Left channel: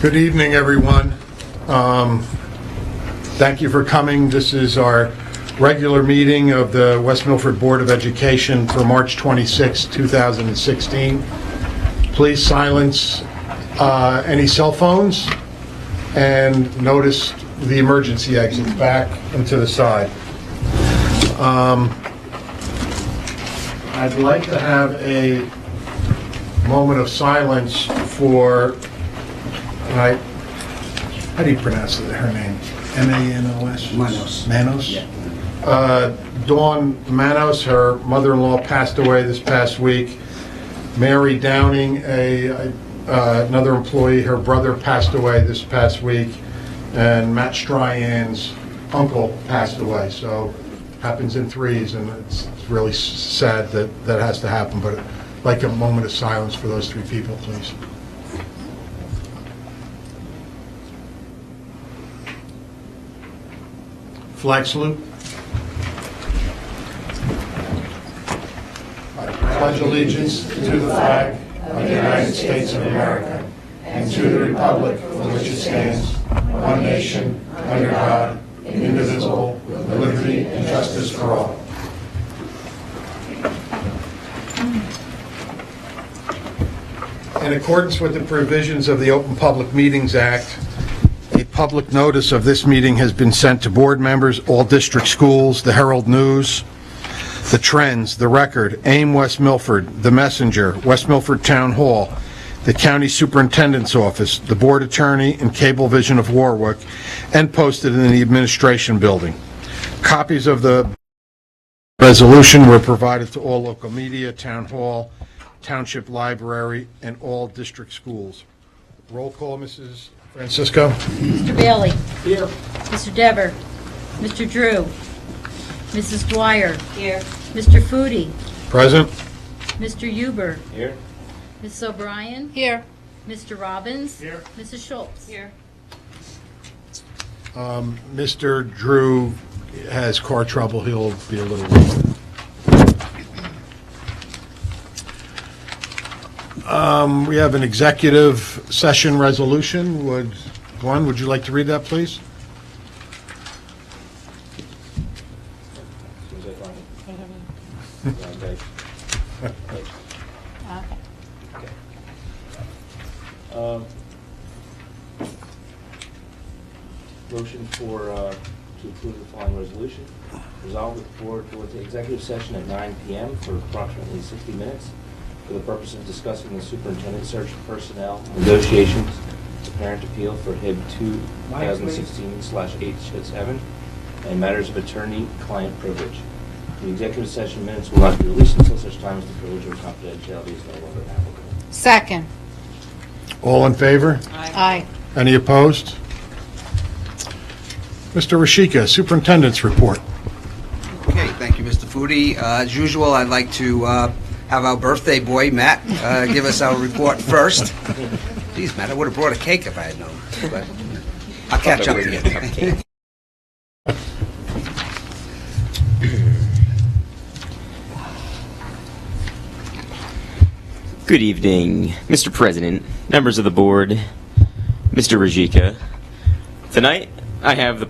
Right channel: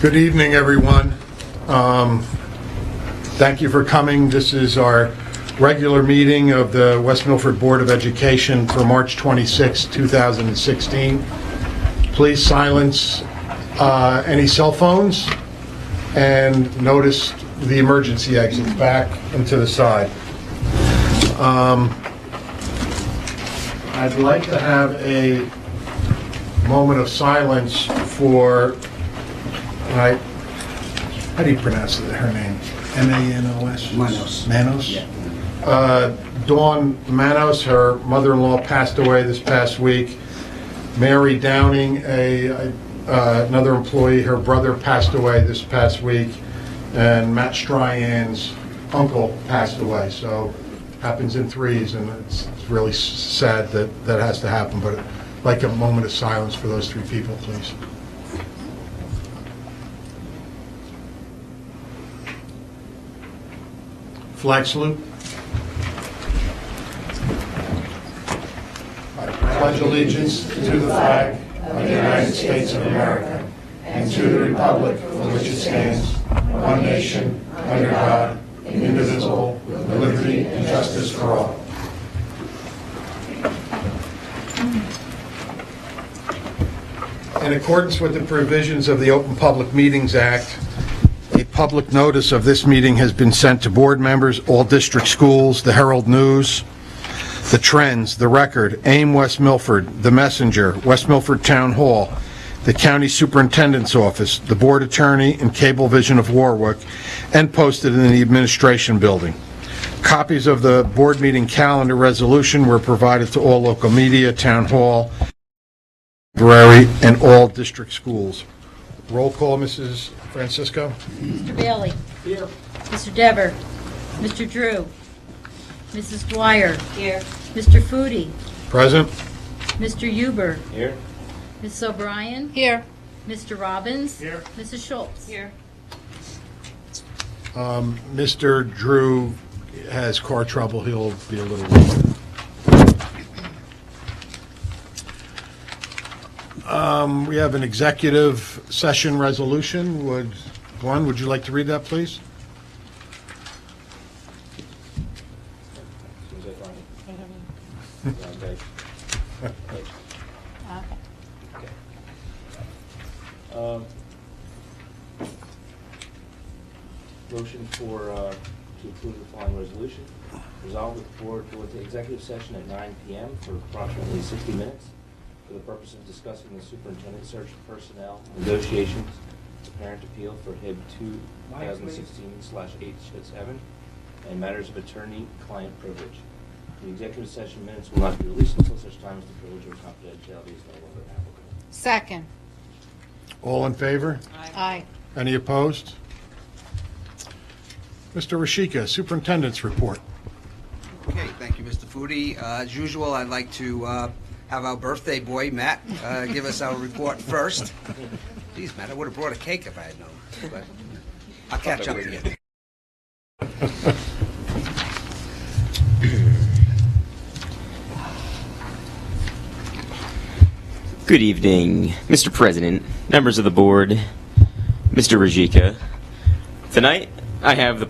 Good evening, everyone. Thank you for coming. This is our regular meeting of the West Milford Board of Education for March 26, 2016. Please silence any cell phones and notice the emergency exits back and to the side. I'd like to have a moment of silence for, how do you pronounce her name? M-A-N-O-S? Manos. Manos? Yeah. Dawn Manos, her mother-in-law passed away this past week. Mary Downing, another employee, her brother passed away this past week. And Matt Stryan's uncle passed away. So happens in threes, and it's really sad that that has to happen, but I'd like a moment of silence for those three people, please. Flag salute. I pledge allegiance to the flag of the United States of America and to the republic for which it stands, one nation, under God, indivisible, with liberty and justice for all. In accordance with the provisions of the Open Public Meetings Act, a public notice of this meeting has been sent to board members, all district schools, the Herald News, the Trends, the Record, AIM West Milford, the Messenger, West Milford Town Hall, the County Superintendent's Office, the Board Attorney, and Cablevision of Warwick, and posted in the Administration Building. Copies of the board meeting calendar resolution were provided to all local media, Town Hall, Township Library, and all district schools. Roll call, Mrs. Francisco. Mr. Bailey. Here. Mr. Dever. Mr. Drew. Mrs. Dwyer. Here. Mr. Foodie. Present. Mr. Huber. Here. Mrs. O'Brien. Here. Mr. Robbins. Here. Mrs. Schultz. Here. Mr. Drew has car trouble. He'll be a little late. We have an executive session resolution. Would you like to read that, please? Motion to approve the following resolution. Resolve that the board go into executive session at 9 p.m. for approximately 60 minutes for the purpose of discussing the superintendent search for personnel, negotiations, the parent appeal for HIB 2016/867, and matters of attorney-client privilege. The executive session minutes will not be released until such time as the privilege or confidentiality is no longer applicable. Second. All in favor? Aye. Any opposed? Mr. Rashika, Superintendent's Report. Okay, thank you, Mr. Foodie. As usual, I'd like to have our birthday boy, Matt, give us our report first. Geez, Matt, I would have brought a cake if I had known, but I'll catch up to you. Good evening, Mr. President, members of the board, Mr. Rajika. Tonight, I have the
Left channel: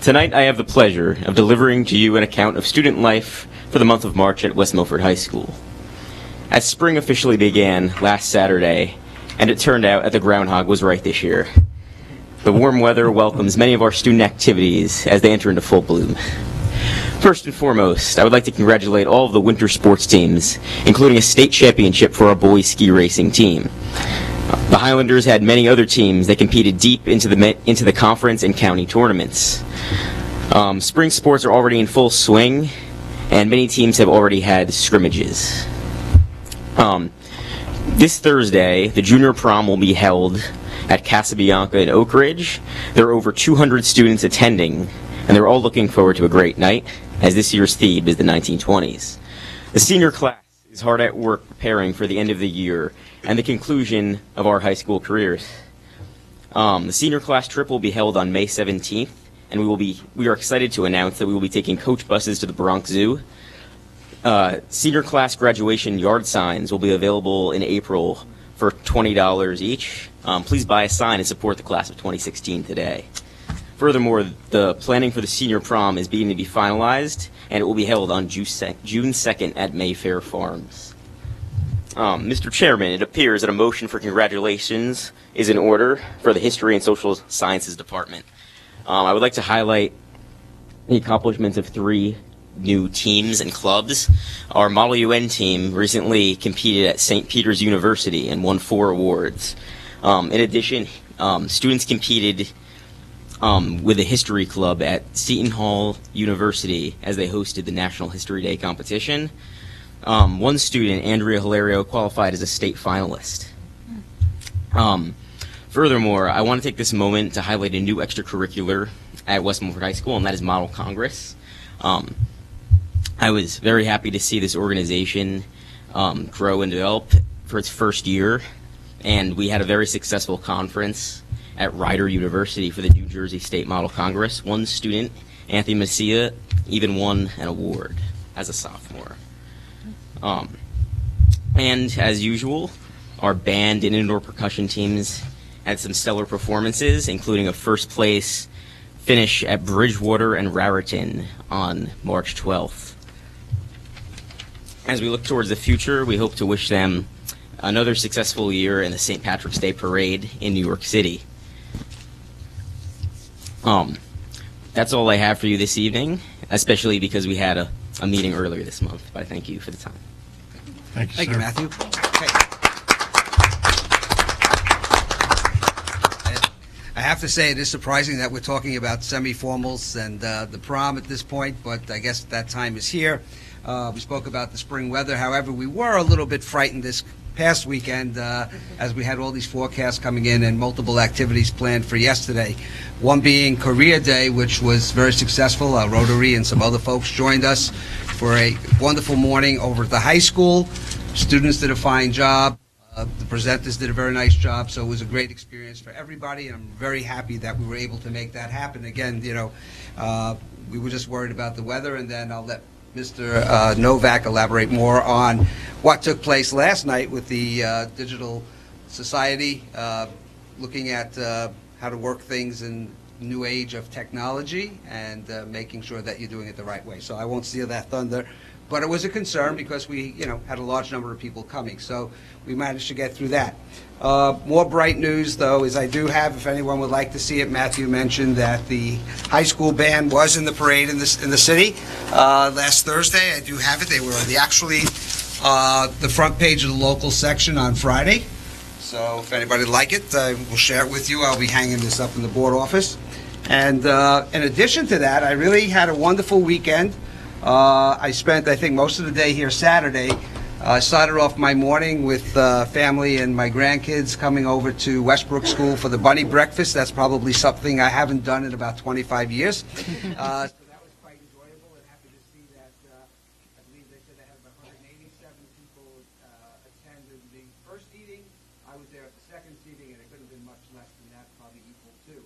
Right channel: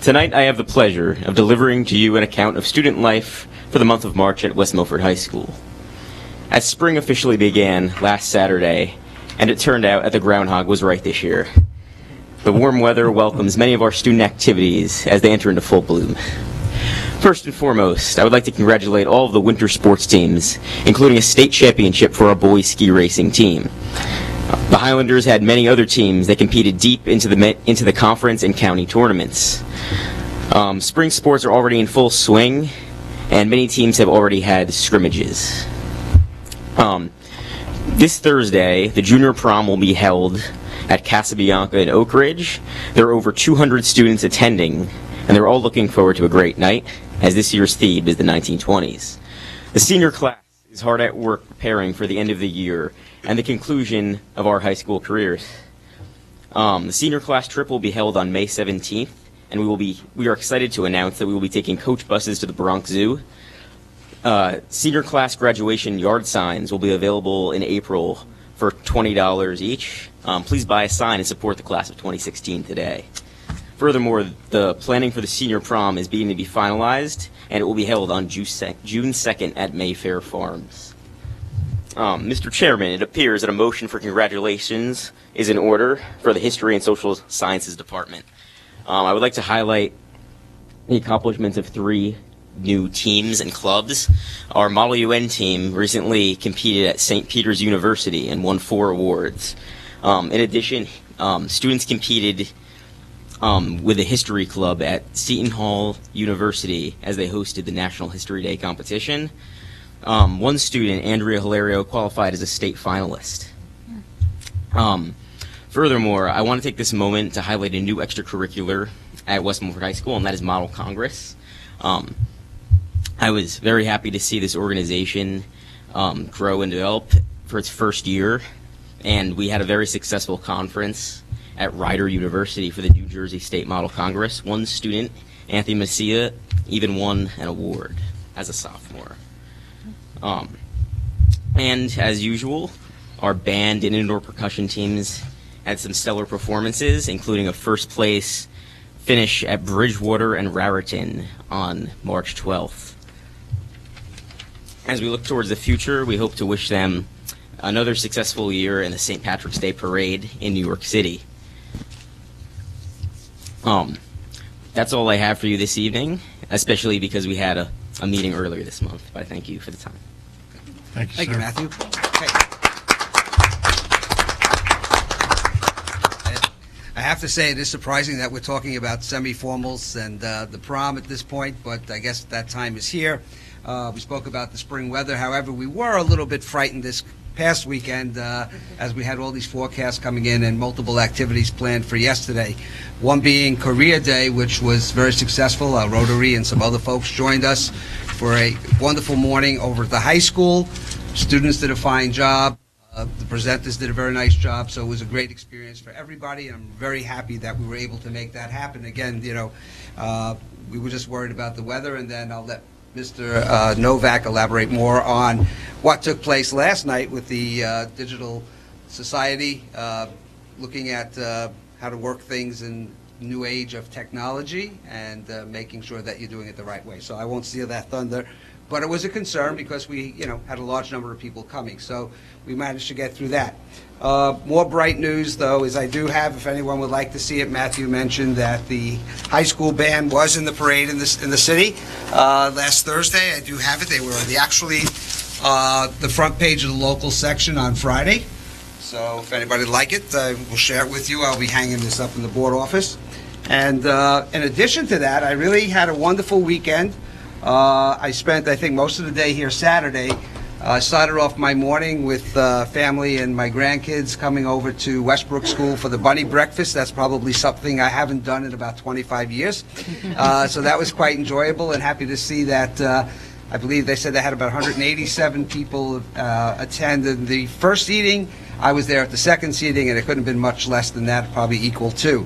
Tonight, I have the pleasure of delivering to you an account of student life for the month of March at West Milford High School. As spring officially began last Saturday, and it turned out that the groundhog was right this year, the warm weather welcomes many of our student activities as they enter into full bloom. First and foremost, I would like to congratulate all of the winter sports teams, including a state championship for our boys ski racing team. The Highlanders had many other teams that competed deep into the conference and county tournaments. Spring sports are already in full swing, and many teams have already had scrimmages. This Thursday, the junior prom will be held at Casabianca in Oak Ridge. There are over 200 students attending, and they're all looking forward to a great night, as this year's theme is the 1920s. The senior class is hard at work preparing for the end of the year and the conclusion of our high school careers. The senior class trip will be held on May 17th, and we are excited to announce that we will be taking coach buses to the Bronx Zoo. Senior class graduation yard signs will be available in April for $20 each. Please buy a sign and support the class of 2016 today. Furthermore, the planning for the senior prom is beginning to be finalized, and it will be held on June 2nd at Mayfair Farms. Mr. Chairman, it appears that a motion for congratulations is in order for the History and Social Sciences Department. I would like to highlight the accomplishments of 3 new teams and clubs. Our Model UN team recently competed at St. Peter's University and won 4 awards. In addition, students competed with the History Club at Seton Hall University as they hosted the National History Day competition. One student, Andrea Hilario, qualified as a state finalist. Furthermore, I want to take this moment to highlight a new extracurricular at West Milford High School, and that is Model Congress. I was very happy to see this organization grow and develop for its first year, and we had a very successful conference at Rider University for the New Jersey State Model Congress. One student, Anthony Messia, even won an award as a sophomore. And as usual, our band and indoor percussion teams had some stellar performances, including a first place finish at Bridgewater and Raritan on March 12th. As we look towards the future, we hope to wish them another successful year in the St. Patrick's Day Parade in New York City. That's all I have for you this evening, especially because we had a meeting earlier this month. But I thank you for the time. Thank you, Thank sir. you, Matthew. Okay. I have to say, it is surprising that we're talking about semi-formals and the prom at this point, but I guess that time is here. We spoke about the spring weather. However, we were a little bit frightened this past weekend as we had all these forecasts coming in and multiple activities planned for yesterday. One being Korea Day, which was very successful. Rotary and some other folks joined us for a wonderful morning over at the high school. Students did a fine job. The presenters did a very nice job, so it was a great experience for everybody, and I'm very happy that we were able to make that happen. Again, you know, we were just worried about the weather, and then I'll let Mr. Novak elaborate more on what took place last night with the Digital Society, looking at how to work things in new age of technology and making sure that you're doing it the right way. So I won't steal that thunder, but it was a concern because we, you know, had a large number of people coming. So we managed to get through that. More bright news, though, is I do have, if anyone would like to see it, Matthew mentioned that the high school band was in the parade in the city last Thursday. I do have it. They were actually the front page of the local section on Friday. So if anybody would like it, we'll share it with you. I'll be hanging this up in the board office. And in addition to that, I really had a wonderful weekend. I spent, I think, most of the day here Saturday. I started off my morning with family and my grandkids coming over to Westbrook School for the bunny breakfast. That's probably something I haven't done in about 25 years. So that was quite enjoyable, and happy to see that I believe they said they had about 187 people attend the first seating. I was there at the second seating, and it couldn't have been much less than that, probably equal to.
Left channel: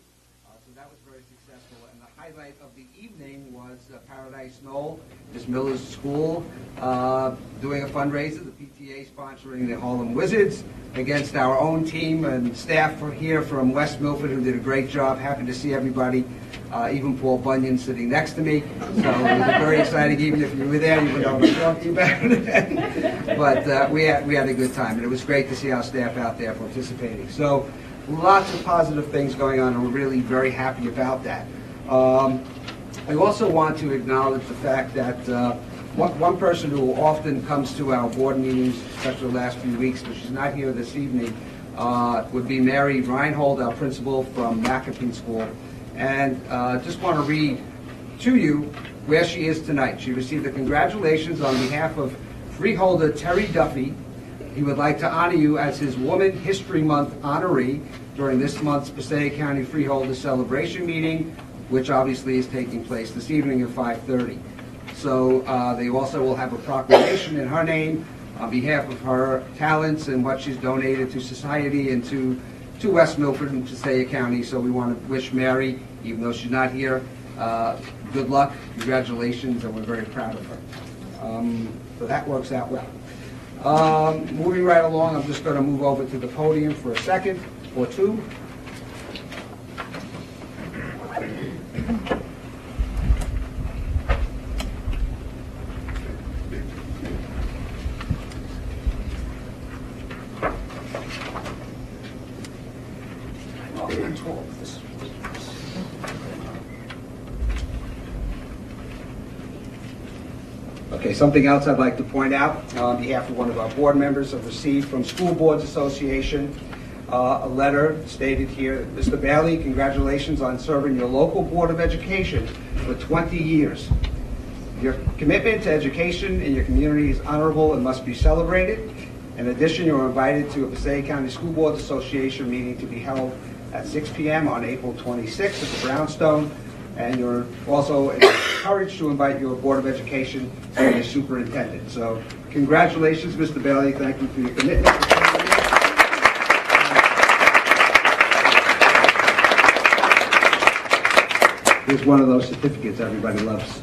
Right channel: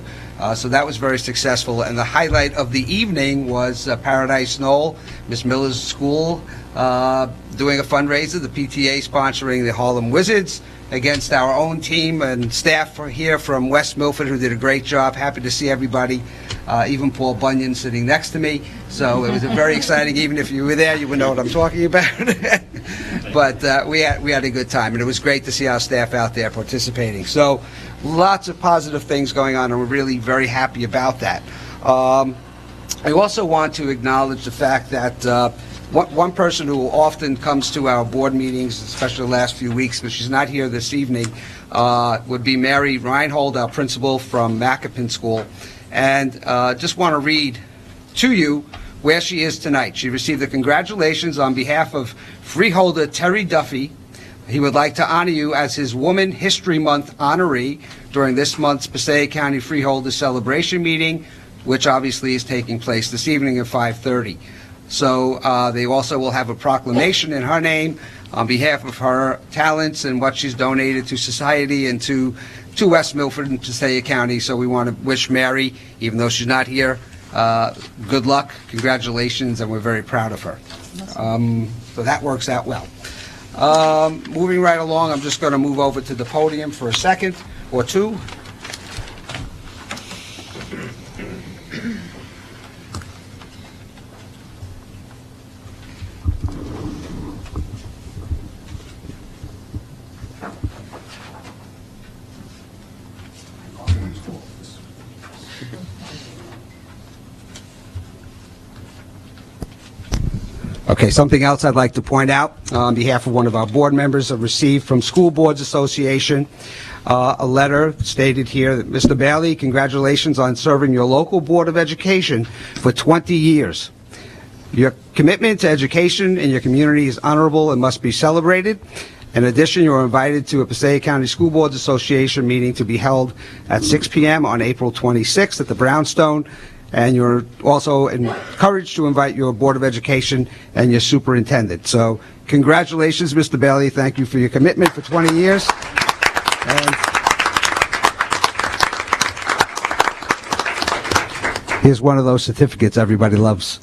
So that was very successful. And the highlight of the evening was Paradise Knoll, Miss Miller's school, doing a fundraiser, the PTA sponsoring the Harlem Wizards against our own team and staff here from West Milford, who did a great job. Happy to see everybody, even Paul Bunyan sitting next to me. So it was very exciting. Even if you were there, you would know what I'm talking about. But we had a good time, and it was great to see our staff out there participating. So lots of positive things going on, and we're really very happy about that. I also want to acknowledge the fact that one person who often comes to our board meetings, especially the last few weeks, but she's not here this evening, would be Mary Reinhold, our principal from Macapin School. And just want to read to you where she is tonight. She received the congratulations on behalf of freeholder Terry Duffy. He would like to honor you as his Woman History Month honoree during this month's Passaic County Freeholder Celebration meeting, which obviously is taking place this evening at 5:30. So they also will have a proclamation in her name on behalf of her talents and what she's donated to society and to West Milford and Passaic County. So we want to wish Mary, even though she's not here, good luck, congratulations, and we're very proud of her. So that works out well. Moving right along, I'm just going to move over to the podium for a second or two. Okay, something else I'd like to point out on behalf of one of our board members, I've received from School Boards Association a letter stated here that, Mr. Bailey, congratulations on serving your local Board of Education for 20 years. Your commitment to education in your community is honorable and must be celebrated. In addition, you are invited to a Passaic County School Boards Association meeting to be held at 6 p.m. on April 26th at the Brownstone. And you're also encouraged to invite your Board of Education and your superintendent. So congratulations, Mr. Bailey. Thank you for your commitment for 20 years. And here's one of those certificates everybody loves.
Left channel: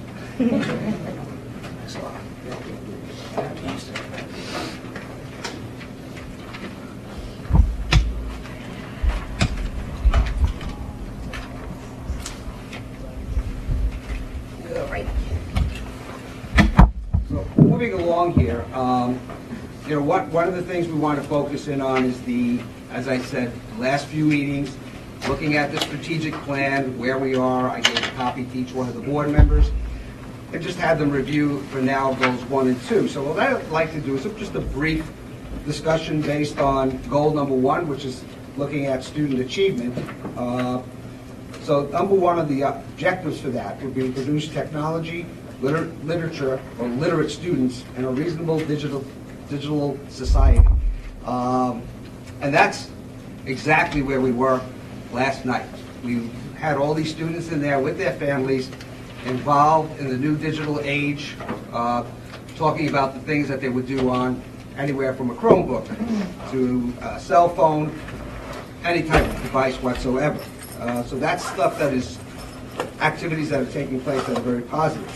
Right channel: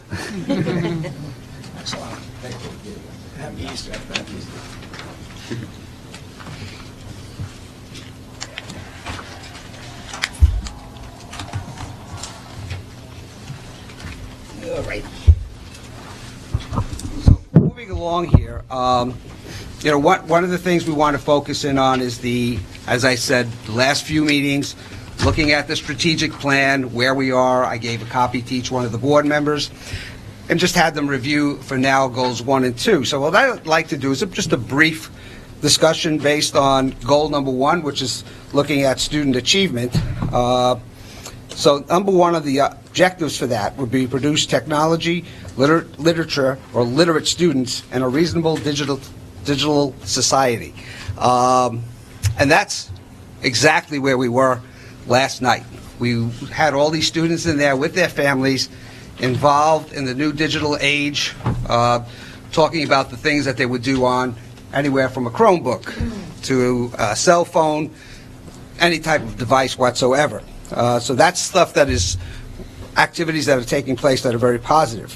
One of the things we want to focus in on is as I said, the last few meetings, looking at the strategic plan, where we are. I gave a copy to each one of the board members and just had them review for now goals 1 and 2. So what I'd like to do is just a brief discussion based on goal number 1, which is looking at student achievement. So number 1 of the objectives for that would be produce technology, literature, or literate students in a reasonable digital society. And that's exactly where we were last night. We had all these students in there with their families involved in the new digital age, talking about the things that they would do on anywhere from a Chromebook to a cell phone, any type of device whatsoever. So that's stuff that is activities that are taking place that are very positive.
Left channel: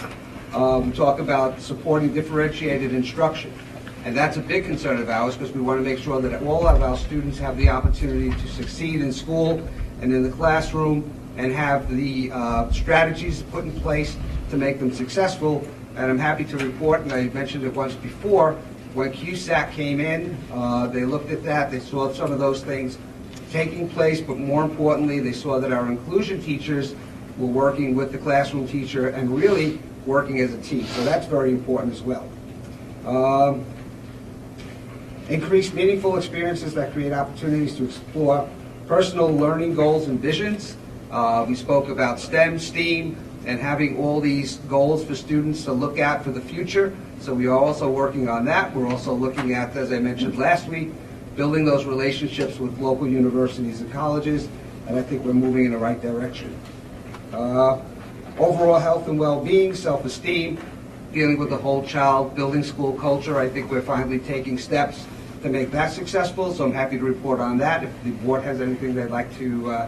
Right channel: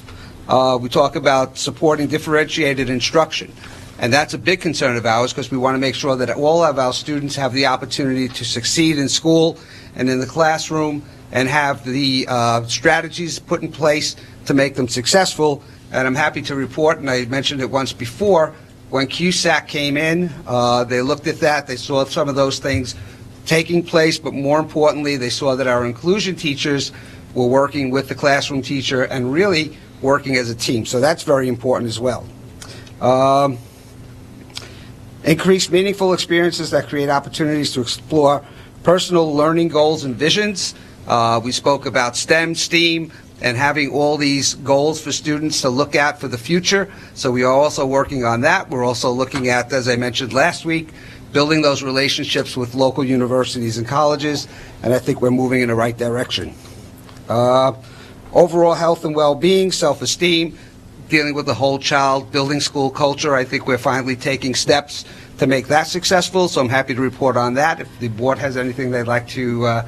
We talk about supporting differentiated instruction. And that's a big concern of ours because we want to make sure that all of our students have the opportunity to succeed in school and in the classroom and have the strategies put in place to make them successful. And I'm happy to report, and I mentioned it once before, when QSAC came in, they looked at that, they saw some of those things taking place, but more importantly, they saw that our inclusion teachers were working with the classroom teacher and really working as a team. So that's very important as well. Increase meaningful experiences that create opportunities to explore personal learning goals and visions. We spoke about STEM, STEAM, and having all these goals for students to look at for the future. So we are also working on that. We're also looking at, as I mentioned last week, building those relationships with local universities and colleges, and I think we're moving in the right direction. Overall health and well-being, self-esteem, dealing with the whole child, building school culture. I think we're finally taking steps to make that successful, so I'm happy to report on that. If the board has anything they'd like to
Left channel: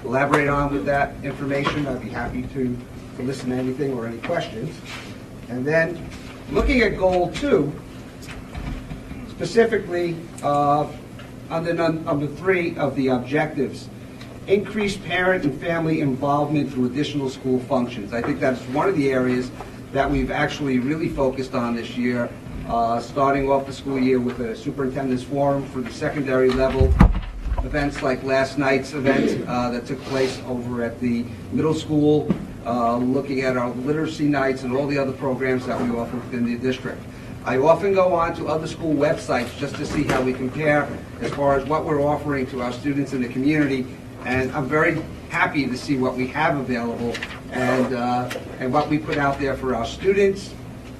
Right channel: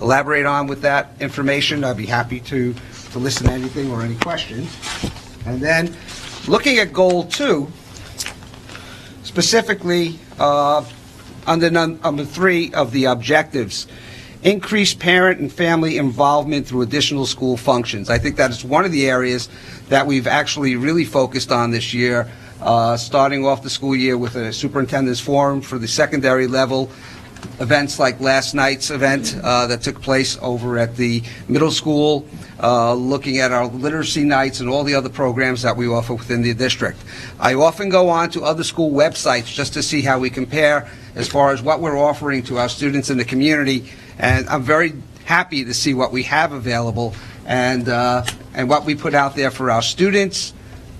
elaborate on with that information, I'd be happy to listen to anything or any questions. And then, looking at goal 2, specifically under number 3 of the objectives, increase parent and family involvement through additional school functions. I think that's one of the areas that we've actually really focused on this year, starting off the school year with a superintendent's forum for the secondary level, events like last night's event that took place over at the middle school, looking at our literacy nights and all the other programs that we offer within the district. I often go on to other school websites just to see how we compare as far as what we're offering to our students in the community, and I'm very happy to see what we have available and what we put out there for our students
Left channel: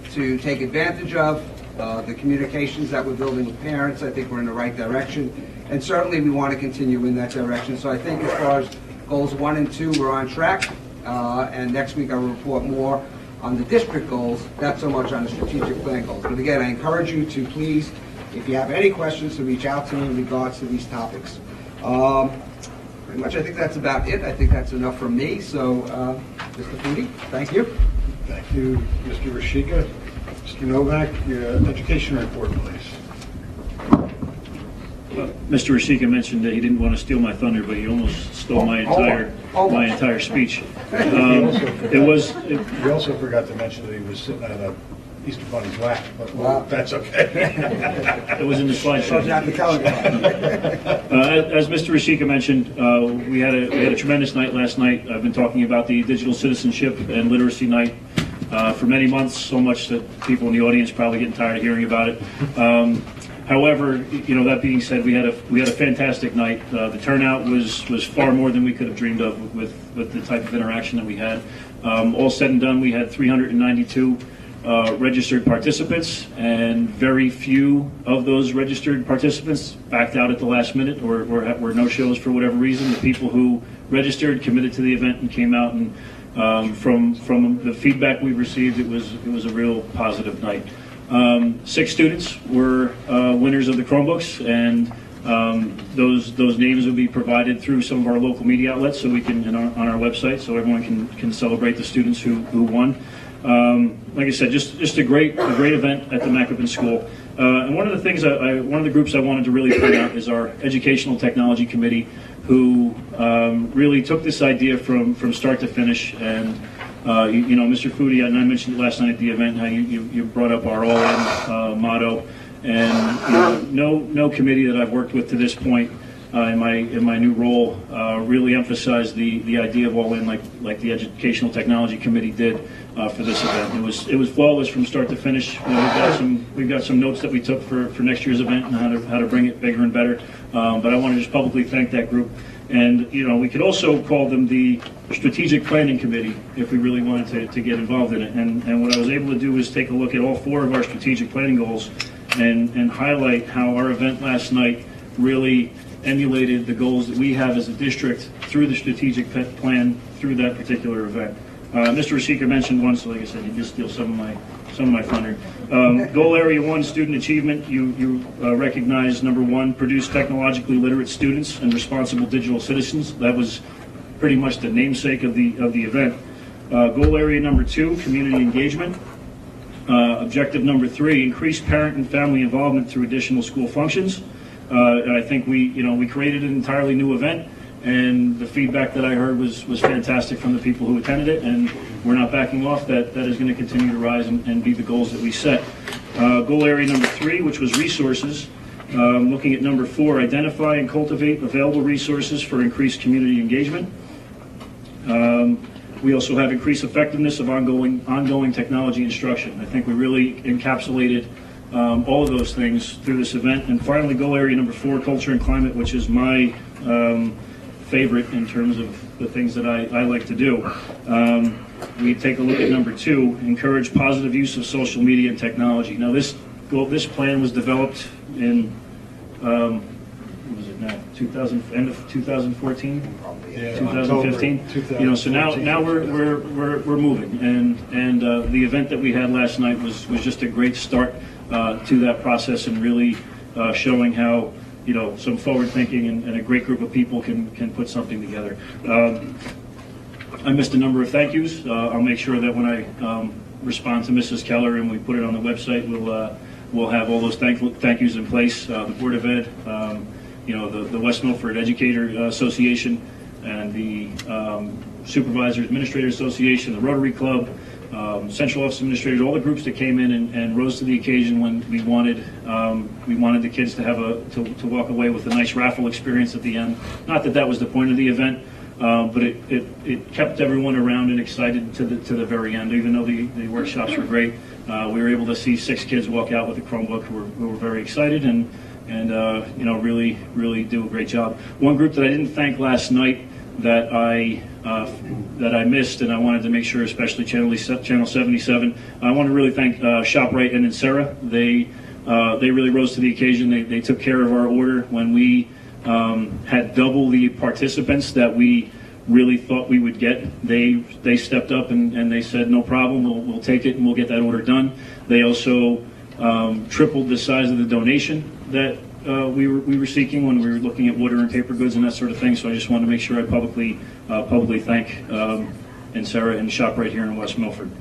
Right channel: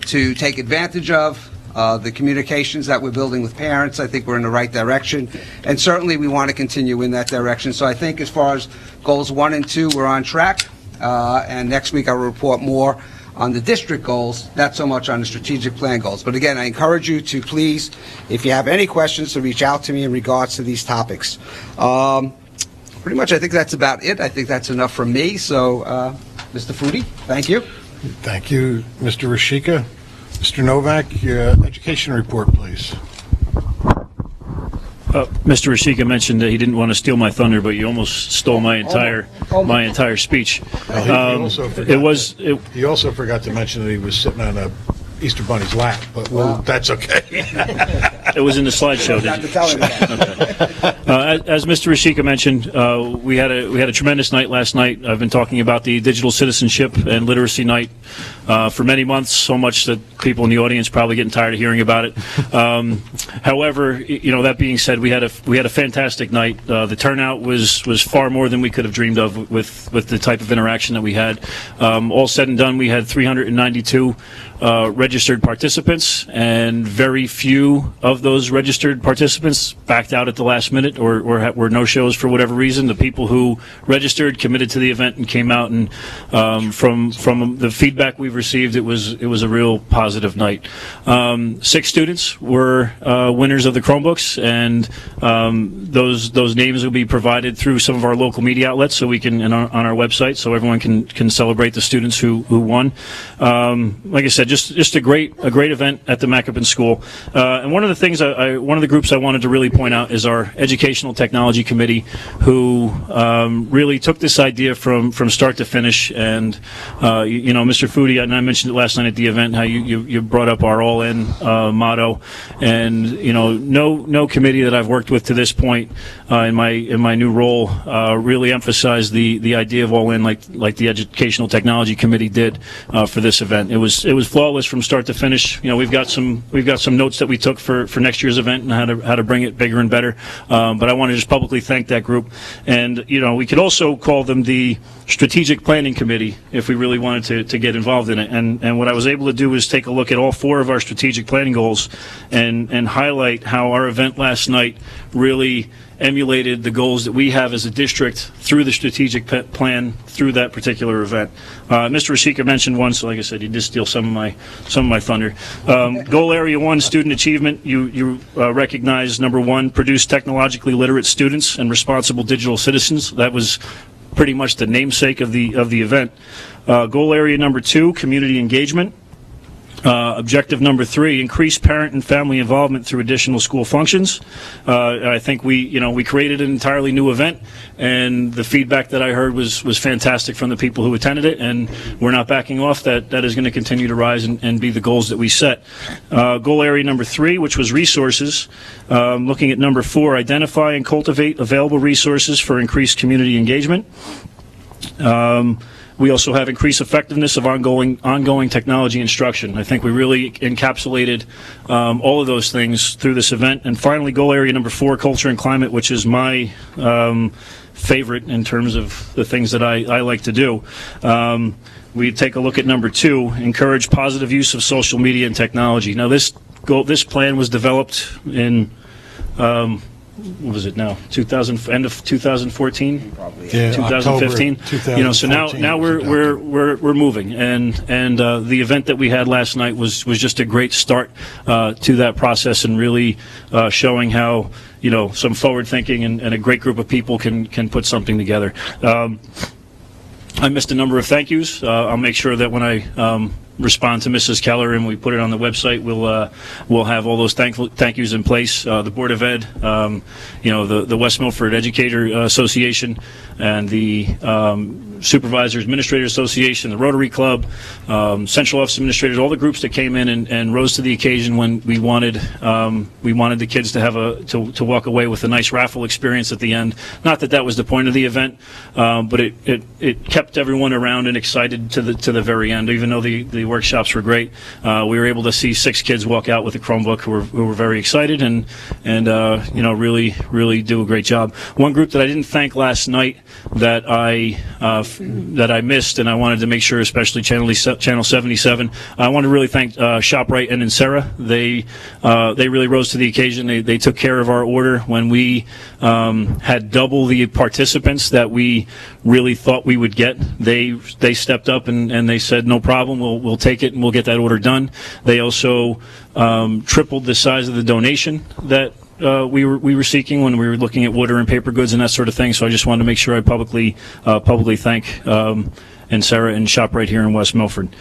to take advantage of. The communications that we're building with parents, I think we're in the right direction, and certainly we want to continue in that direction. So I think as far as goals 1 and 2, we're on track, and next week I'll report more on the district goals, not so much on the strategic plan goals. But again, I encourage you to please, if you have any questions, to reach out to me in regards to these topics. Pretty much I think that's about it. I think that's enough from me. So, Mr. Foodie, thank you. Thank you, Mr. Rashika. Mr. Novak, your education report, please. Mr. Rashika mentioned that he didn't want to steal my thunder, but you almost stole my entire speech. You also forgot to mention that he was sitting on a Easter Bunny's lap, but that's okay. It was in the slideshow. As Mr. Rashika mentioned, we had a tremendous night last night. I've been talking about the Digital Citizenship and Literacy Night for many months, so much that people in the audience probably getting tired of hearing about it. However, that being said, we had a fantastic night. The turnout was far more than we could have dreamed of with the type of interaction that we had. All said and done, we had 392 registered participants, and very few of those registered participants backed out at the last minute or were no-shows for whatever reason. The people who registered committed to the event and came out, and from the feedback we've received, it was a real positive night. 6 students were winners of the Chromebooks, and those names will be provided through some of our local media outlets, so we can on our website, so everyone can celebrate the students who won. Like I said, just a great event at the Maccaben School. And one of the things, one of the groups I wanted to really point out is our Educational Technology Committee, who really took this idea from start to finish. And Mr. Foodie, and I mentioned it last night at the event, how you brought up our all-in motto. And no committee that I've worked with to this point in my new role really emphasized the idea of all in like the Educational Technology Committee did for this event. It was flawless from start to finish. We've got some notes that we took for next year's event and how to bring it bigger and better. But I want to just publicly thank that group. And we could also call them the Strategic Planning Committee if we really wanted to get involved in it. And what I was able to do is take a look at all 4 of our strategic planning goals and highlight how our event last night really emulated the goals that we have as a district through the strategic plan through that particular event. Mr. Rashika mentioned one, so like I said, he did steal some of my thunder. Goal Area 1, student achievement. You recognize number 1, produce technologically literate students and responsible digital citizens. That was pretty much the namesake of the event. Goal Area number 2, community engagement. Objective number 3, increase parent and family involvement through additional school functions. I think we created an entirely new event, and the feedback that I heard was fantastic from the people who attended it, and we're not backing off. That is going to continue to rise and be the goals that we set. Goal Area number 3, which was resources. Looking at number 4, identify and cultivate available resources for increased community engagement. We also have increased effectiveness of ongoing technology instruction. I think we really encapsulated all of those things through this event. And finally, goal area number 4, culture and climate, which is my favorite in terms of the things that I like to do. We take a look at number 2, encourage positive use of social media and technology. Now, this plan was developed in what was it now? End of 2014, Yeah, 2015. October, So now we're moving, and the event that we had last night was just a great start to that process, and really showing how some forward thinking and a great group of people can put something together. I missed a number of thank yous. I'll make sure that when I respond to Mrs. Keller and we put it on the website, we'll have all those thank yous in place. The Board of Ed, the West Milford Educator Association, and the Supervisors Administrator Association, the Rotary Club, Central Office Administrators, all the groups that came in and rose to the occasion when we wanted the kids to have to walk away with a nice raffle experience at the end. Not that was the point of the event, but it kept everyone around and excited to the very end. Even though the workshops were great, we were able to see 6 kids walk out with a Chromebook who were very excited and really do a great job. One group that I didn't thank last night that I missed, and I wanted to make sure, especially Channel 77. I want to really thank ShopRite and Insera. They really rose to the occasion. They took care of our order when we had double the participants that we really thought we would get. They stepped up and they said, no problem, we'll take it and we'll get that order done. They also tripled the size of the donation that we were seeking when we were looking at water and paper goods and that sort of thing. So I just wanted to make sure I publicly thank Insera and ShopRite here in West Milford.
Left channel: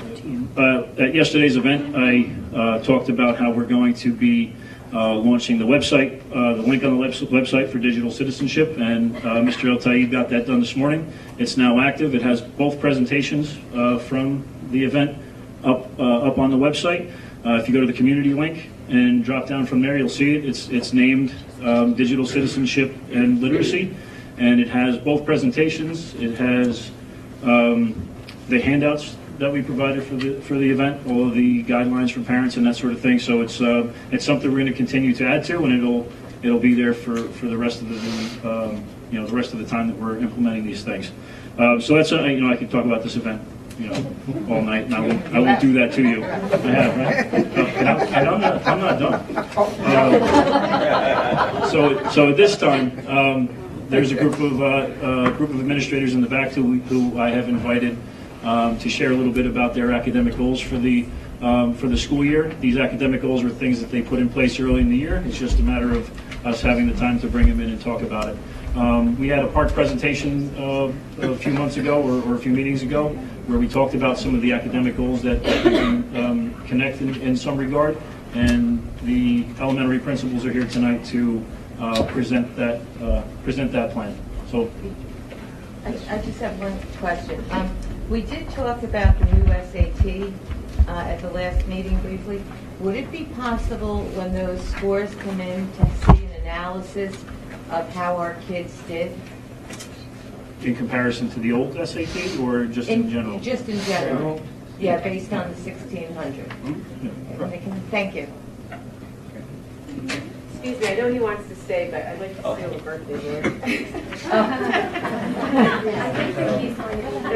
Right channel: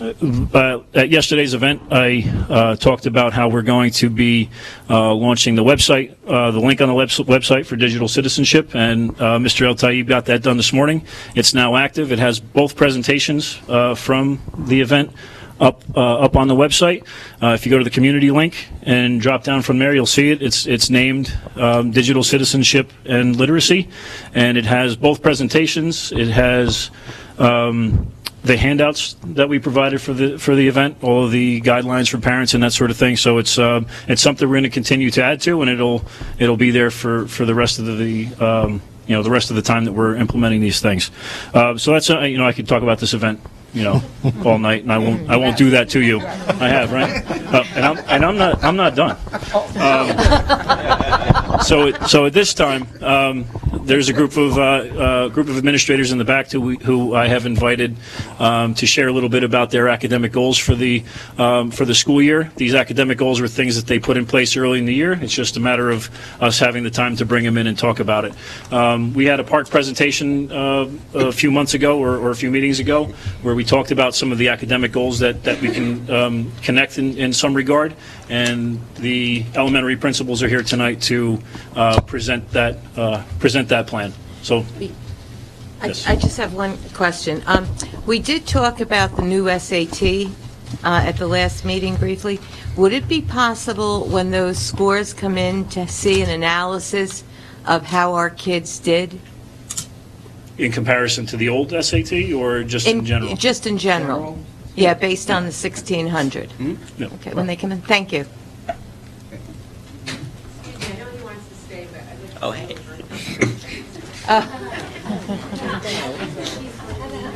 At yesterday's event, I talked about how we're going to be launching the website, the link on the website for digital citizenship, and Mr. El Taib got that done this morning. It's now active. It has both presentations from the event up on the website. If you go to the community link and drop down from there, you'll see it. It's named Digital Citizenship and Literacy, and it has both presentations. It has the handouts that we provided for the event, all of the guidelines for parents and that sort of thing. So it's something we're going to continue to add to, and it'll be there for the rest of the the rest of the time that we're implementing these things. So that's I could talk about this event all night, and I won't do that to you. I have, right? And I'm not done. So at this time, there's a group of administrators in the back who I have invited to share a little bit about their academic goals for the school year. These academic goals are things that they put in place early in the year. It's just a matter of us having the time to bring them in and talk about it. We had a park presentation a few months ago or a few meetings ago where we talked about some of the academic goals that we can connect in some regard, and the elementary principals are here tonight to present that plan. So, yes. I just have one question. We did talk about the new SAT at the last meeting briefly. Would it be possible when those scores come in to see an analysis of how our kids did? In comparison to the old SAT, or just in general? Just in general. Yeah, based on the 1600. Yeah. Okay, when they come in. Thank you. Excuse me, I know he wants to stay, but I'd like to say happy birthday.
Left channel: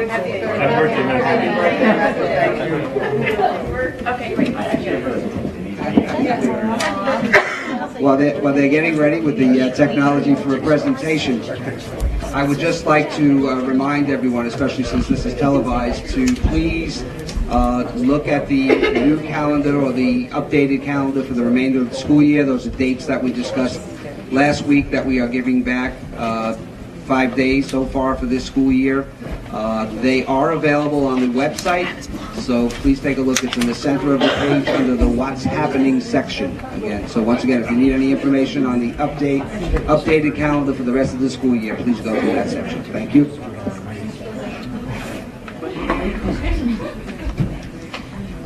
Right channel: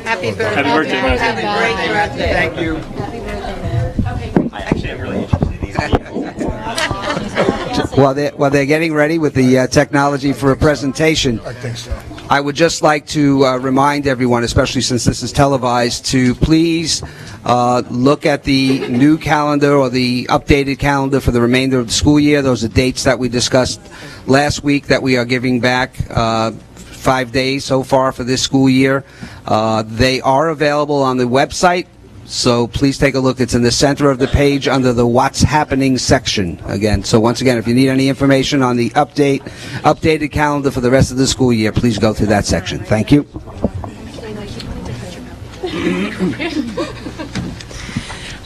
Happy birthday. Happy birthday, Matt. Thank you. Okay, great. While they're getting ready with the technology for a presentation, I would just like to remind everyone, especially since this is televised, to please look at the new calendar or the updated calendar for the remainder of the school year. Those are dates that we discussed last week that we are giving back 5 days so far for this school year. They are available on the website, so please take a look. It's in the center of the page under the What's Happening section. Again, so once again, if you need any information on the updated calendar for the rest of the school year, please go through that section. Thank you.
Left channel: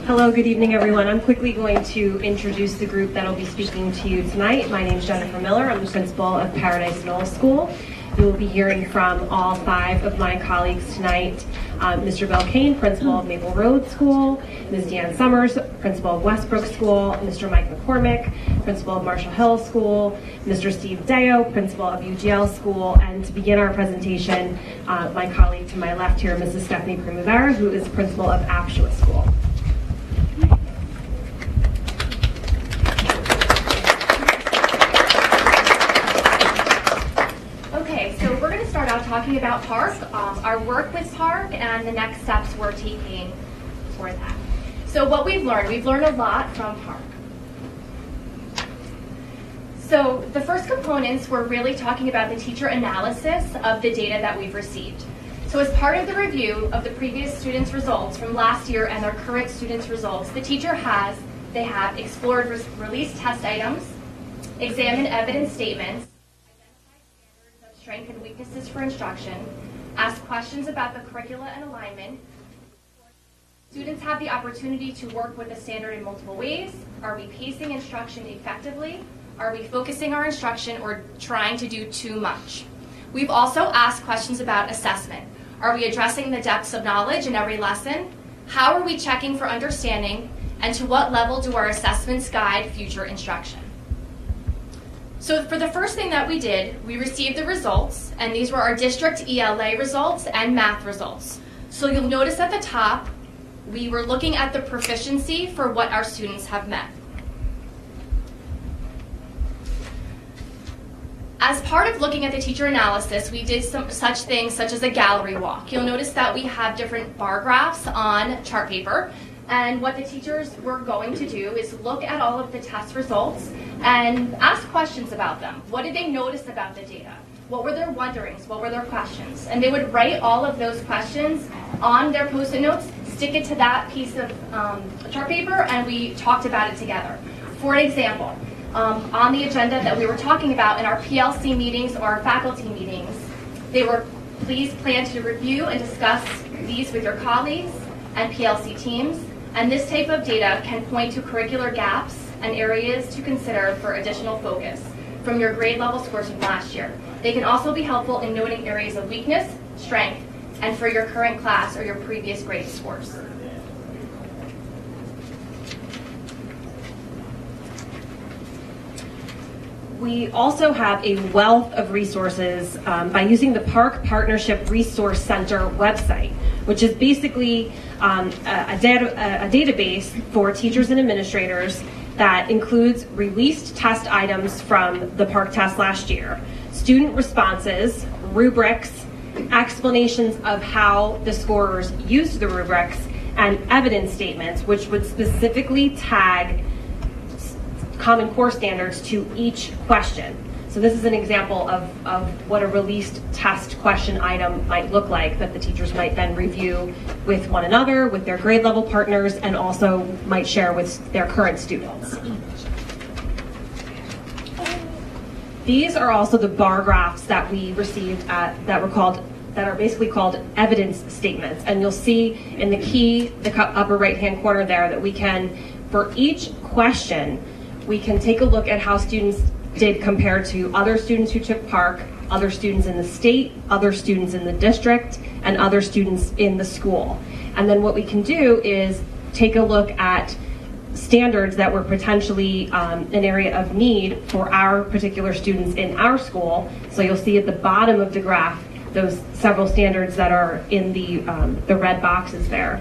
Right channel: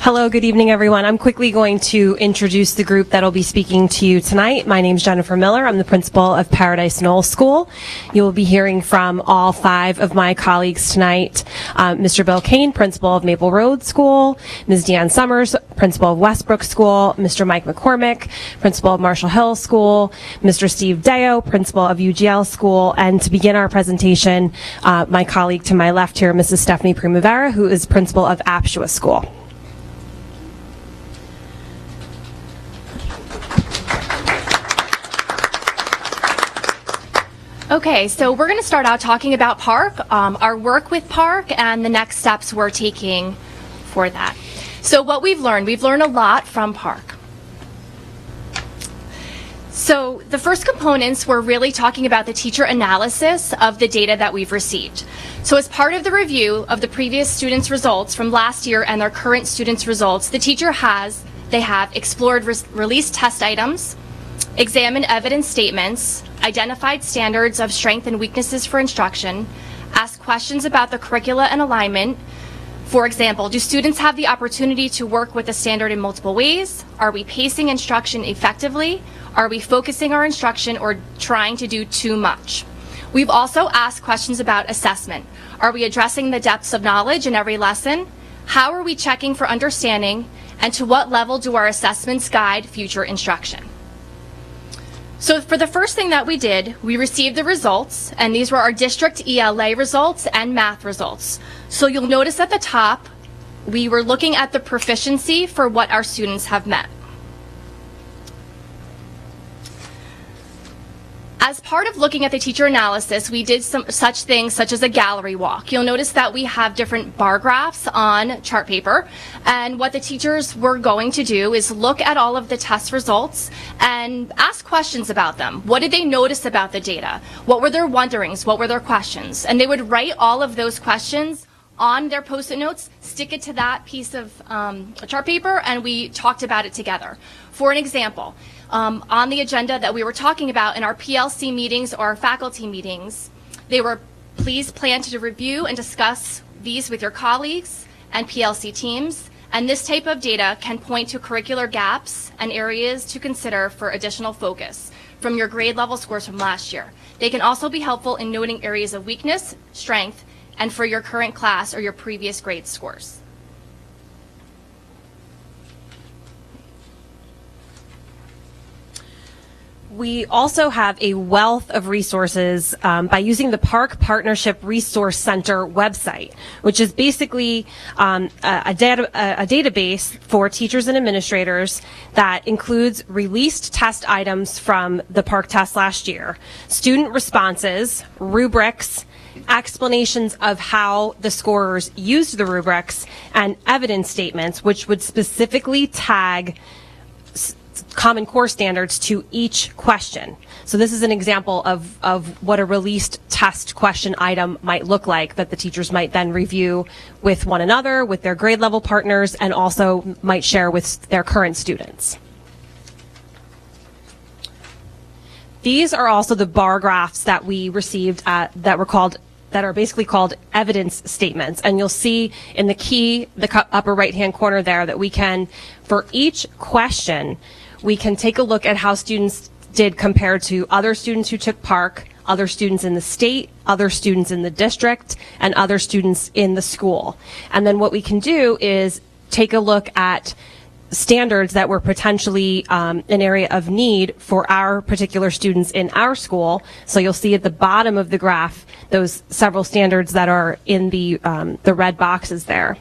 Hello, good evening, everyone. I'm quickly going to introduce the group that'll be speaking to you tonight. My name's Jennifer Miller. I'm the principal of Paradise Knoll School. You will be hearing from all 5 of my colleagues tonight. Mr. Bill Kane, principal of Maple Road School, Ms. Deanne Summers, principal of Westbrook School, Mr. Mike McCormick, principal of Marshall Hill School, Mr. Steve Deo, principal of UGL School, and to begin our presentation, my colleague to my left here, Mrs. Stephanie Primavera, who is principal of Apshua School. Okay, so we're going to start out talking about PARC, our work with PARC, and the next steps we're taking for that. So what we've learned a lot from PARC. So the first components, we're really talking about the teacher analysis of the data that we've received. So as part of the review of the previous students' results from last year and their current students' results, the teacher have explored released test items, examined evidence statements, identified standards of strengths and weaknesses for instruction, asked questions about the curricula and alignment. For example, do students have the opportunity to work with the standard in multiple ways? Are we pacing instruction effectively? Are we focusing our instruction or trying to do too much? We've also asked questions about assessment. Are we addressing the depths of knowledge in every lesson? How are we checking for understanding? And to what level do our assessments guide future instruction? So for the first thing that we did, we received the results, and these were our district ELA results and math results. So you'll notice at the top, we were looking at the proficiency for what our students have met. As part of looking at the teacher analysis, we did such things such as a gallery walk. You'll notice that we have different bar graphs on chart paper, and what the teachers were going to do is look at all of the test results and ask questions about them. What did they notice about the data? What were their wonderings? What were their questions? And they would write all of those questions on their Post-it notes, stick it to that piece of chart paper, and we talked about it together. For an example, on the agenda that we were talking about in our PLC meetings or our faculty meetings, they were, please plan to review and discuss these with your colleagues and PLC teams, and this type of data can point to curricular gaps and areas to consider for additional focus from your grade level scores from last year. They can also be helpful in noting areas of weakness, strength, and for your current class or your previous grade scores. We also have a wealth of resources by using the Park Partnership Resource Center website, which is basically a database for teachers and administrators that includes released test items from the Park test last year, student responses, rubrics, explanations of how the scorers used the rubrics, and evidence statements, which would specifically tag Common Core standards to each question. So this is an example of what a released test question item might look like that the teachers might then review with one another, with their grade level partners, and also might share with their current students. These are also the bar graphs that we received that are basically called evidence statements. And you'll see in the upper right-hand corner there that we can, for each question, we can take a look at how students did compared to other students who took Park, other students in the state, other students in the district, and other students in the school. And then what we can do is take a look at standards that were potentially an area of need for our particular students in our school. So you'll see at the bottom of the graph those several standards that are in the red boxes there.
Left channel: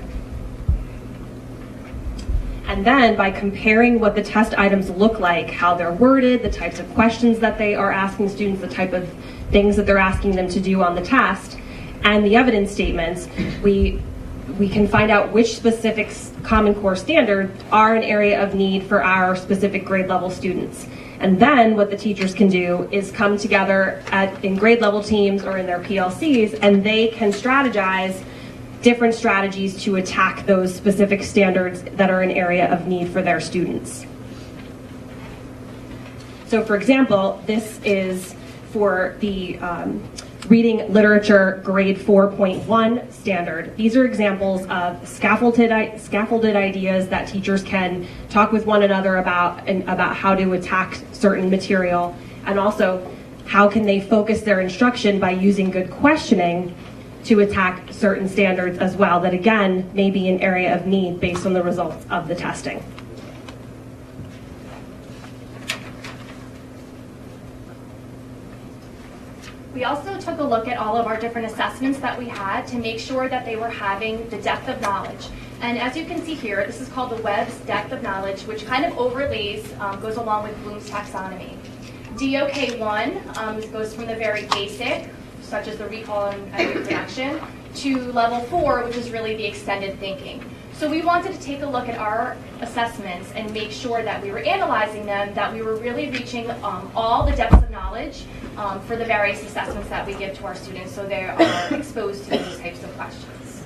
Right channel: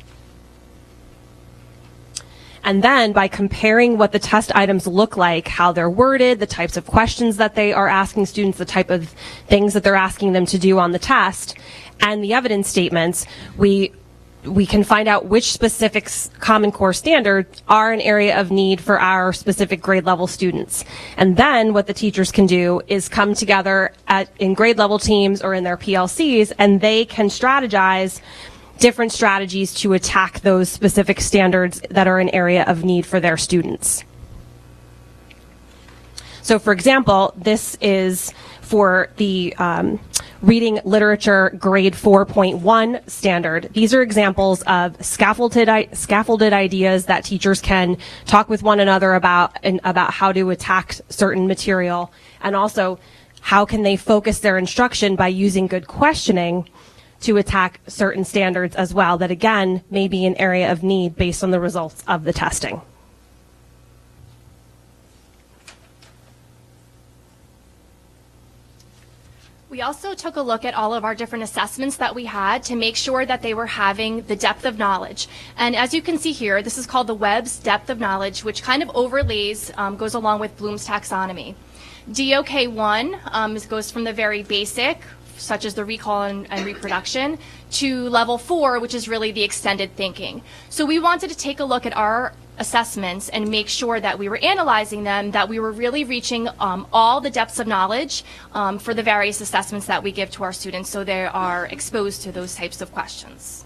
And then by comparing what the test items look like, how they're worded, the types of questions that they are asking students, the type of things that they're asking them to do on the test, and the evidence statements, we can find out which specific Common Core standards are an area of need for our specific grade level students. And then what the teachers can do is come together in grade level teams or in their PLCs, and they can strategize different strategies to attack those specific standards that are an area of need for their students. So for example, this is for the Reading Literature Grade 4.1 standard. These are examples of scaffolded ideas that teachers can talk with one another about, and about how to attack certain material, and also how can they focus their instruction by using good questioning to attack certain standards as well that, again, may be an area of need based on the results of the testing. We also took a look at all of our different assessments that we had to make sure that they were having the depth of knowledge. And as you can see here, this is called the Webb's Depth of Knowledge, which kind of overlays, goes along with Bloom's taxonomy. DOK1 goes from the very basic, such as the recall and reproduction, to level 4, which is really the extended thinking. So we wanted to take a look at our assessments and make sure that we were analyzing them, that we were really reaching all the depths of knowledge for the various assessments that we give to our students, so they are exposed to those types of questions.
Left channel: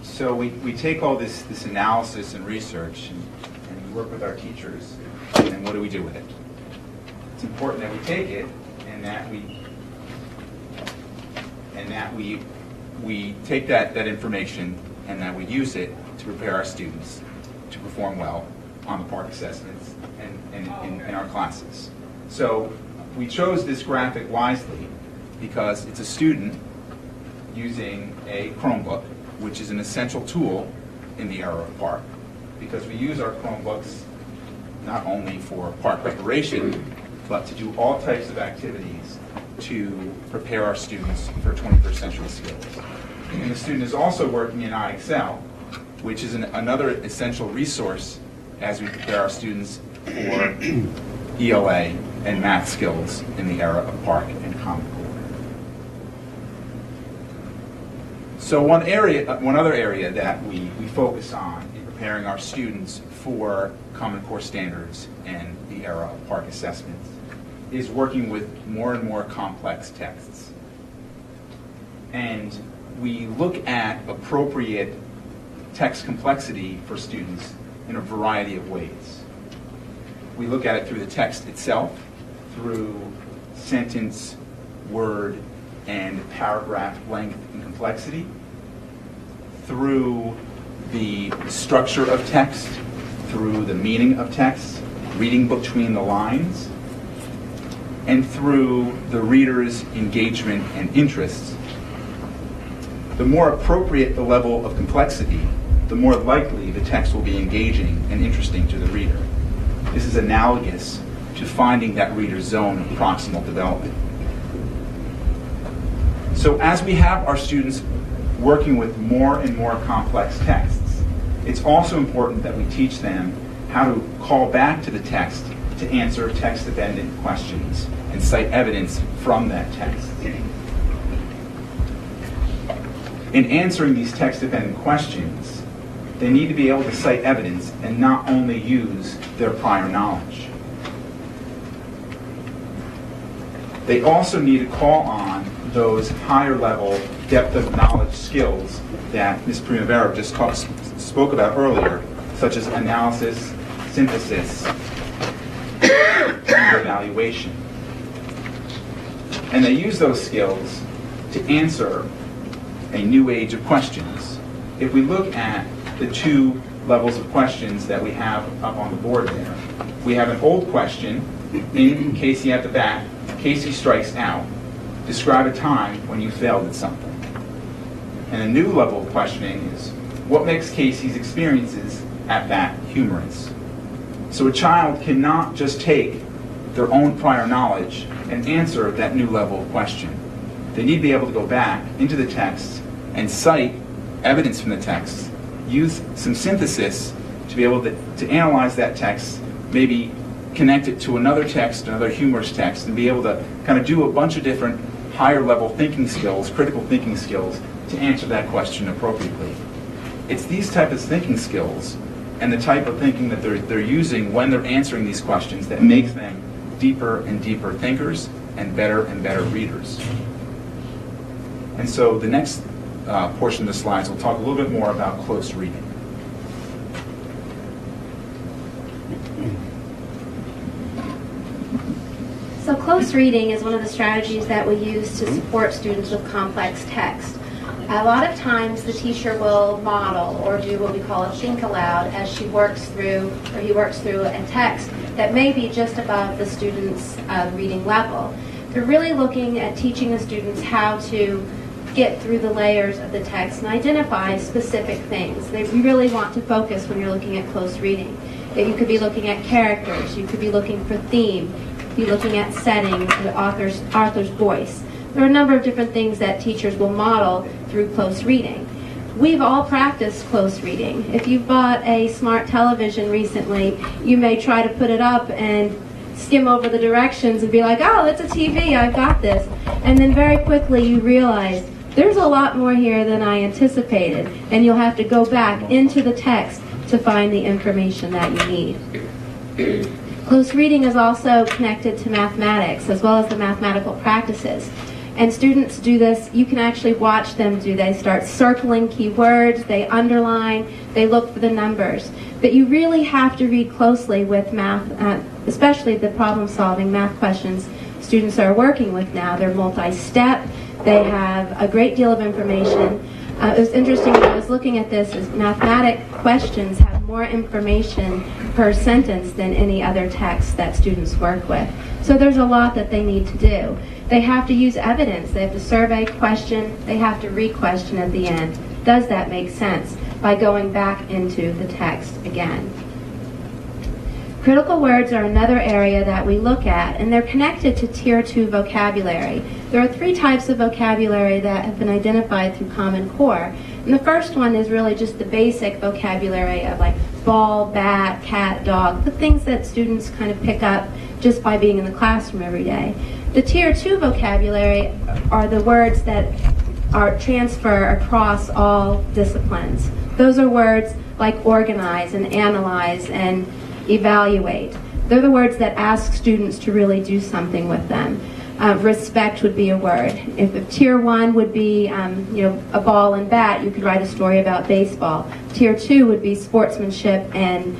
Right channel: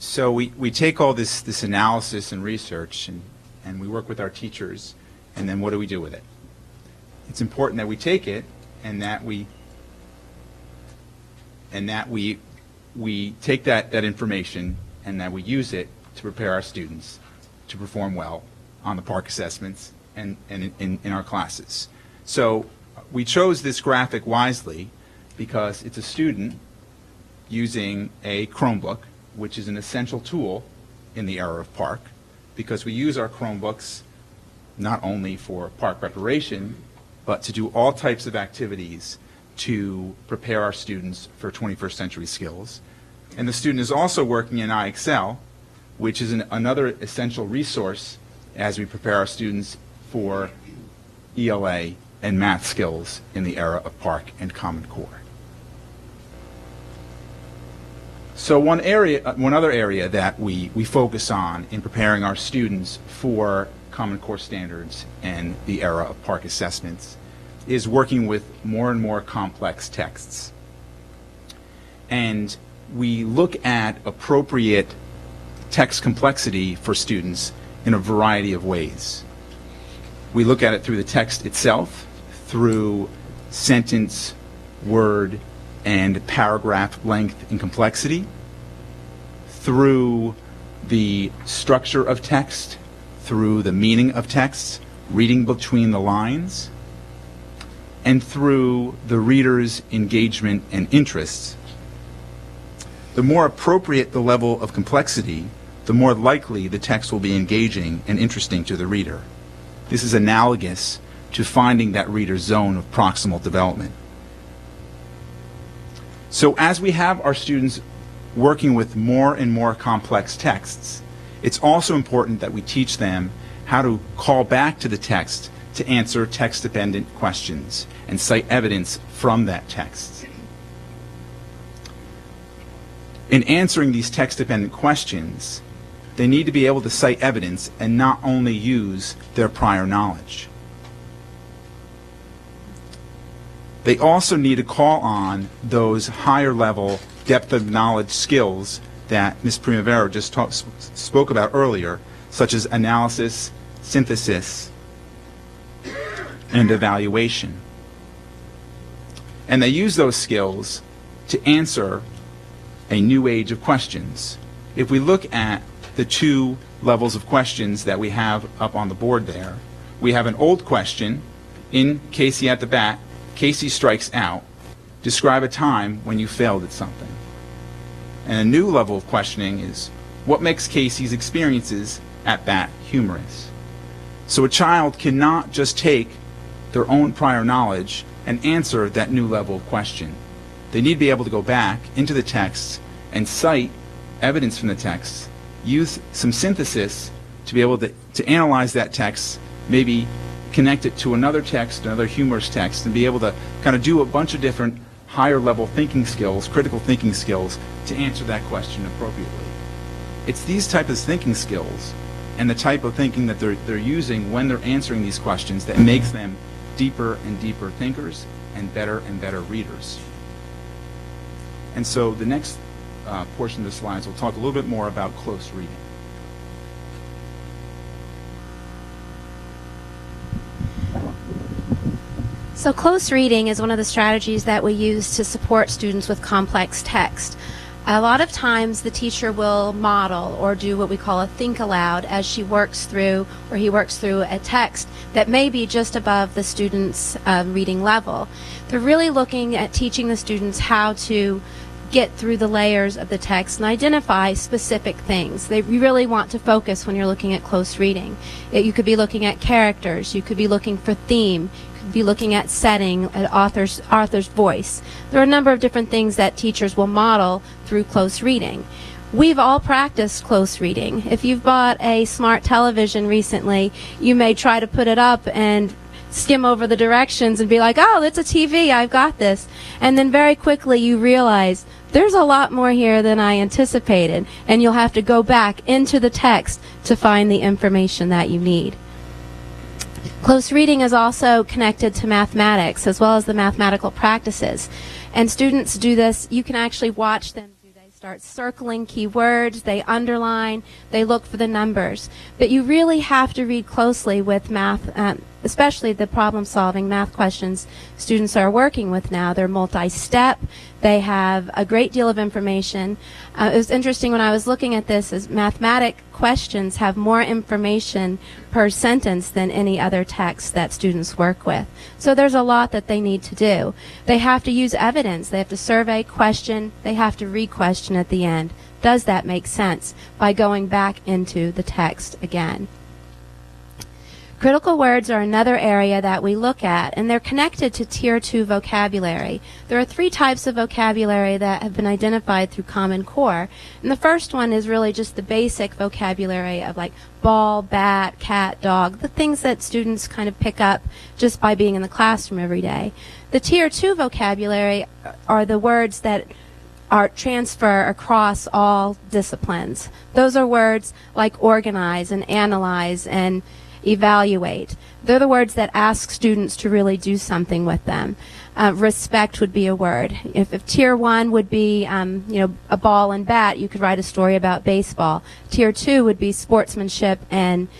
So we take all this analysis and research and we work with our teachers, and then what do we do with it? It's important that we take it and that we take that information and that we use it to prepare our students to perform well on the Park assessments and in our classes. So we chose this graphic wisely because it's a student using a Chromebook, which is an essential tool in the era of Park, because we use our Chromebooks not only for Park preparation, but to do all types of activities to prepare our students for 21st century skills. And the student is also working in iExcel, which is another essential resource as we prepare our students for ELA and math skills in the era of Park and Common Core. So one other area that we focus on in preparing our students for Common Core standards and the era of Park assessments is working with more and more complex texts. And we look at appropriate text complexity for students in a variety of ways. We look at it through the text itself, through sentence, word, and paragraph length and complexity, through the structure of text, through the meaning of text, reading between the lines, and through the reader's engagement and interests. The more appropriate the level of complexity, the more likely the text will be engaging and interesting to the reader. This is analogous to finding that reader's zone of proximal development. So as we have our students working with more and more complex texts, it's also important that we teach them how to call back to the text to answer text-dependent questions and cite evidence from that text. In answering these text-dependent questions, they need to be able to cite evidence and not only use their prior knowledge. They also need to call on those higher-level depth of knowledge skills that Ms. Primavera just spoke about earlier, such as analysis, synthesis, and evaluation. And they use those skills to answer a new age of questions. If we look at the two levels of questions that we have up on the board there, we have an old question, in Casey at the back, Casey strikes out. Describe a time when you failed at something. And a new level of questioning is, what makes Casey's experiences at bat humorous? So a child cannot just take their own prior knowledge and answer that new level of question. They need to be able to go back into the text and cite evidence from the text, use some synthesis to be able to analyze that text, maybe connect it to another text, another humorous text, and be able to kind of do a bunch of different higher level thinking skills, critical thinking skills, to answer that question appropriately. It's these types of thinking skills and the type of thinking that they're using when they're answering these questions that makes them deeper and deeper thinkers and better readers. And so the next portion of the slides will talk a little bit more about close reading. So close reading is one of the strategies that we use to support students with complex text. A lot of times the teacher will model or do what we call a think aloud as she works through or he works through a text that may be just above the student's reading level. They're really looking at teaching the students how to get through the layers of the text and identify specific things. They really want to focus when you're looking at close reading. You could be looking at characters, you could be looking for theme, you could be looking at setting, author's voice. There are a number of different things that teachers will model through close reading. We've all practiced close reading. If you've bought a smart television recently, you may try to put it up and skim over the directions and be like, oh, it's a TV, I've got this. And then very quickly you realize there's a lot more here than I anticipated, and you'll have to go back into the text to find the information that you need. Close reading is also connected to mathematics as well as the mathematical practices. And students do this, you can actually watch them do. They start circling keywords, they underline, they look for the numbers. But you really have to read closely with math, especially the problem-solving math questions students are working with now. They're multi-step, they have a great deal of information. It was interesting when I was looking at this, is mathematic questions have more information per sentence than any other text that students work with. So there's a lot that they need to do. They have to use evidence. They have to survey, question, they have to re-question at the end. Does that make sense? By going back into the text again. Critical words are another area that we look at, and they're connected to Tier 2 vocabulary. There are 3 types of vocabulary that have been identified through Common Core. And the first one is really just the basic vocabulary of like ball, bat, cat, dog, the things that students kind of pick up just by being in the classroom every day. The Tier 2 vocabulary are the words that are transfer across all disciplines. Those are words like organize and analyze and evaluate. They're the words that ask students to really do something with them. Respect would be a word. If Tier 1 would be a ball and bat, you could write a story about baseball. Tier 2 would be sportsmanship and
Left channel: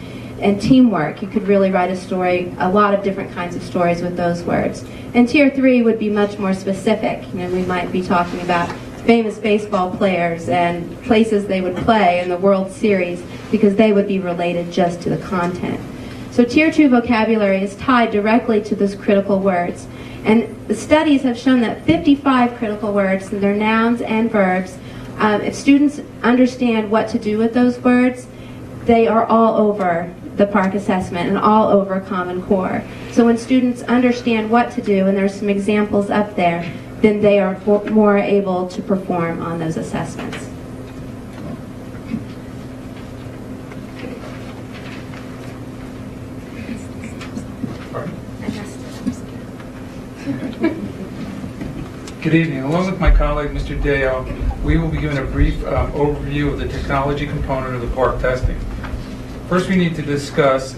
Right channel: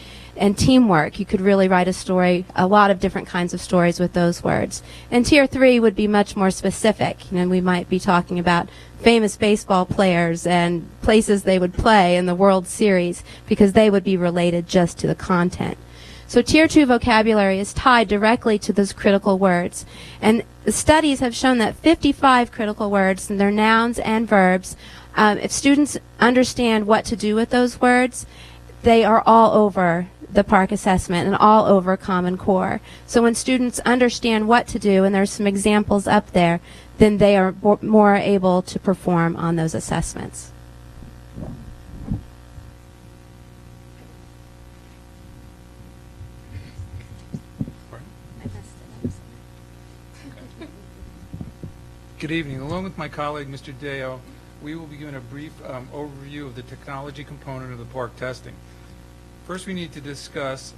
teamwork. You could really write a story, a lot of different kinds of stories with those words. And Tier 3 would be much more specific. We might be talking about famous baseball players and places they would play in the World Series, because they would be related just to the content. So Tier 2 vocabulary is tied directly to those critical words. And the studies have shown that 55 critical words, and they're nouns and verbs, if students understand what to do with those words, they are all over the PARCC assessment and all over Common Core. So when students understand what to do, and there's some examples up there, then they are more able to perform on those assessments. Good evening. Along with my colleague, Mr. Deo, we will be giving a brief overview of the technology component of the PARCC testing. First, we need to discuss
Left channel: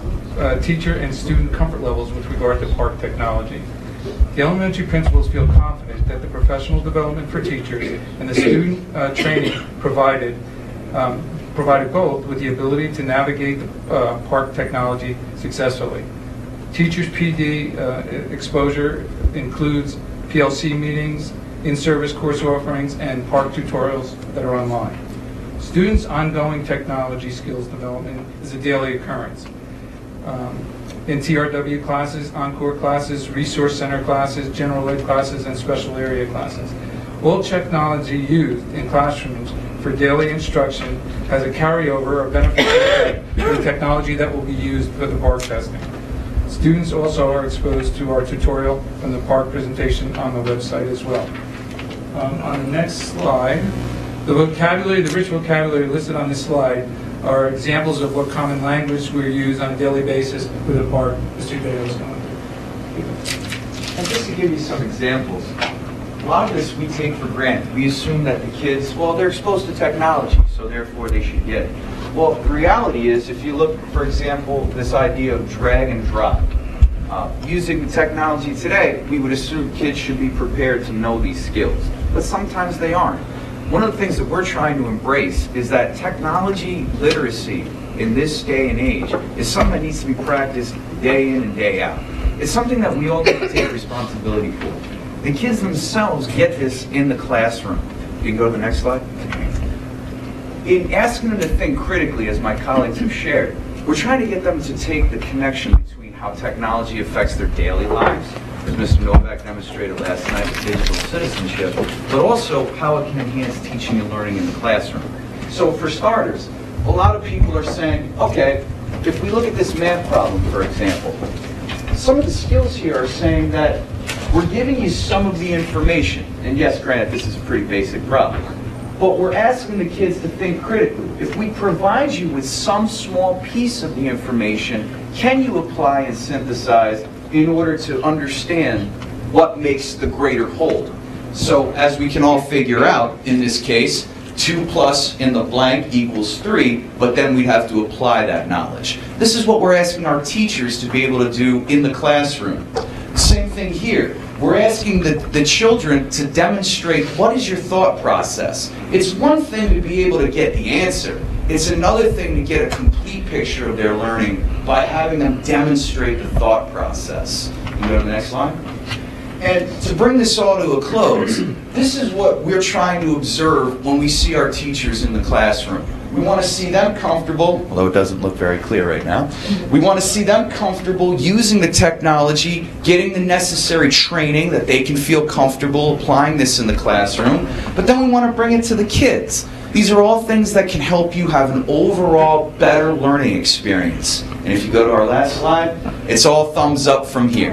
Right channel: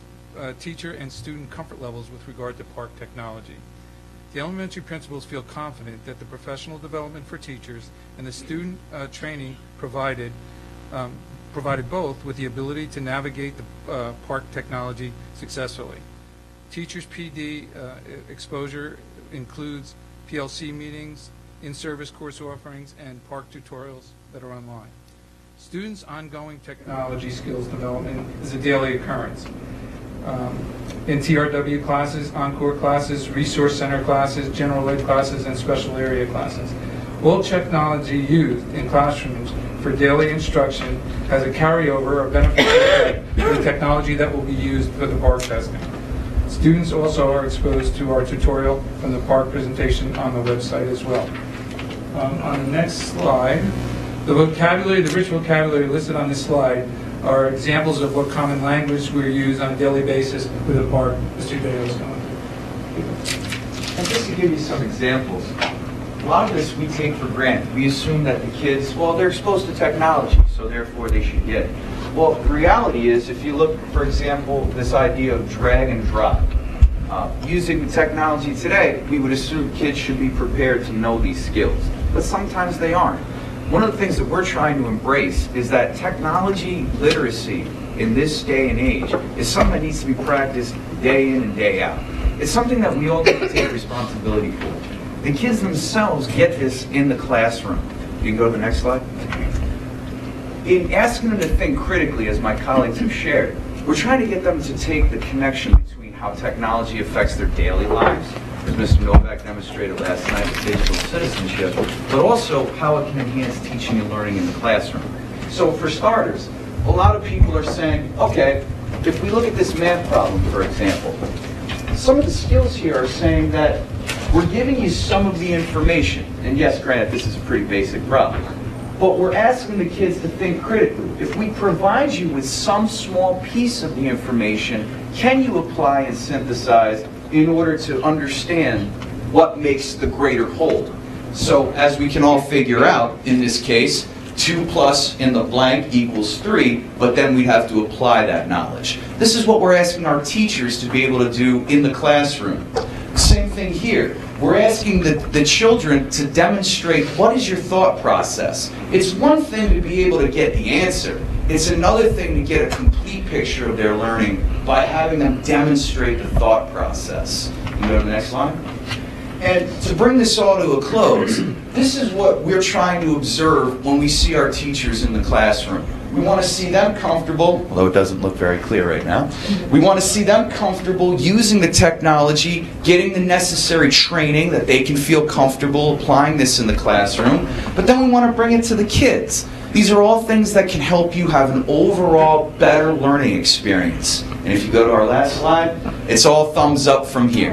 teacher and student comfort levels with regard to PARCC technology. The elementary principals feel confident that the professional development for teachers and the student training provided both with the ability to navigate the PARCC technology successfully. Teachers' PD exposure includes PLC meetings, in-service course offerings, and PARCC tutorials that are online. Students' ongoing technology skills development is a daily occurrence. In TRW classes, encore classes, resource center classes, general ed classes, and special area classes. All technology used in classrooms for daily instruction has a carryover or beneficial effect for the technology that will be used for the PARCC testing. Students also are exposed to our tutorial from the PARCC presentation on the website as well. On the next slide, the rich vocabulary listed on this slide are examples of what common language we use on a daily basis with the PARCC. Mr. Deo is going to. And just to give you some examples, a lot of this we take for granted. We assume that the kids, well, they're exposed to technology, so therefore they should get it. Well, the reality is, if you look, for example, this idea of drag and drop, using the technology today, we would assume kids should be prepared to know these skills, but sometimes they aren't. One of the things that we're trying to embrace is that technology literacy in this day and age is something that needs to be practiced day in and day out. It's something that we all need to take responsibility for. The kids themselves get this in the classroom. You can go to the next slide. In asking them to think critically, as my colleagues have shared, we're trying to get them to take the connection between how technology affects their daily lives, as Mr. Novak demonstrated last night with digital citizenship, but also how it can enhance teaching and learning in the classroom. So for starters, a lot of people are saying, okay, if we look at this math problem, for example, some of the skills here are saying that we're giving you some of the information, and yes, granted, this is a pretty basic problem, but we're asking the kids to think critically. If we provide you with some small piece of the information, can you apply and synthesize in order to understand what makes the greater whole? So as we can all figure out, in this case, 2 plus in the blank equals 3, but then we'd have to apply that knowledge. This is what we're asking our teachers to be able to do in the classroom. Same thing here. We're asking the children to demonstrate what is your thought process. It's one thing to be able to get the answer. It's another thing to get a complete picture of their learning by having them demonstrate the thought process. You can go to the next slide. And to bring this all to a close, this is what we're trying to observe when we see our teachers in the classroom. We want to see them comfortable, although it doesn't look very clear right now. We want to see them comfortable using the technology, getting the necessary training that they can feel comfortable applying this in the classroom. But then we want to bring it to the kids. These are all things that can help you have an overall better learning experience. And if you go to our last slide, it's all thumbs up from here.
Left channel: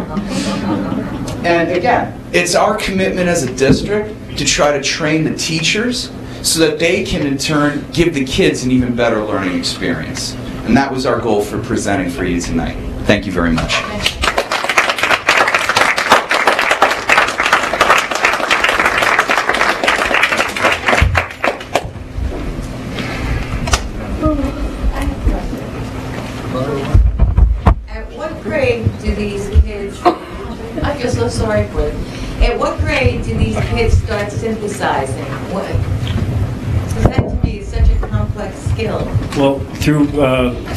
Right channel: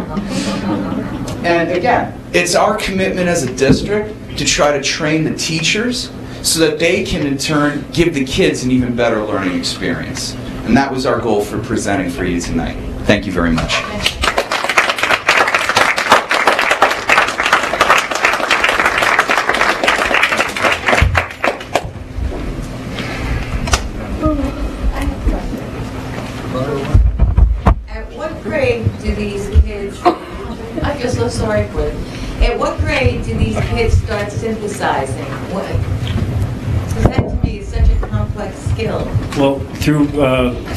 And again, it's our commitment as a district to try to train the teachers so that they can in turn give the kids an even better learning experience. And that was our goal for presenting for you tonight. Thank you very much. At what grade sorry for it. At what grade do these kids start synthesizing? Because that to me is such a complex skill. Well, through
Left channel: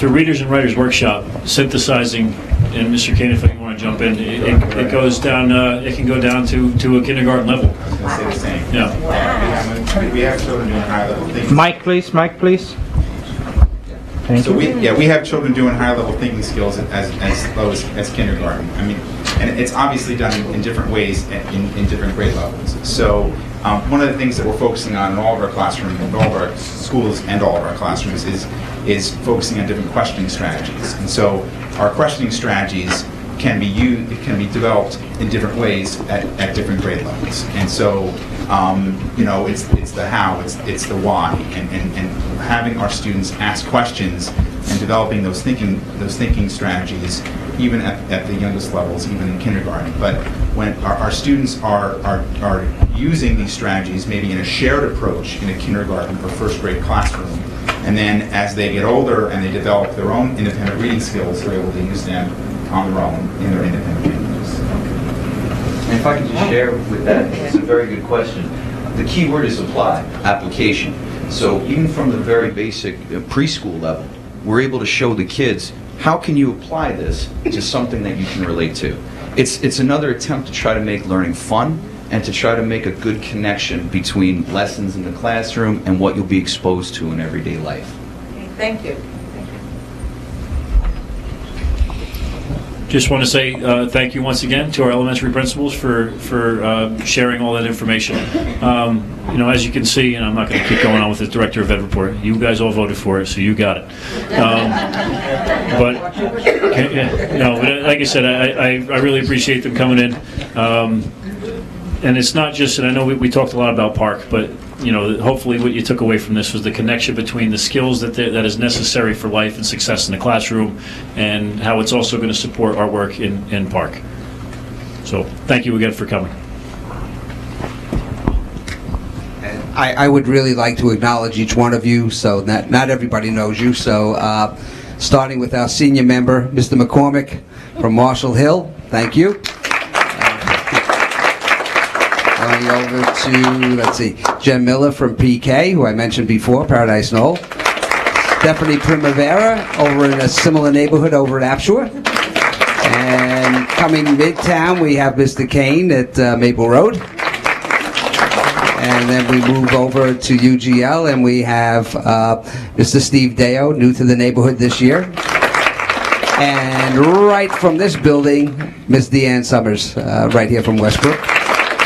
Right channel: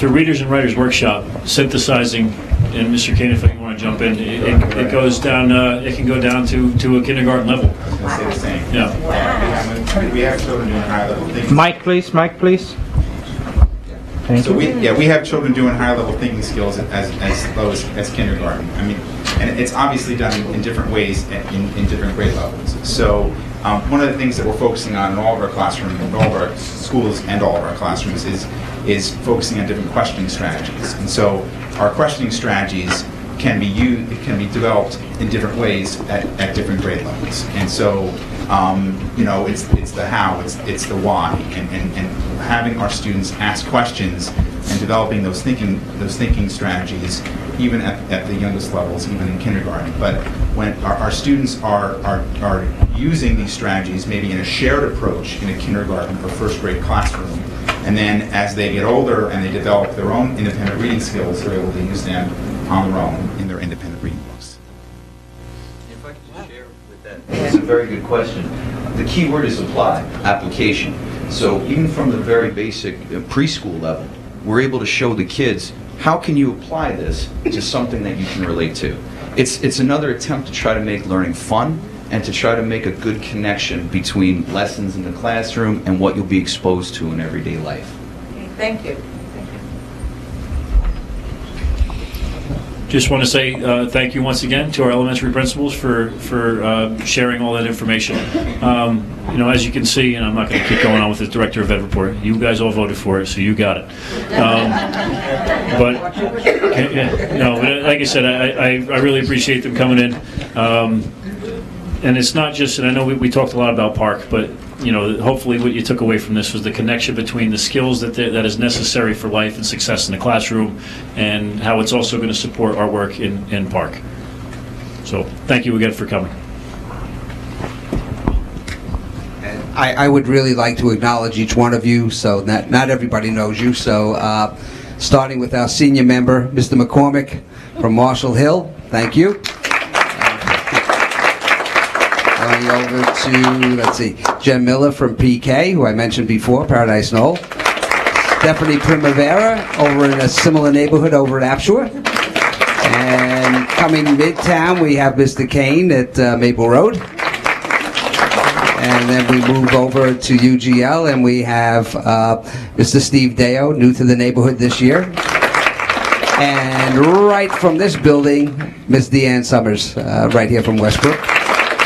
Readers and Writers Workshop, synthesizing, and Mr. Kane, if you want to jump in, it goes down. It can go down to a kindergarten level. I was going to say the same. Yeah. Wow. We have children doing higher level thinking. Mic, please. Thank So you. we have children doing higher level thinking skills as low as kindergarten. I mean, and it's obviously done in different ways in different grade levels. So one of the things that we're focusing on in all of our classrooms, in all of our schools and all of our classrooms is focusing on different questioning strategies. And so our questioning strategies can be developed in different ways at different grade levels. And so it's the how, it's the why, and having our students ask questions and developing those thinking strategies, even at the youngest levels, even in kindergarten. But when our students are using these strategies, maybe in a shared approach in a kindergarten or first grade classroom, and then as they get older and they develop their own independent reading skills, they're able to use them on their own in their independent readings. And if I could just share with that, it's a very good question. The key word is apply, application. So even from the very basic preschool level, we're able to show the kids, how can you apply this to something that you can relate to? It's another attempt to try to make learning fun and to try to make a good connection between lessons in the classroom and what you'll be exposed to in everyday life. Okay, thank you. Just want to say thank you once again to our elementary principals for sharing all that information. As you can see, and I'm not going to keep going on with the Director of Ed report, you guys all voted for it, so you got it. But like I said, I really appreciate them coming in. And it's not just, and I know we talked a lot about Park, but hopefully what you took away from this was the connection between the skills that is necessary for life and success in the classroom, and how it's also going to support our work in Park. So thank you again for coming. And I would really like to acknowledge each one of you, so not everybody knows you. So starting with our senior member, Mr. McCormick from Marshall Hill, thank you. Going over to, let's see, Jen Miller from PK, who I mentioned before, Paradise Knoll. Stephanie Primavera over in a similar neighborhood over at Apshore. And coming midtown, we have Mr. Kane at Maple Road. And then we move over to UGL, and we have Mr. Steve Deo, new to the neighborhood this year. And right from this building, Miss Deanne Summers, right here from Westbrook.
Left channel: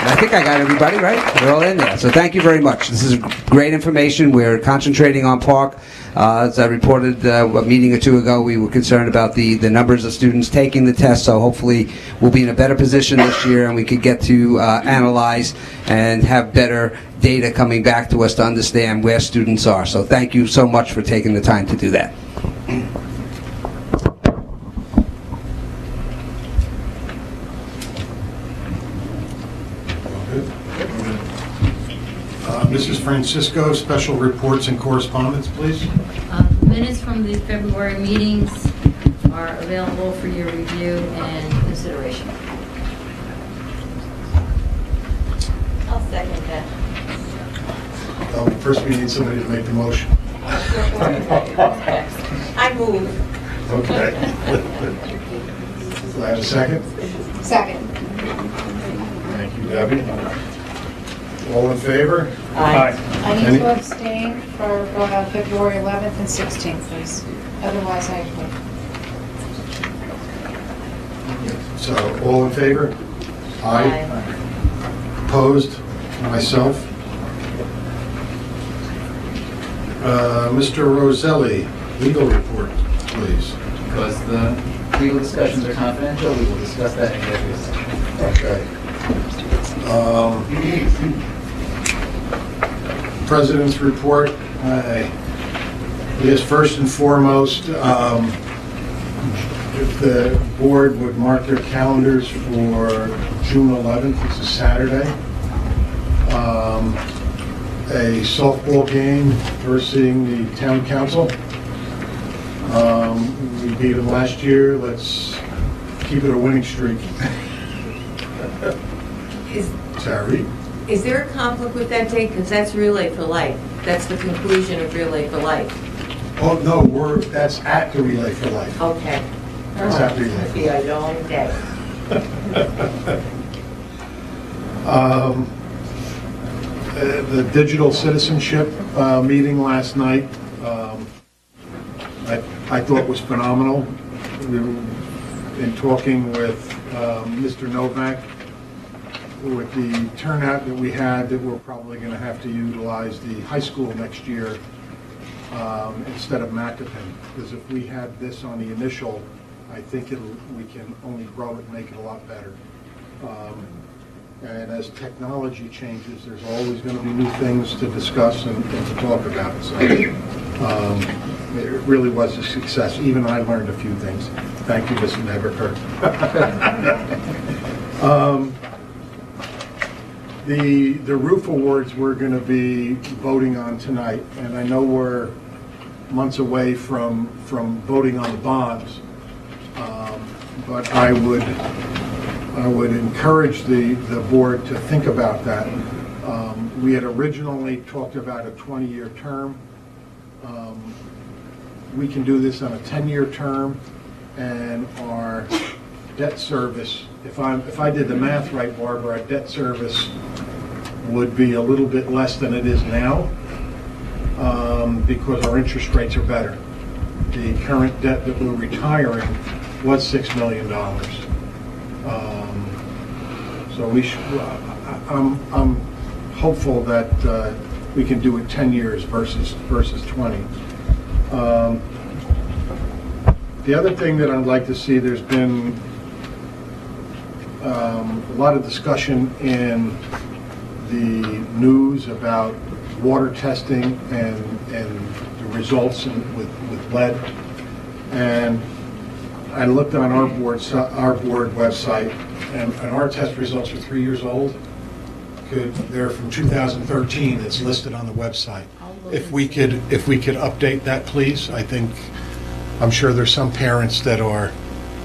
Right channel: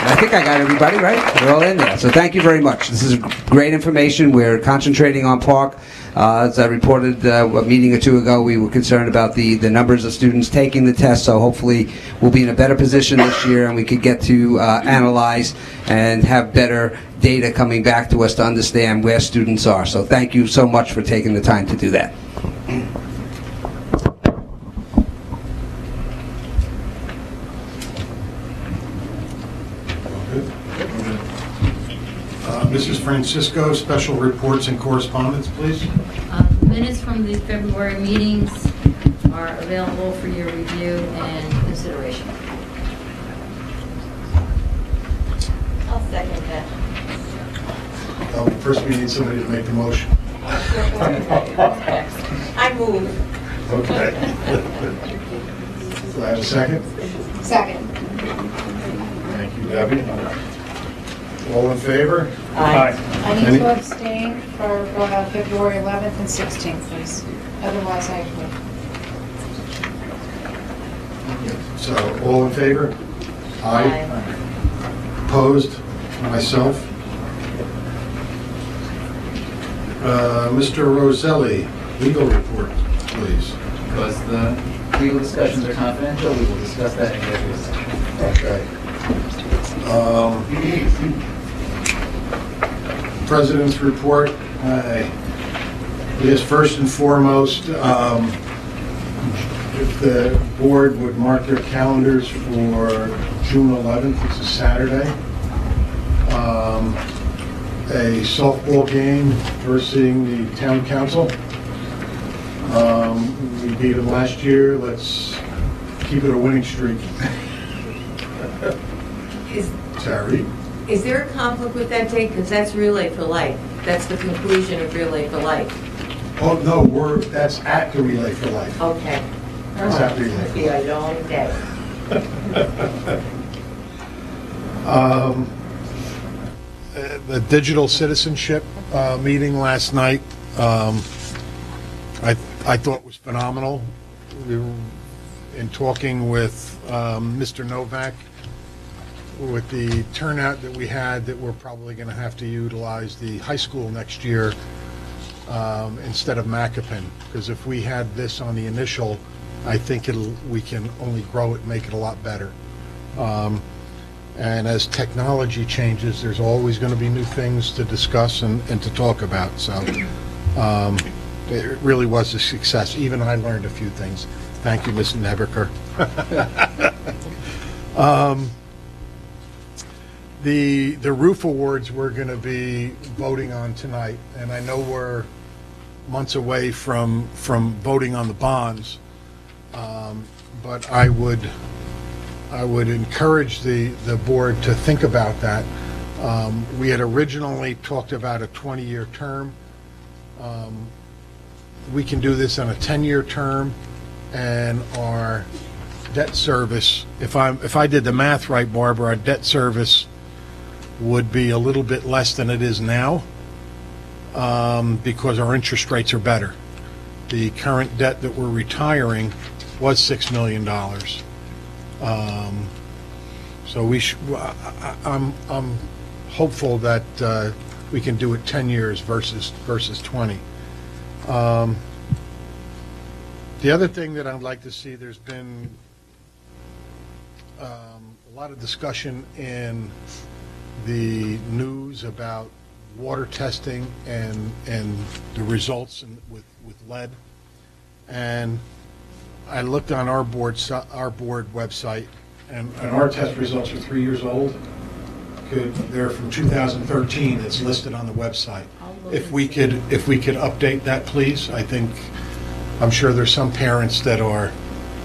I think I got everybody, right? They're all in there. So thank you very much. This is great information. We're concentrating on Park. As I reported a meeting or two ago, we were concerned about the numbers of students taking the test, so hopefully we'll be in a better position this year and we could get to analyze and have better data coming back to us to understand where students are. So thank you so much for taking the time to do that. Mrs. Francisco, special reports and correspondence, please. Minutes from the February meetings are available for your review and consideration. I'll second that. First, we need somebody to make the motion. I move. Okay. Do I have a second? Second. Thank you, Debbie. All in favor? Aye. I need to abstain for February 11th and 16th, please. Otherwise, I agree. So, all in favor? Aye. Opposed? Myself. Mr. Roselli, legal report, please. Because the legal discussions are confidential, we will discuss that in executive session. Okay. President's report. I guess first and foremost, if the board would mark their calendars for June 11th, it's a Saturday, a softball game versus the town council. We beat them last year. Let's keep it a winning streak. Terry? Is there a conflict with that date? Because that's Relay for Life. That's the conclusion of Relay for Life. Oh, no, that's at the Relay for Life. Okay. That's at Relay for It'll be a long day. The digital citizenship meeting last night, I thought was phenomenal. In talking with Mr. Novak, with the turnout that we had, that we're probably going to have to utilize the high school next year instead of Macapin, because if we had this on the initial, I think we can only grow it, make it a lot better. And as technology changes, there's always going to be new things to discuss and to talk about. So it really was a success. Even I learned a few things. Thank you, Mr. Nebeker. The roof awards we're going to be voting on tonight, and I know we're months away from voting on the bonds, but I would encourage the board to think about that. We had originally talked about a 20-year term. We can do this on a 10-year term, and our debt service, if I did the math right, Barbara, our debt service would be a little bit less than it is now, because our interest rates are better. The current debt that we're retiring was $6 million. So I'm hopeful that we can do it 10 years versus 20. The other thing that I'd like to see, there's been a lot of discussion in the news about water testing and the results with lead. And I looked on our board website, and our test results are 3 years old. They're from 2013. It's listed on the website. If we could update that, please. I'm sure there's some parents that are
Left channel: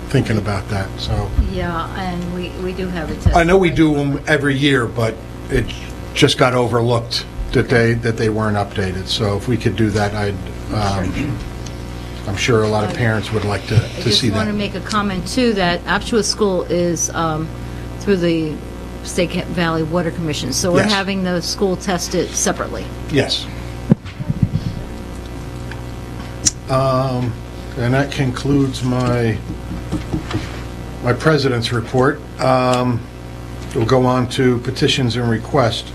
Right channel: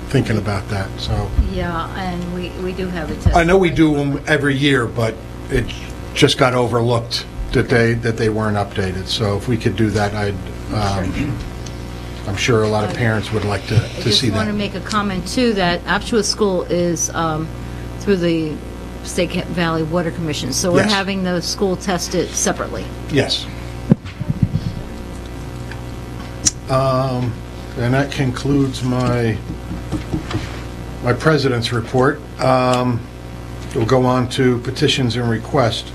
thinking about that. So Yeah, and we do have a test. I know we do them every year, but it just got overlooked that they weren't updated. So if we could do that, I'm sure a lot of parents would like to see I just want that. to make a comment too, that Alachua School is through the State Valley Water Commission, so we're Yes. having the school tested separately. Yes. And that concludes my president's report. We'll go on to petitions and requests.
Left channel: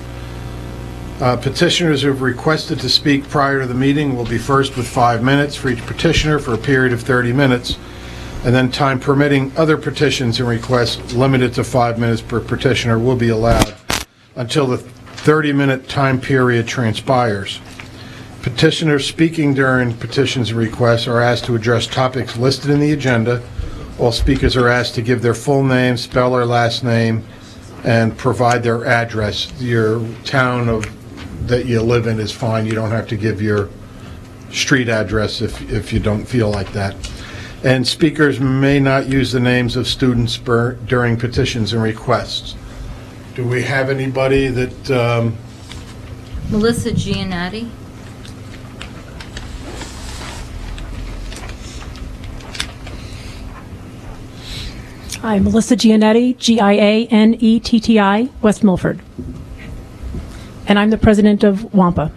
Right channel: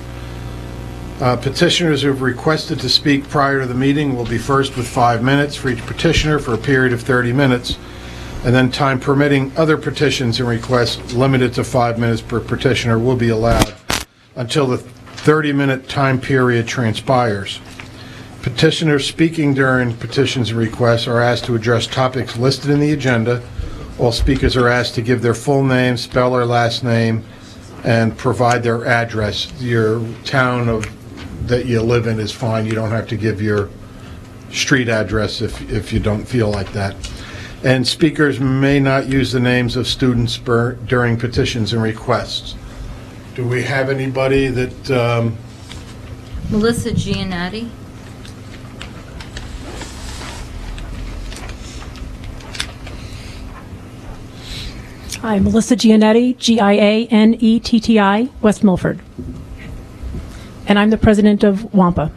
Petitioners who have requested to speak prior to the meeting will be first with 5 minutes for each petitioner for a period of 30 minutes, and then time permitting, other petitions and requests limited to 5 minutes per petitioner will be allowed until the 30-minute time period transpires. Petitioners speaking during petitions and requests are asked to address topics listed in the agenda. All speakers are asked to give their full name, spell their last name, and provide their address. Your town that you live in is fine. You don't have to give your street address if you don't feel like that. And speakers may not use the names of students during petitions and requests. Do we have anybody that... Melissa Giannotti. Hi, Melissa Giannetti, Giannetti, West Milford. And I'm the president of WAMPA.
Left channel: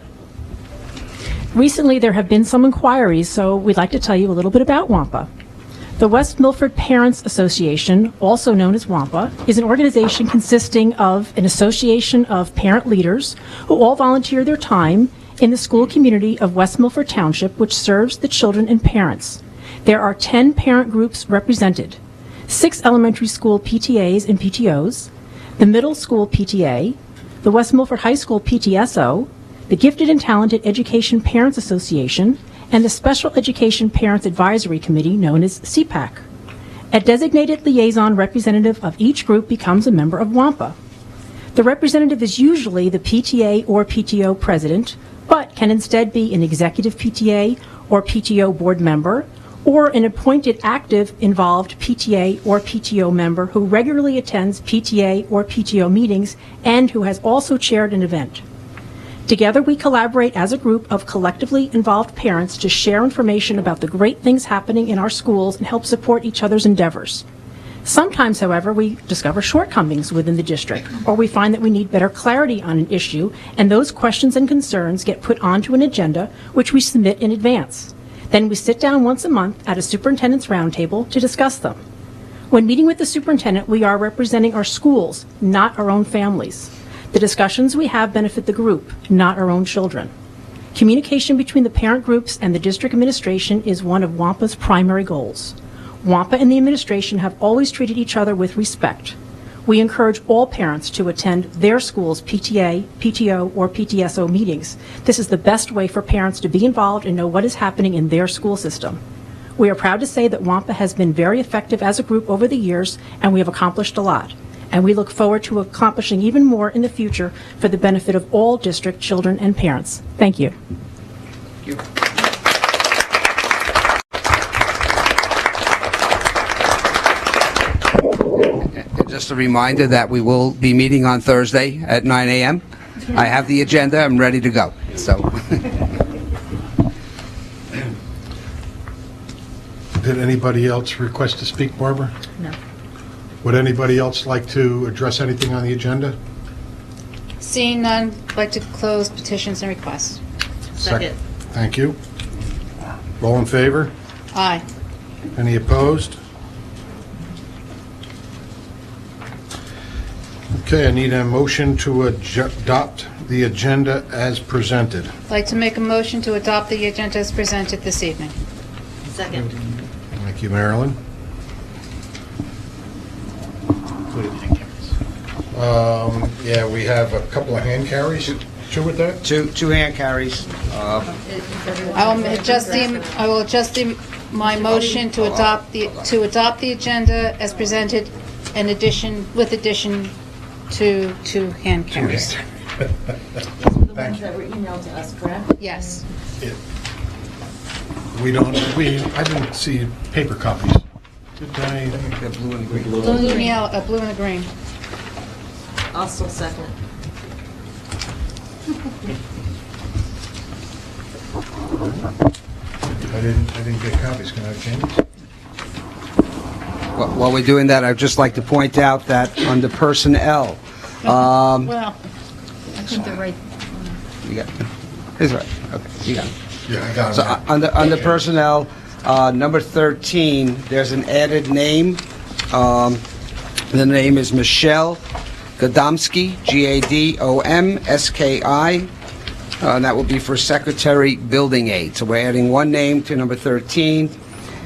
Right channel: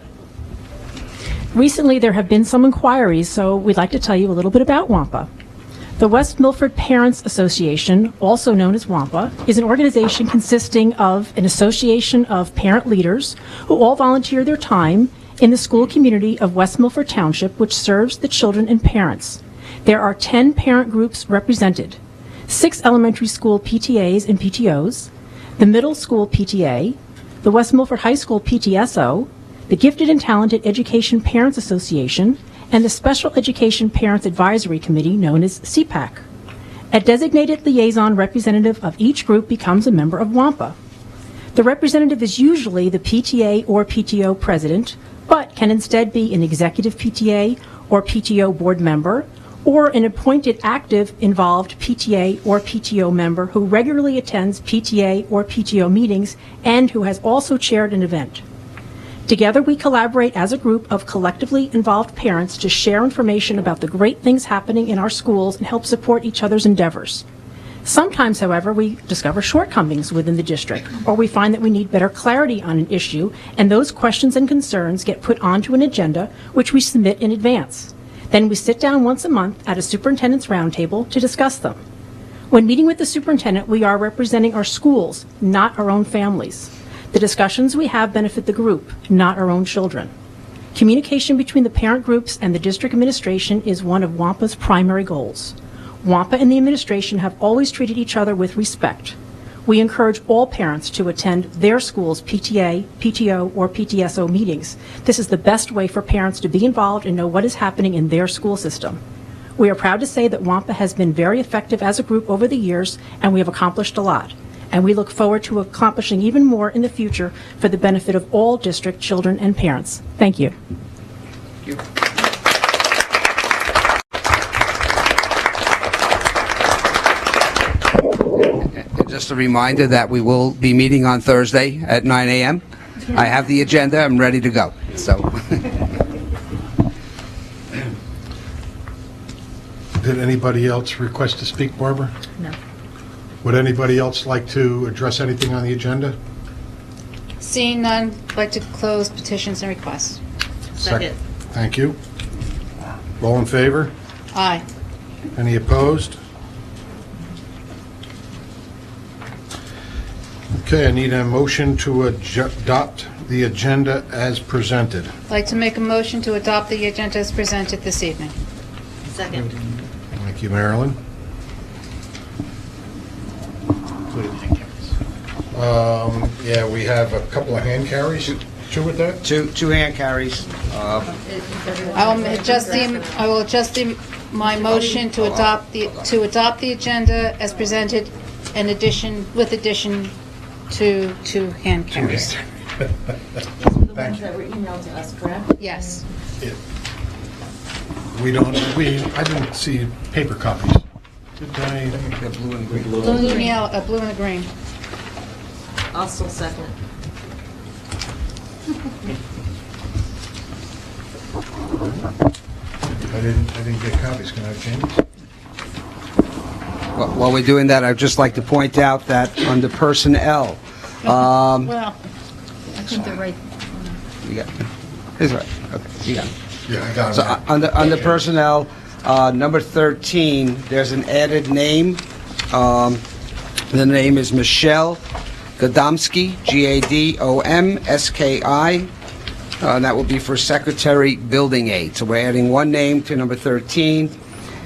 Recently, there have been some inquiries, so we'd like to tell you a little bit about WAMPA. The West Milford Parents Association, also known as WAMPA, is an organization consisting of an association of parent leaders who all volunteer their time in the school community of West Milford Township, which serves the children and parents. There are 10 parent groups represented, 6 elementary school PTAs and PTOs, the middle school PTA, the West Milford High School PTSO, the Gifted and Talented Education Parents Association, and the Special Education Parents Advisory Committee, known as CPAC. A designated liaison representative of each group becomes a member of WAMPA. The representative is usually the PTA or PTO president, but can instead be an executive PTA or PTO board member, or an appointed active involved PTA or PTO member who regularly attends PTA or PTO meetings and who has also chaired an event. Together, we collaborate as a group of collectively involved parents to share information about the great things happening in our schools and help support each other's endeavors. Sometimes, however, we discover shortcomings within the district, or we find that we need better clarity on an issue, and those questions and concerns get put onto an agenda, which we submit in advance. Then we sit down once a month at a superintendent's roundtable to discuss them. When meeting with the superintendent, we are representing our schools, not our own families. The discussions we have benefit the group, not our own children. Communication between the parent groups and the district administration is one of WAMPA's primary goals. WAMPA and the administration have always treated each other with respect. We encourage all parents to attend their school's PTA, PTO, or PTSO meetings. This is the best way for parents to be involved and know what is happening in their school system. We are proud to say that WAMPA has been very effective as a group over the years, and we have accomplished a lot. And we look forward to accomplishing even more in the future for the benefit of all district children and parents. Thank you. Just a reminder that we will be meeting on Thursday at 9 a.m. I have the agenda. I'm ready to go. So, Did anybody else request to speak, Barbara? No. Would anybody else like to address anything on the agenda? Seeing none, I'd like to close petitions and requests. Second. Thank you. All in favor? Aye. Any opposed? Okay, I need a motion to adopt the agenda as presented. I'd like to make a motion to adopt the agenda as presented this evening. Second. Thank you, Marilyn. Yeah, we have a couple of hand carries. Two with that? two hand carries. I will adjust my motion to adopt the agenda as presented with addition to two hand carries. These are the ones that were emailed to us, correct? Yes. I didn't see paper copies. Did I? The blue and green. Blue and the green. I'll still second. I didn't get copies. Can I have changes? While we're doing that, I'd just like to point out that under personnel, Well, I think they're right. you got, it's right. Okay, you got it. Yeah, I got it. So under personnel, number 13, there's an added name. The name is Michelle Gadomski, Gadomski, and that will be for Secretary Building Aid. So we're adding one name to number 13,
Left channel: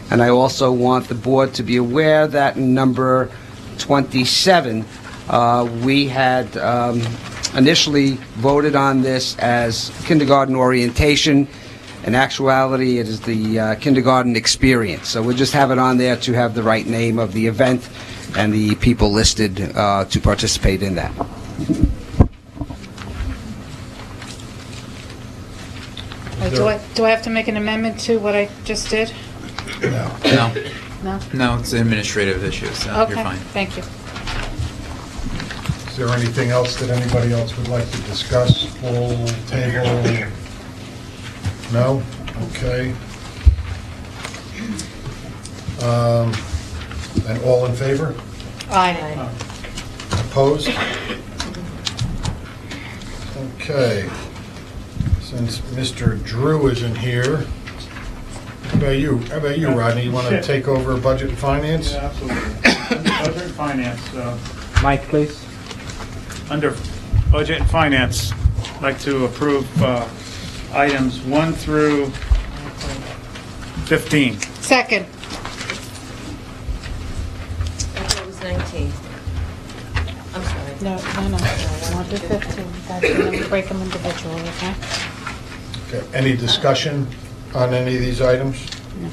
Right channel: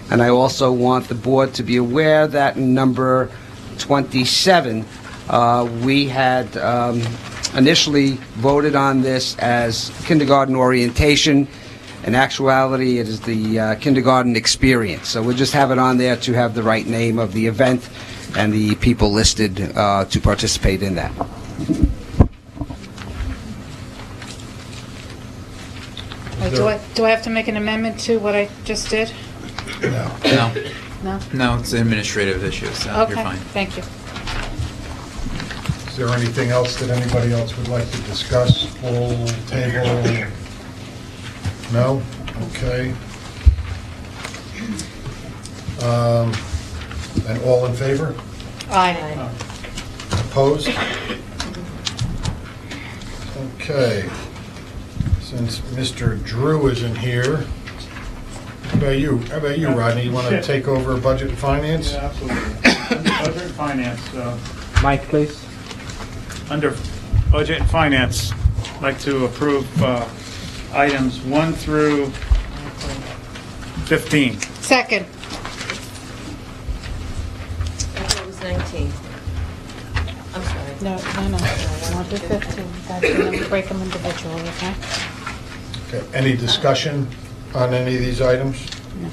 and I also want the board to be aware that in number 27, we had initially voted on this as kindergarten orientation. In actuality, it is the kindergarten experience. So we'll just have it on there to have the right name of the event and the people listed to participate in that. do I have to make an amendment to what I just did? No. No? No, it's an administrative issue, so Okay, you're fine. thank you. Is there anything else that anybody else would like to discuss? Full table? No? Okay. And all in favor? Aye. Opposed? Okay. Since Mr. Drew isn't here, how about you, Rodney? You want to take over budget and finance? Yeah, absolutely. Budget and finance. Mike, please. Under budget and finance, I'd like to approve items 1 through 15. Second. I thought it was 19. I'm sorry. No. 1 through 15. Then we break them individually, okay? Okay. Any discussion on any of these items? No.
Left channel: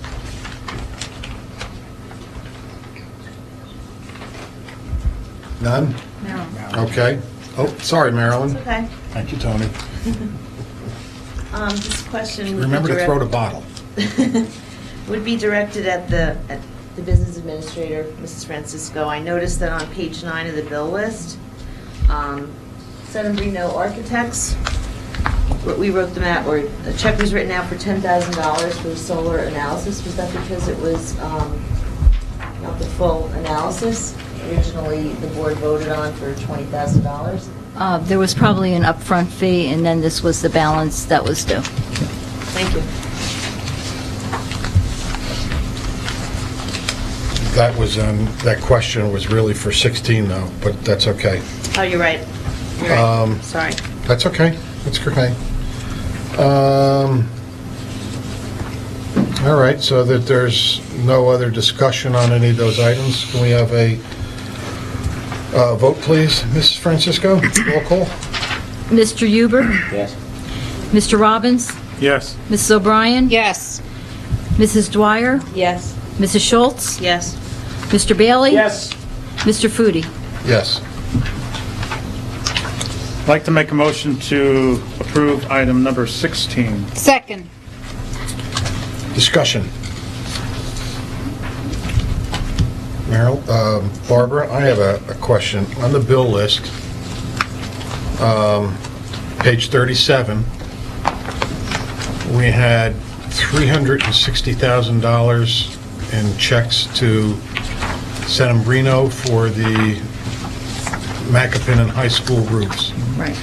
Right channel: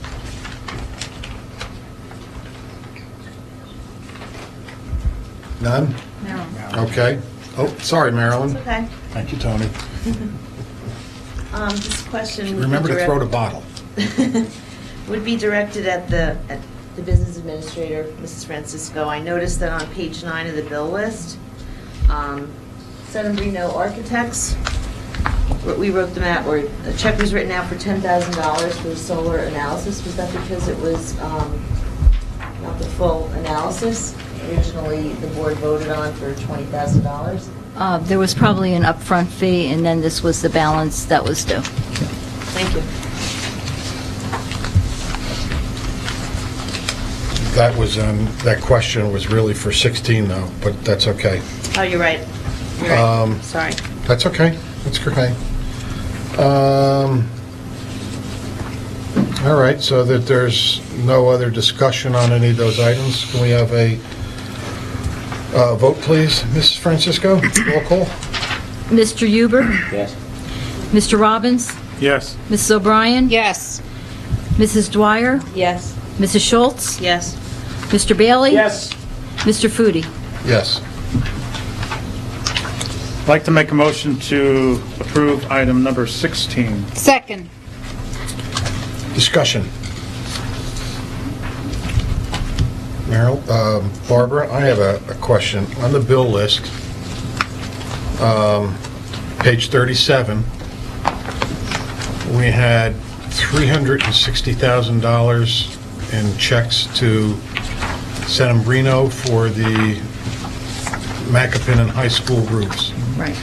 None? No. Okay. Oh, sorry, Marilyn. It's okay. Thank you, Tony. This question. Remember to throw the bottle. would be directed at the business administrator, Mrs. Francisco. I noticed that on page 9 of the bill list, San Marino Architects, we wrote them out, or a check was written out for $10,000 for the solar analysis. Was that because it was not the full analysis? Originally, the board voted on for $20,000. There was probably an upfront fee, and then this was the balance that was due. Thank you. That was, that question was really for 16 though, but that's okay. Oh, you're right. You're right. Sorry. That's okay. That's okay. All right, so that there's no other discussion on any of those items, can we have a vote, please? Mrs. Francisco, roll call. Mr. Huber? Yes. Mr. Robbins? Yes. Mrs. O'Brien? Yes. Mrs. Dwyer? Yes. Mrs. Schultz? Yes. Mr. Bailey? Yes. Mr. Foodie? Yes. I'd like to make a motion to approve item number 16. Second. Discussion. Barbara, I have a question. On the bill list, page 37, we had $360,000 in checks to San Marino for the Macapanan High School roofs. Right.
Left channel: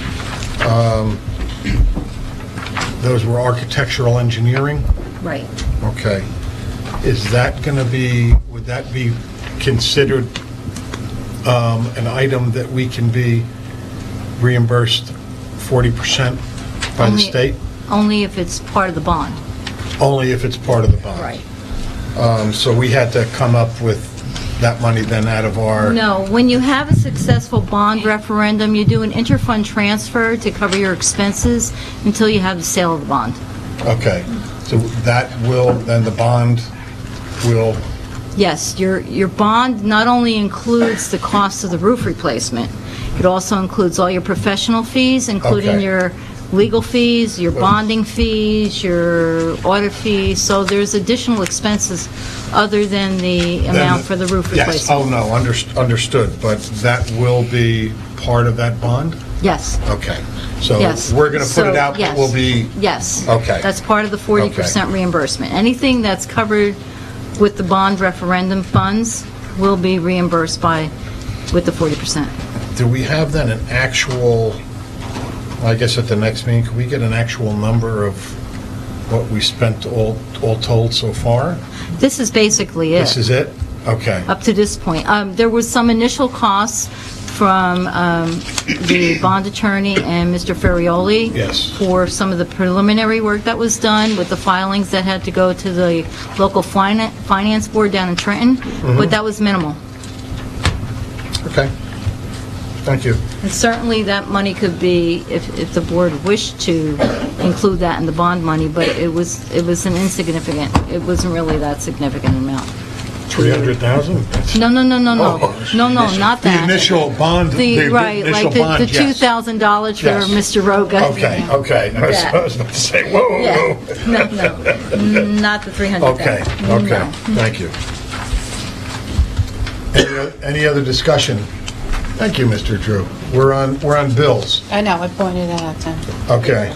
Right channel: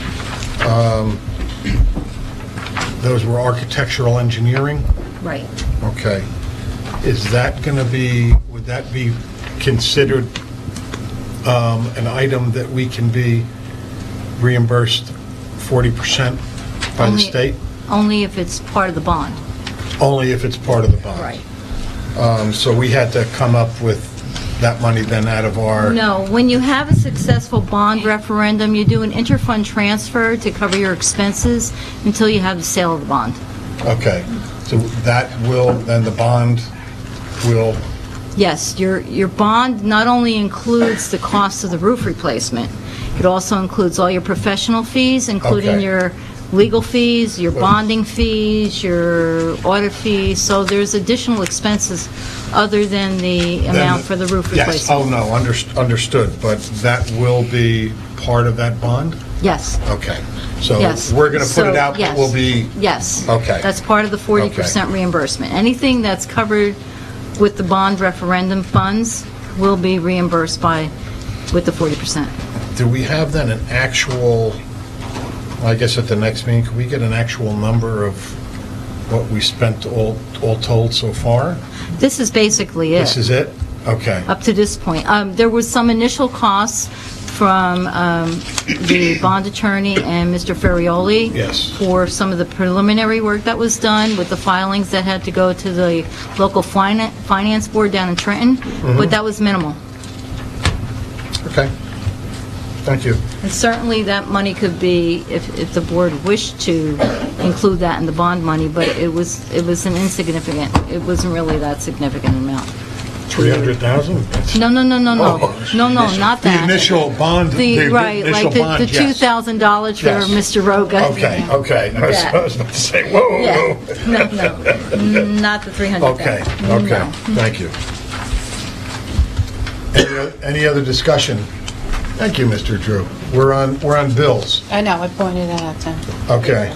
Those were architectural engineering? Right. Okay. Is that going to be, would that be considered an item that we can be reimbursed 40% by the state? Only if it's part of the bond. Only if it's part of the bond? Right. So we had to come up with that money then out of our... No, when you have a successful bond referendum, you do an interfund transfer to cover your expenses until you have the sale of the bond. Okay. So that will, then the bond will... Yes, your bond not only includes the cost of the roof replacement, it also includes all your professional fees, including Okay. your legal fees, your bonding fees, your audit fees, so there's additional expenses other than the amount for the roof Yes, replacement. oh no, understood, but that will be part of that bond? Yes. Okay. So Yes. we're going to put it So, out, but yes. we'll be... Yes. Okay. That's part of the 40% reimbursement. Anything that's covered with the bond referendum funds will be reimbursed with the 40%. Do we have then an actual, I guess at the next meeting, can we get an actual number of what we spent all told so far? This is basically it. This is it? Okay. Up to this point. There was some initial costs from the bond attorney and Mr. Ferrioli. Yes. For some of the preliminary work that was done with the filings that had to go to the local finance board down in Trenton, but that was minimal. Okay. Thank you. And certainly that money could be, if the board wished to include that in the bond money, but it was an insignificant, it wasn't really that significant amount. 300,000? No, Oh. not that. The initial bond. Right, like the $2,000 for Yes. Mr. Roga. Okay. I was about to say, whoa. Yeah. No, not the 300,000. Okay. No. Thank you. Any other discussion? Thank you, Mr. Drew. We're on bills. I know, I pointed that out to him. Okay.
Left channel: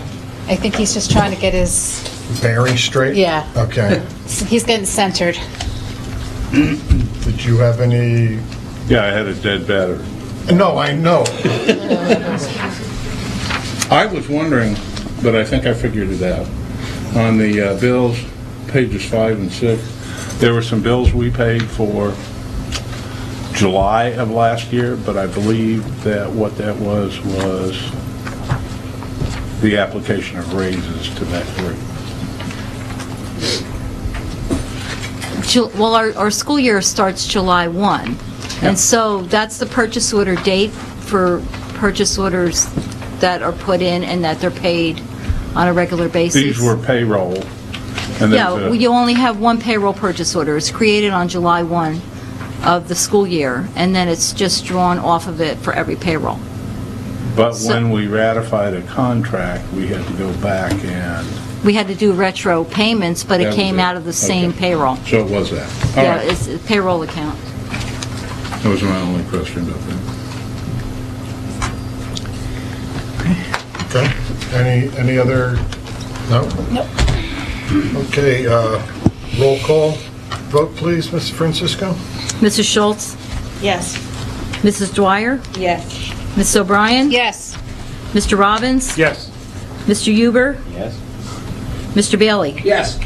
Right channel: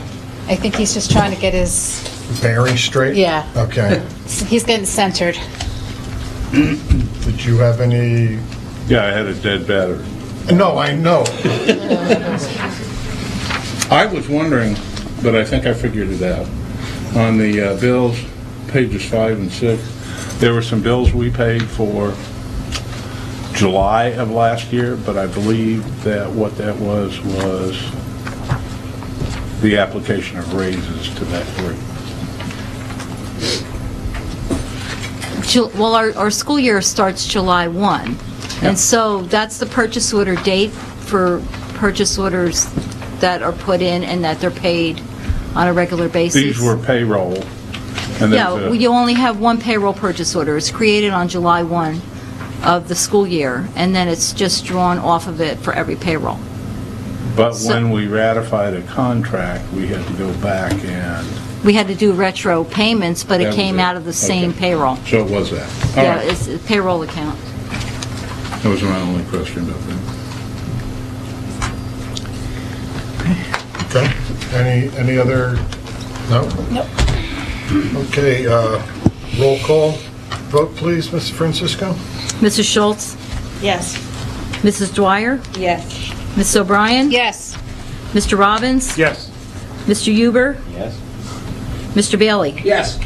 I think he's just trying to get his, Bearing straight? Yeah. Okay. he's getting centered. Did you have any? Yeah, I had a dead battery. No, I know. I was wondering, but I think I figured it out. On the bills, pages 5 and 6, there were some bills we paid for July of last year, but I believe that what that was the application of raises to that group. Well, our school year starts July 1, and so that's the purchase order date for purchase orders that are put in and that they're paid on a regular basis. These were payroll. And Yeah, you only have one payroll purchase order. It's created on July 1 of the school year, and then it's just drawn off of it for every payroll. But when we ratified a contract, we had to go back and We had to do retro payments, but That it was came it. out of the same Okay. payroll. So it was that. All Yeah, right. it's a payroll account. That was my only question about that. Okay. Any other, no? Nope. Okay, roll call. Vote, please, Mrs. Francisco? Mrs. Schultz? Yes. Mrs. Dwyer? Yes. Ms. O'Brien? Yes. Mr. Robbins? Yes. Mr. Huber? Yes. Mr. Bailey? Yes.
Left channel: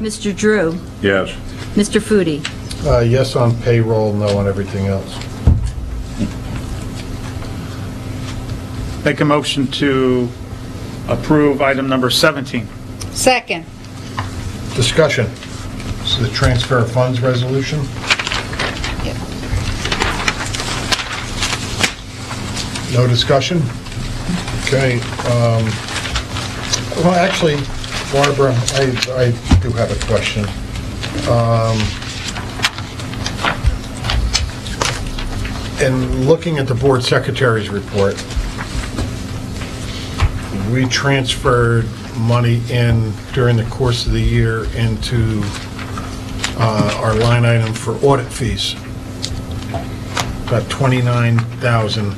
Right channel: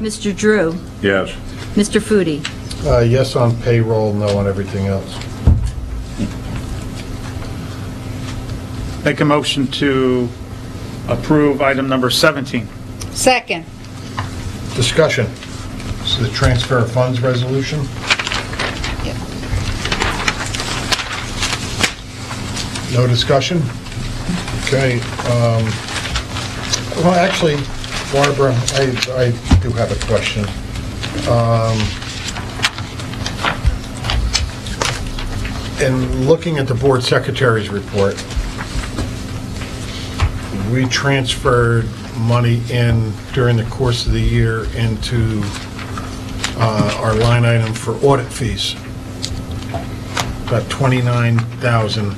Mr. Drew? Yes. Mr. Foodie? Yes on payroll, no on everything else. Make a motion to approve item number 17. Second. Discussion. This is the transfer of funds resolution. No discussion? Okay. Well, actually, Barbara, I do have a question. In looking at the board secretary's report, we transferred money in during the course of the year into our line item for audit fees. About 29,000.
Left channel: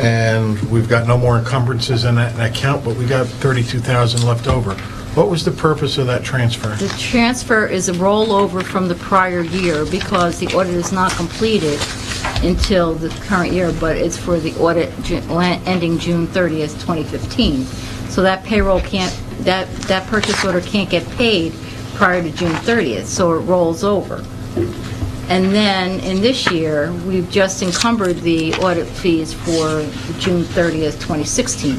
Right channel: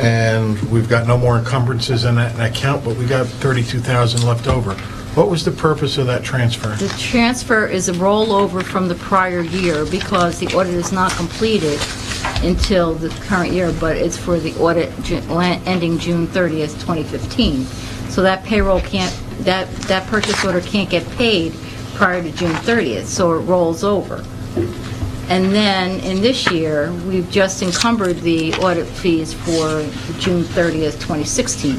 And we've got no more encumbrances in that account, but we got 32,000 left over. What was the purpose of that transfer? The transfer is a rollover from the prior year because the audit is not completed until the current year, but it's for the audit ending June 30th, 2015. So that payroll can't, that purchase order can't get paid prior to June 30th, so it rolls over. And then in this year, we've just encumbered the audit fees for June 30th, 2016.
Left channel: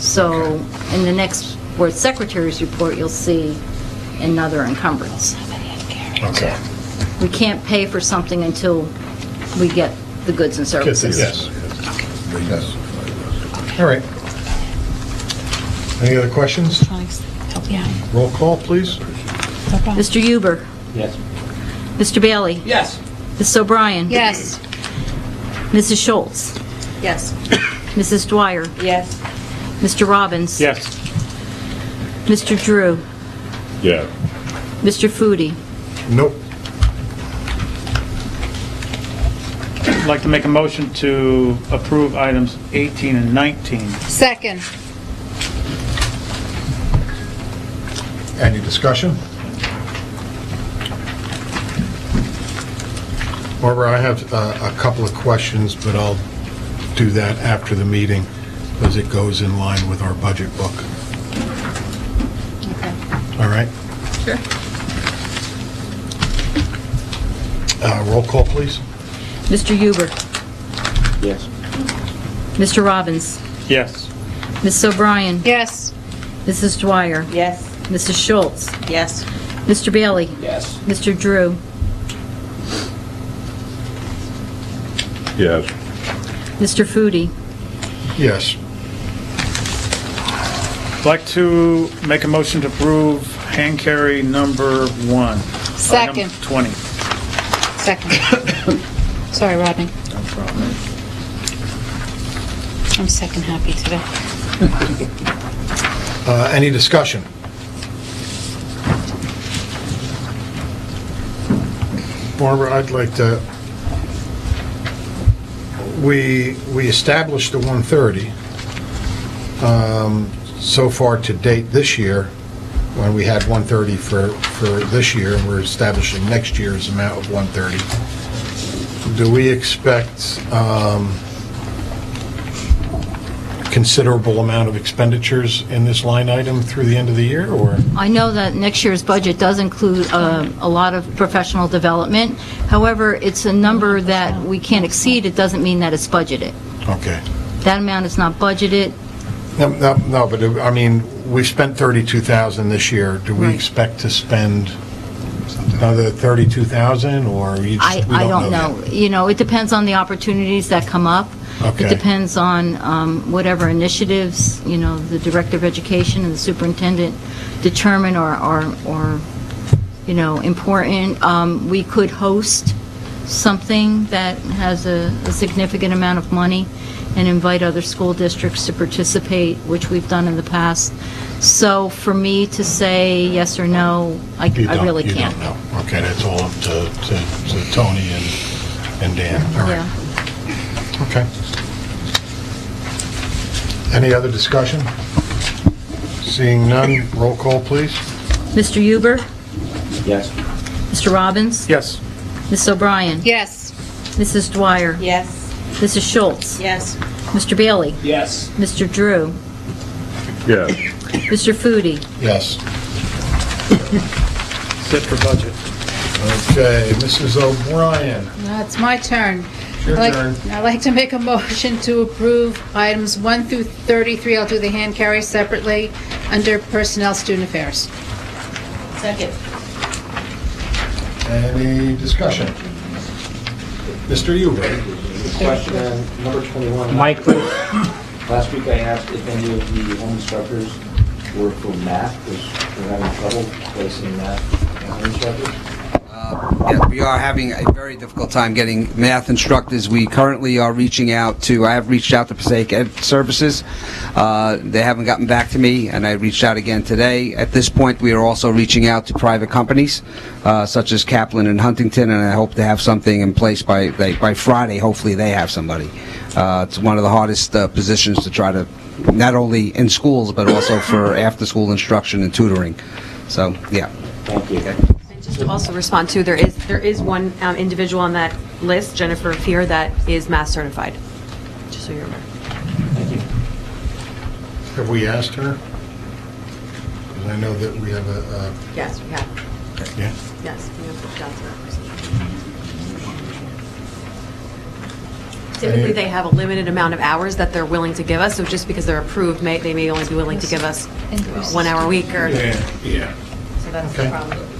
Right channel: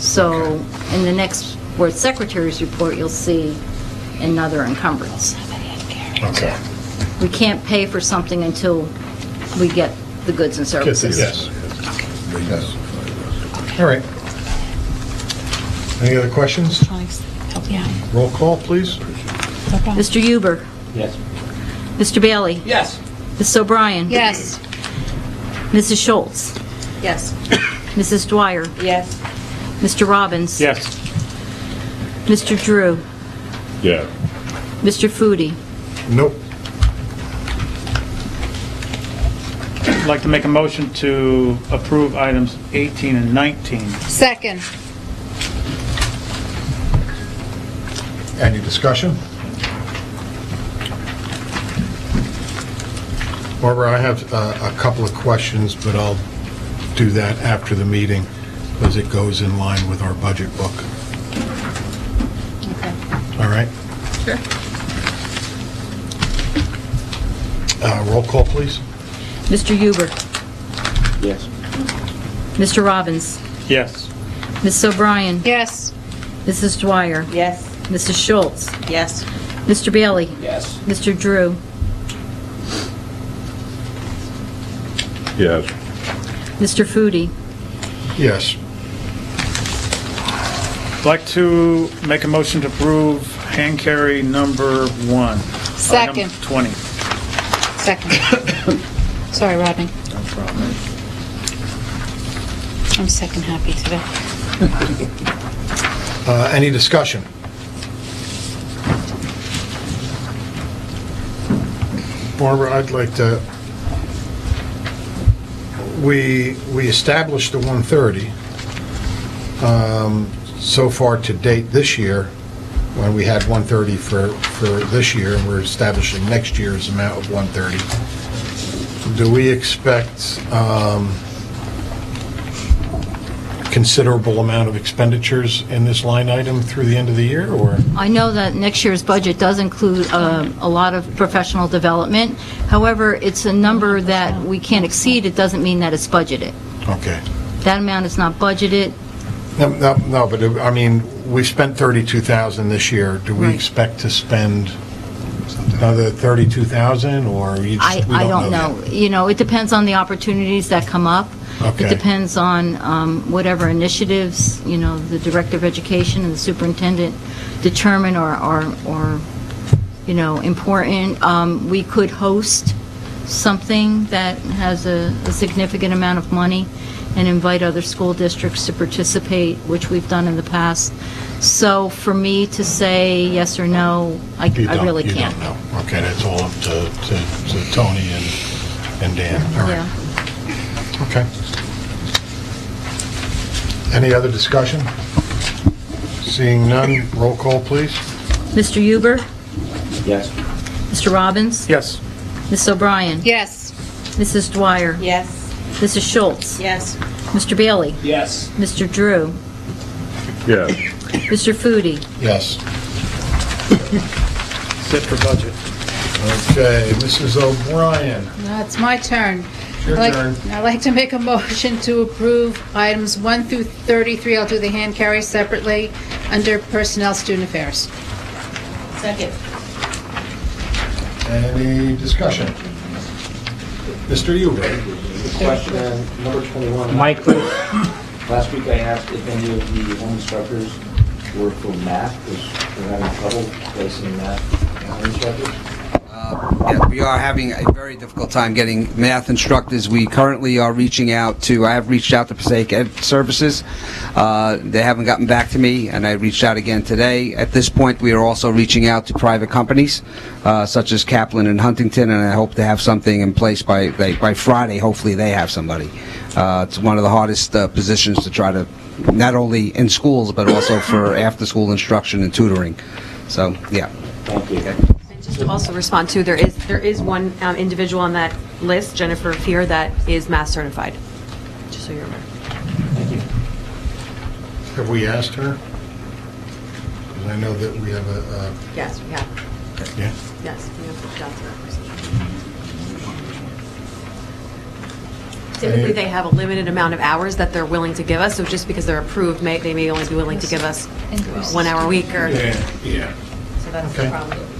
So in the next board secretary's report, you'll see another encumbrance. Okay. We can't pay for something until we get the goods and services. Yes. Yes. All right. Any other questions? Help you out. Roll call, please. Mr. Huber? Yes. Mr. Bailey? Yes. Ms. O'Brien? Yes. Mrs. Schultz? Yes. Mrs. Dwyer? Yes. Mr. Robbins? Yes. Mr. Drew? Yeah. Mr. Foodie? Nope. I'd like to make a motion to approve items 18 and 19. Second. Any discussion? Barbara, I have a couple of questions, but I'll do that after the meeting because it goes in line with our budget book. Okay. All right? Sure. Roll call, please. Mr. Huber? Yes. Mr. Robbins? Yes. Ms. O'Brien? Yes. Mrs. Dwyer? Yes. Mrs. Schultz? Yes. Mr. Bailey? Yes. Mr. Drew? Yes. Mr. Foodie? Yes. I'd like to make a motion to approve hand carry number 1. Second. Item 20. Second. Sorry, Rodney. No problem. I'm second happy today. Any discussion? Barbara, I'd like to, we established the 130. So far to date this year, when we had 130 for this year, and we're establishing next year's amount of 130. Do we expect considerable amount of expenditures in this line item through the end of the year, or? I know that next year's budget does include a lot of professional development. However, it's a number that we can't exceed. It doesn't mean that it's budgeted. Okay. That amount is not budgeted. No, but I mean, we spent 32,000 this year. Do we Right. expect to spend another 32,000, or we I don't know. yet? You know, it depends on the opportunities that come up. Okay. It depends on whatever initiatives, you know, the Director of Education and the Superintendent determine are you know, important. We could host something that has a significant amount of money and invite other school districts to participate, which we've done in the past. So for me to say yes or no, I really can't. You don't know. Okay, that's all up to Tony and Dan. All right. Yeah. Okay. Any other discussion? Seeing none, roll call, please. Mr. Huber? Yes. Mr. Robbins? Yes. Ms. O'Brien? Yes. Mrs. Dwyer? Yes. Mrs. Schultz? Yes. Mr. Bailey? Yes. Mr. Drew? Yes. Mr. Foodie? Yes. Set for budget. Okay, Mrs. O'Brien. Now it's my turn. Your turn. I'd like to make a motion to approve items 1 through 33. I'll do the hand carry separately under Personnel Student Affairs. Second. Any discussion? Mr. Huber. Question on number 21. Mike, please. Last week I asked if any of the home instructors were for math, because we're having trouble placing math home instructors. Yeah, we are having a very difficult time getting math instructors. We currently are reaching out to, I have reached out to Passaic Ed Services. They haven't gotten back to me, and I reached out again today. At this point, we are also reaching out to private companies, such as Kaplan and Huntington, and I hope to have something in place by Friday. Hopefully they have somebody. It's one of the hardest positions to try to, not only in schools, but also for after-school instruction and tutoring. So, yeah. Thank you. Okay. Just to also respond to, there is one individual on that list, Jennifer Fear, that is math certified, just so you're aware. Thank you. Have we asked her? Because I know that we have a... Yes, we have. Yeah? Yes, we have reached out to that person. Typically, they have a limited amount of hours that they're willing to give us, so just because they're approved, they may only be willing to give us 1 hour a week or... Yeah. So that's Okay. the problem.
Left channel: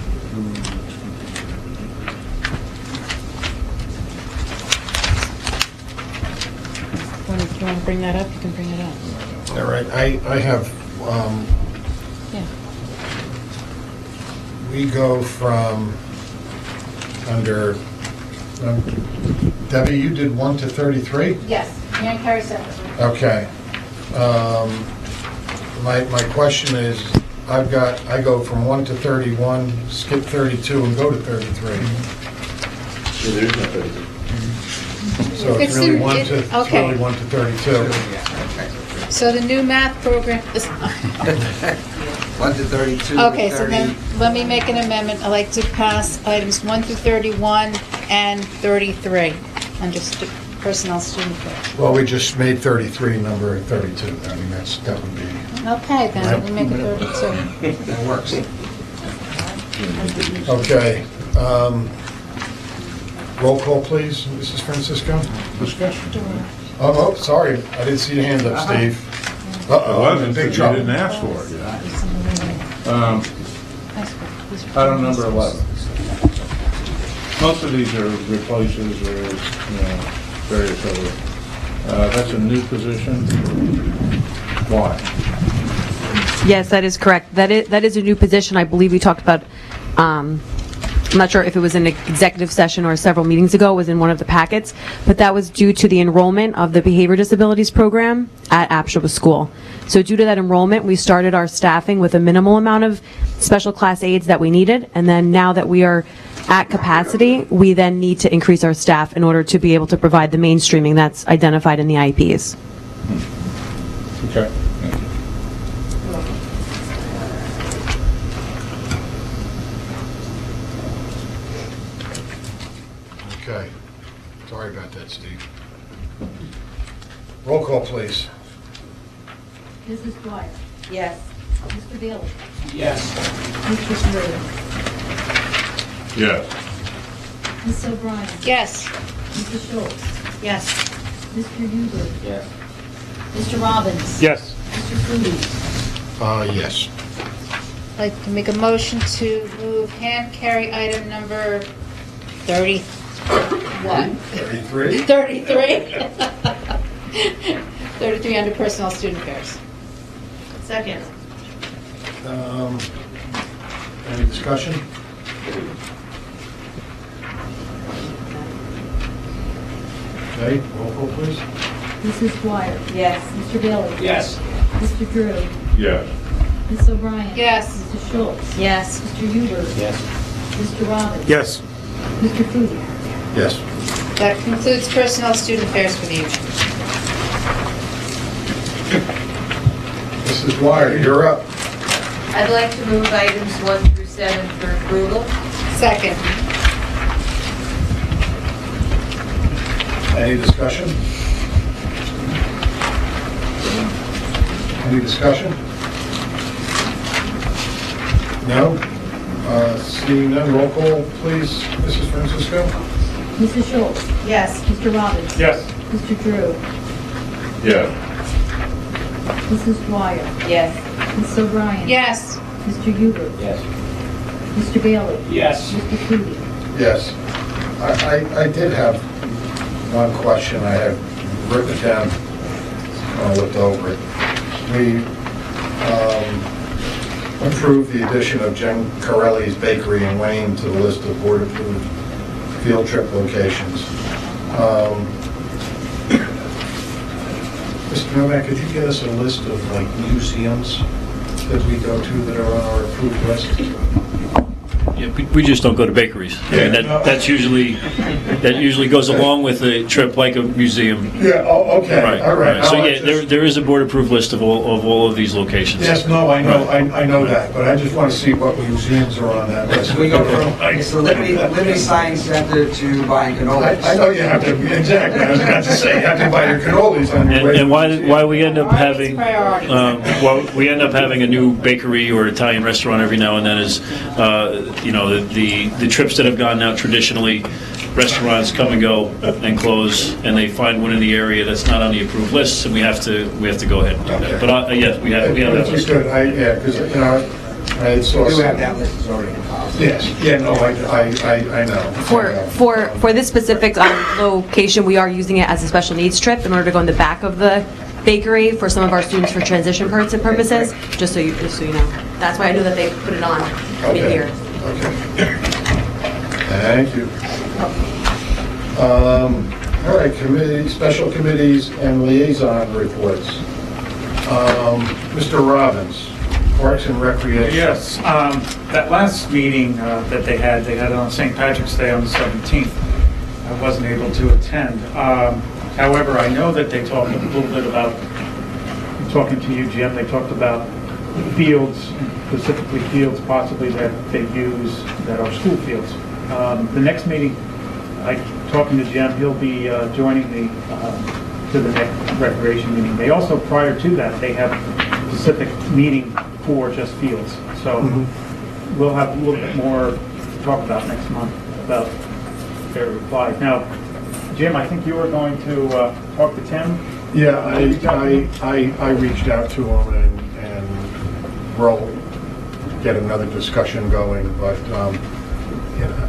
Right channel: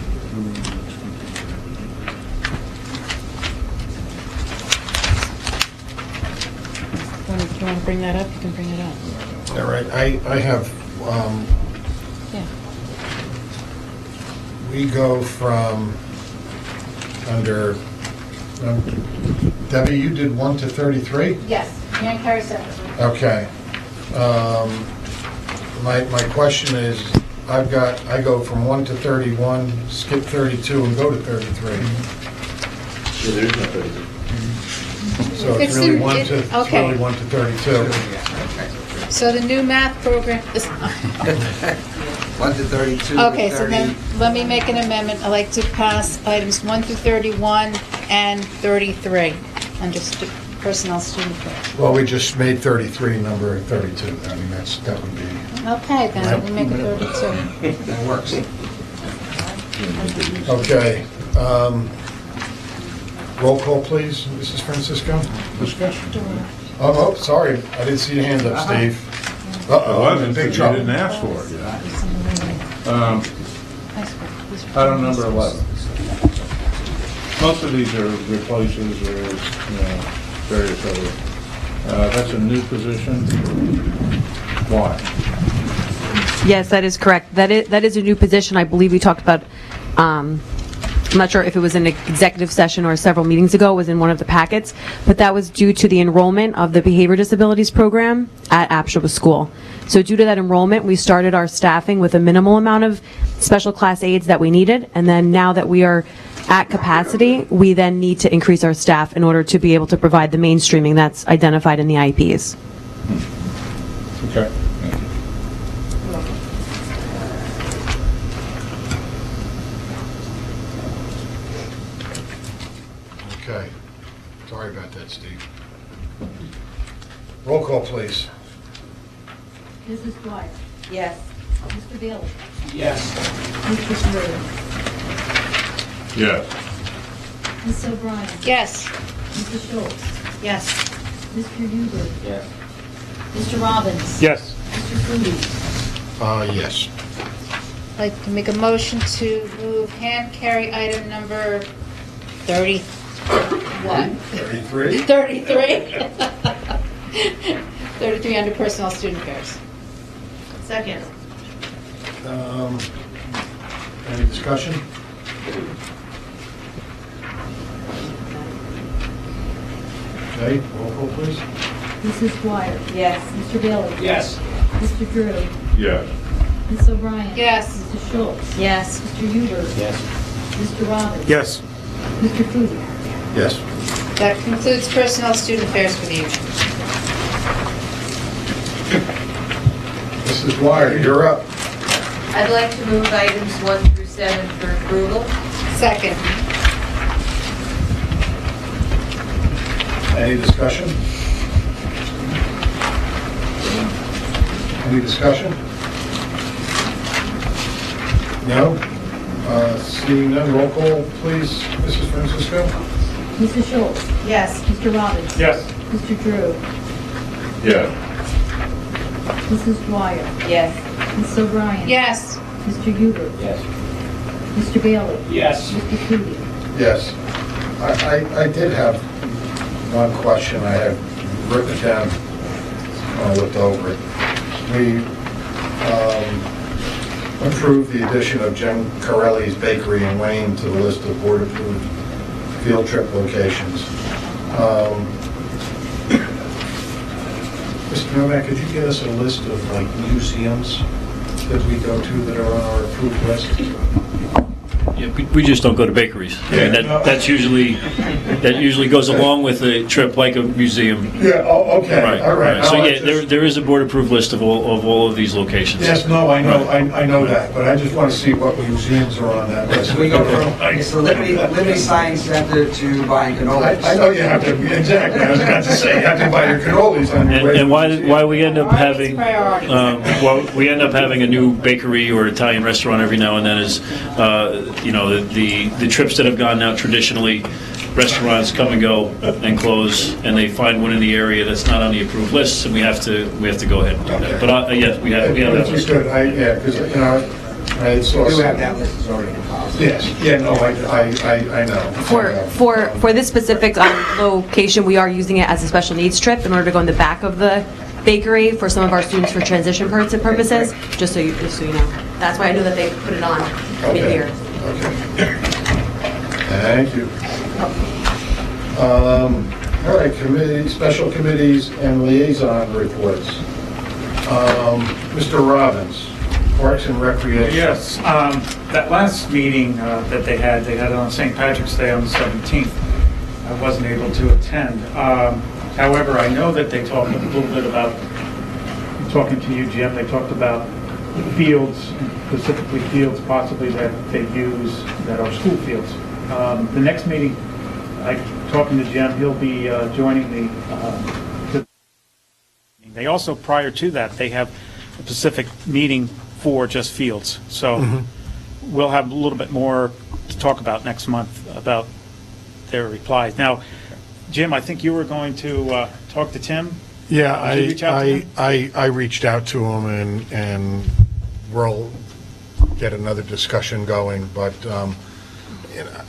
If you want to bring that up, you can bring it up. All right, I have, Yeah. we go from under, Debbie, you did 1 to 33? Yes, hand carry separately. Okay. My question is, I go from 1 to 31, skip 32, and go to 33. Yeah, there is no 32. So it's It's really in- 1 it- to, it's okay. really 1 to 32. So the new math program is... 1 to 32. Okay, so 30. then, let me make an amendment. I'd like to pass items 1 through 31 and 33 under Personnel Student Affairs. Well, we just made 33 number 32. I mean, that would be... Okay, then, let me make it 32. That works. Okay. Roll call, please, Mrs. Francisco. Discussion. Oh, sorry, I didn't see your hand up, Steve. Uh-oh, I'm in big You trouble. didn't ask for it yet. Item number 11. Most of these are replaces or, various other. That's a new position. Why? Yes, that is correct. That is a new position. I believe we talked about, I'm not sure if it was in an executive session or several meetings ago, it was in one of the packets, but that was due to the enrollment of the behavior disabilities program at Apshawa School. So due to that enrollment, we started our staffing with a minimal amount of special class aides that we needed, and then now that we are at capacity, we then need to increase our staff in order to be able to provide the mainstreaming that's identified in the IEPs. Okay. Okay. Sorry about that, Steve. Roll call, please. Mrs. Dwyer? Yes. Mr. Bailey? Yes. Mr. Drew? Yes. Ms. O'Brien? Yes. Mrs. Schultz? Yes. Mr. Huber? Yes. Mr. Robbins? Yes. Mr. Foodie? Yes. I'd like to make a motion to move hand carry item number 30. What? 33? 33. 33 under Personnel Student Affairs. Second. Any discussion? Okay, roll call, please. Mrs. Dwyer? Yes. Mr. Bailey? Yes. Mr. Drew? Yes. Ms. O'Brien? Yes. Mr. Schultz? Yes. Mr. Huber? Yes. Mr. Robbins? Yes. Mr. Foodie? Yes. That concludes personnel student affairs for the evening. Mrs. Dwyer, you're up. I'd like to move items 1 through 7 for approval. Second. Any discussion? Any discussion? No? Seeing none, roll call, please, Mrs. Francisco? Mrs. Schultz? Yes. Mr. Robbins? Yes. Mr. Drew? Yes. Mrs. Dwyer? Yes. Ms. O'Brien? Yes. Mr. Huber? Yes. Mr. Bailey? Yes. Mr. Foodie? Yes. I did have one question. I had written it down when I looked over it. We approved the addition of Jen Corelli's Bakery in Wayne to the list of board-approved field trip locations. Mr. Novak, could you get us a list of like museums that we go to that are on our approved list? Yeah, we just don't go to bakeries. I mean, that usually goes along with a trip like a museum. Yeah, oh, okay, Right, all right. So No, I yeah, just- there is a board-approved list of all of these locations. Yes, no, I know, I know that, but I just want to see what museums are on that list. We go from it's the Liberty Science Center to buying cannolis. I know you have to, exactly, I was about to say, you have to buy your cannolis on your way. And why we end up having Priorities. we end up having a new bakery or Italian restaurant every now and then is the trips that have gone now traditionally, restaurants come and go and close, and they find one in the area that's not on the approved list, and we have to go ahead and do that. But yes, we have that That's list. good, yeah, because, I saw. We do have that list, it's already compiled. Yes, yeah, no, I know. For this specific location, we are using it as a special needs trip in order to go in the back of the bakery for some of our students for transition purposes, just so you know. That's why I knew that they put it on in Okay. here. Okay. Thank you. All right, special committees and liaison reports. Mr. Robbins, Parks and Recreation. Yes, that last meeting that they had it on St. Patrick's Day on the 17th. I wasn't able to attend. However, I know that they talked a little bit about, talking to you, Jim, they talked about fields, specifically fields possibly that they use that are school fields. The next meeting, talking to Jim, he'll be joining me to the next recreation meeting. They also, prior to that, they have a specific meeting for just fields. So we'll have a little bit more to talk about next month about their reply. Now, Jim, I think you were going to talk to Tim? Yeah, Reach out to him? I reached out to him and we'll get another discussion going, but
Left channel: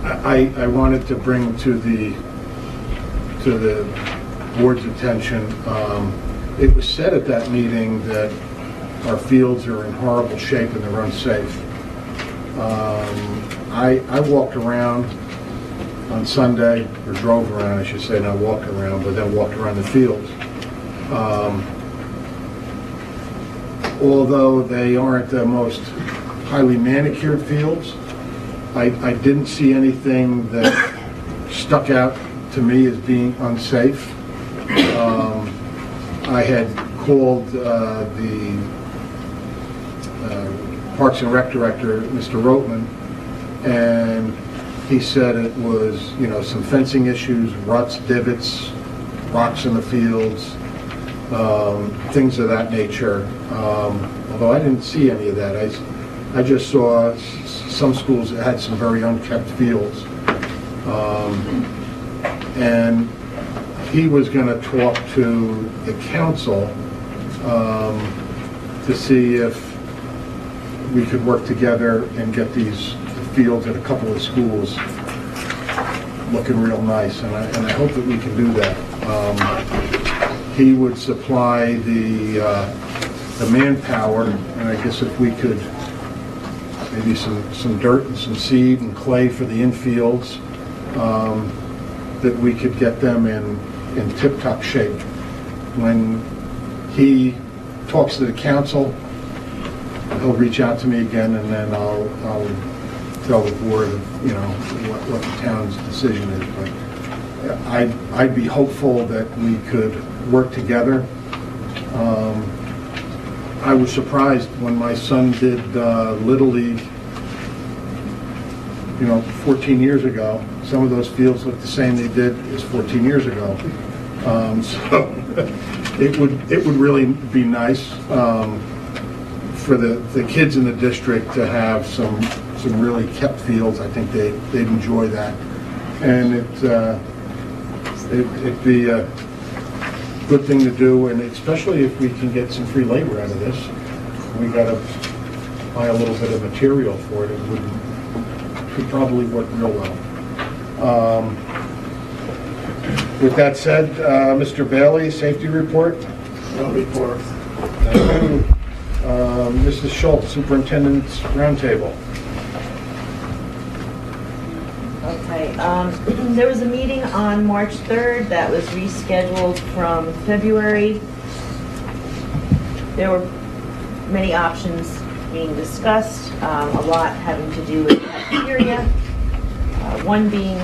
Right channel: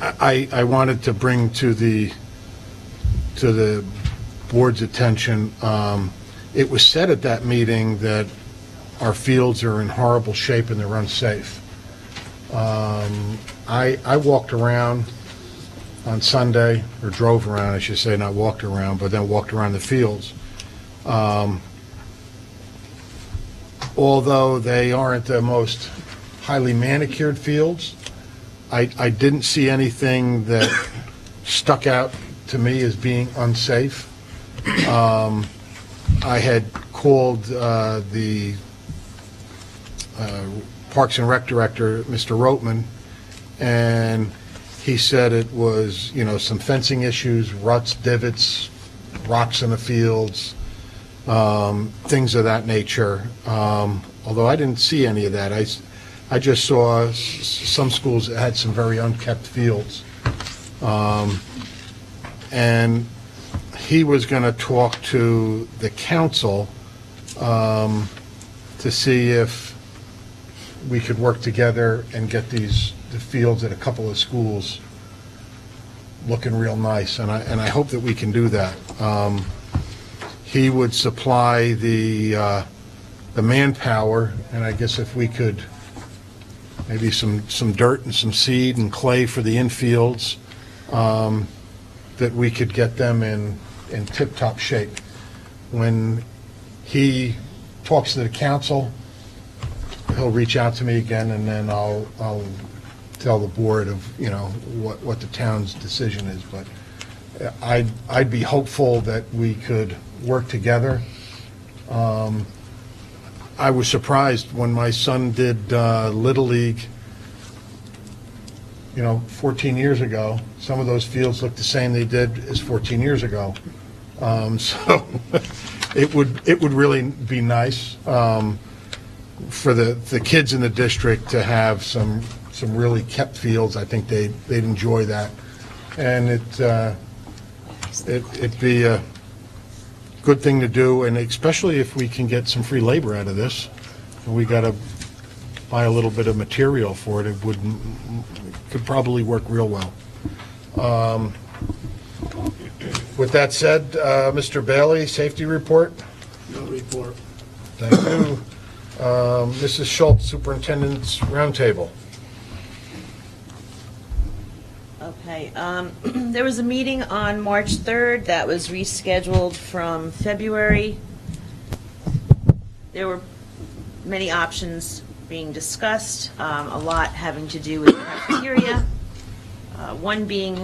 I wanted to bring to the board's attention, it was said at that meeting that our fields are in horrible shape and they're unsafe. I walked around on Sunday, or drove around, I should say, not walked around, but then walked around the fields. Although they aren't the most highly manicured fields, I didn't see anything that stuck out to me as being unsafe. I had called the Parks and Rec Director, Mr. Rotman, and he said it was, some fencing issues, ruts, divots, rocks in the fields, things of that nature. Although I didn't see any of that. I just saw some schools that had some very unkept fields. And he was going to talk to the council to see if we could work together and get the fields at a couple of schools looking real nice, and I hope that we can do that. He would supply the manpower, and I guess if we could, maybe some dirt and some seed and clay for the infields, that we could get them in tip-top shape. when he talks to the council, he'll reach out to me again, and then I'll tell the board of, what the town's decision is. But I'd be hopeful that we could work together. I was surprised when my son did Little League, 14 years ago. Some of those fields look the same they did as 14 years ago. So it would really be nice for the kids in the district to have some really kept fields. I think they'd enjoy that, and it'd be a good thing to do, and especially if we can get some free labor out of this. We got to buy a little bit of material for it. It could probably work real well. With that said, Mr. Bailey, safety report. No report. Mrs. Schultz, Superintendent's Roundtable. Okay, there was a meeting on March 3rd that was rescheduled from February. There were many options being discussed, a lot having to do with cafeteria, one being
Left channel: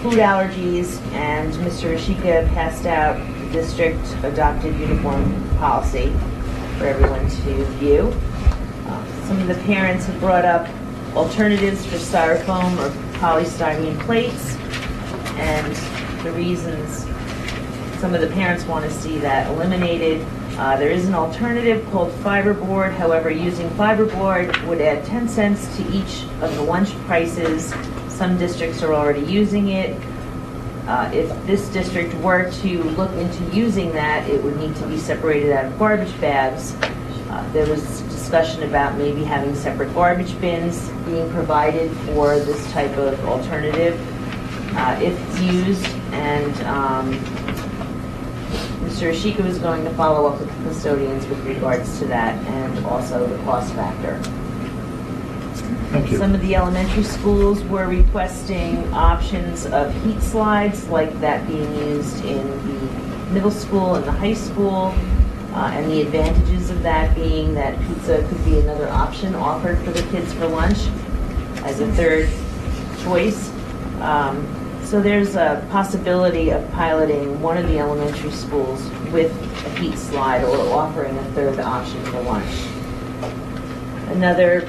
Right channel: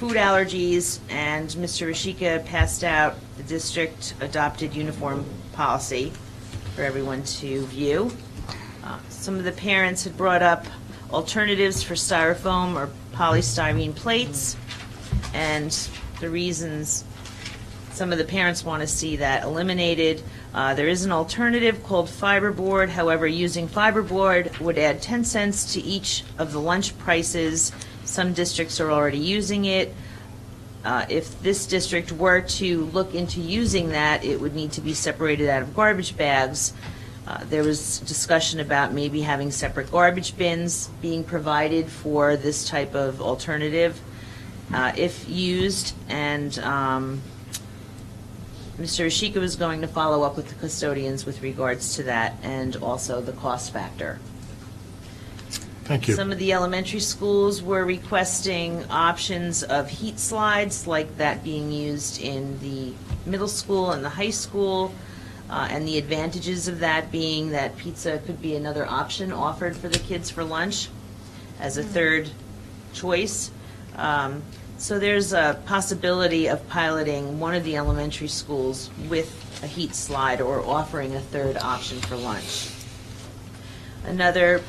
food allergies, and Mr. Ashika passed out the district adopted uniform policy for everyone to view. Some of the parents have brought up alternatives for styrofoam or polystyrene plates, and the reasons some of the parents want to see that eliminated. There is an alternative called fiberboard. However, using fiberboard would add 10 cents to each of the lunch prices. Some districts are already using it. If this district were to look into using that, it would need to be separated out of garbage bags. There was discussion about maybe having separate garbage bins being provided for this type of alternative if used, and Mr. Ashika was going to follow up with the custodians with regards to that, and also the cost factor. Thank you. Some of the elementary schools were requesting options of heat slides like that being used in the middle school and the high school, and the advantages of that being that pizza could be another option offered for the kids for lunch as a third choice. So there's a possibility of piloting one of the elementary schools with a heat slide or offering a third option for lunch. Another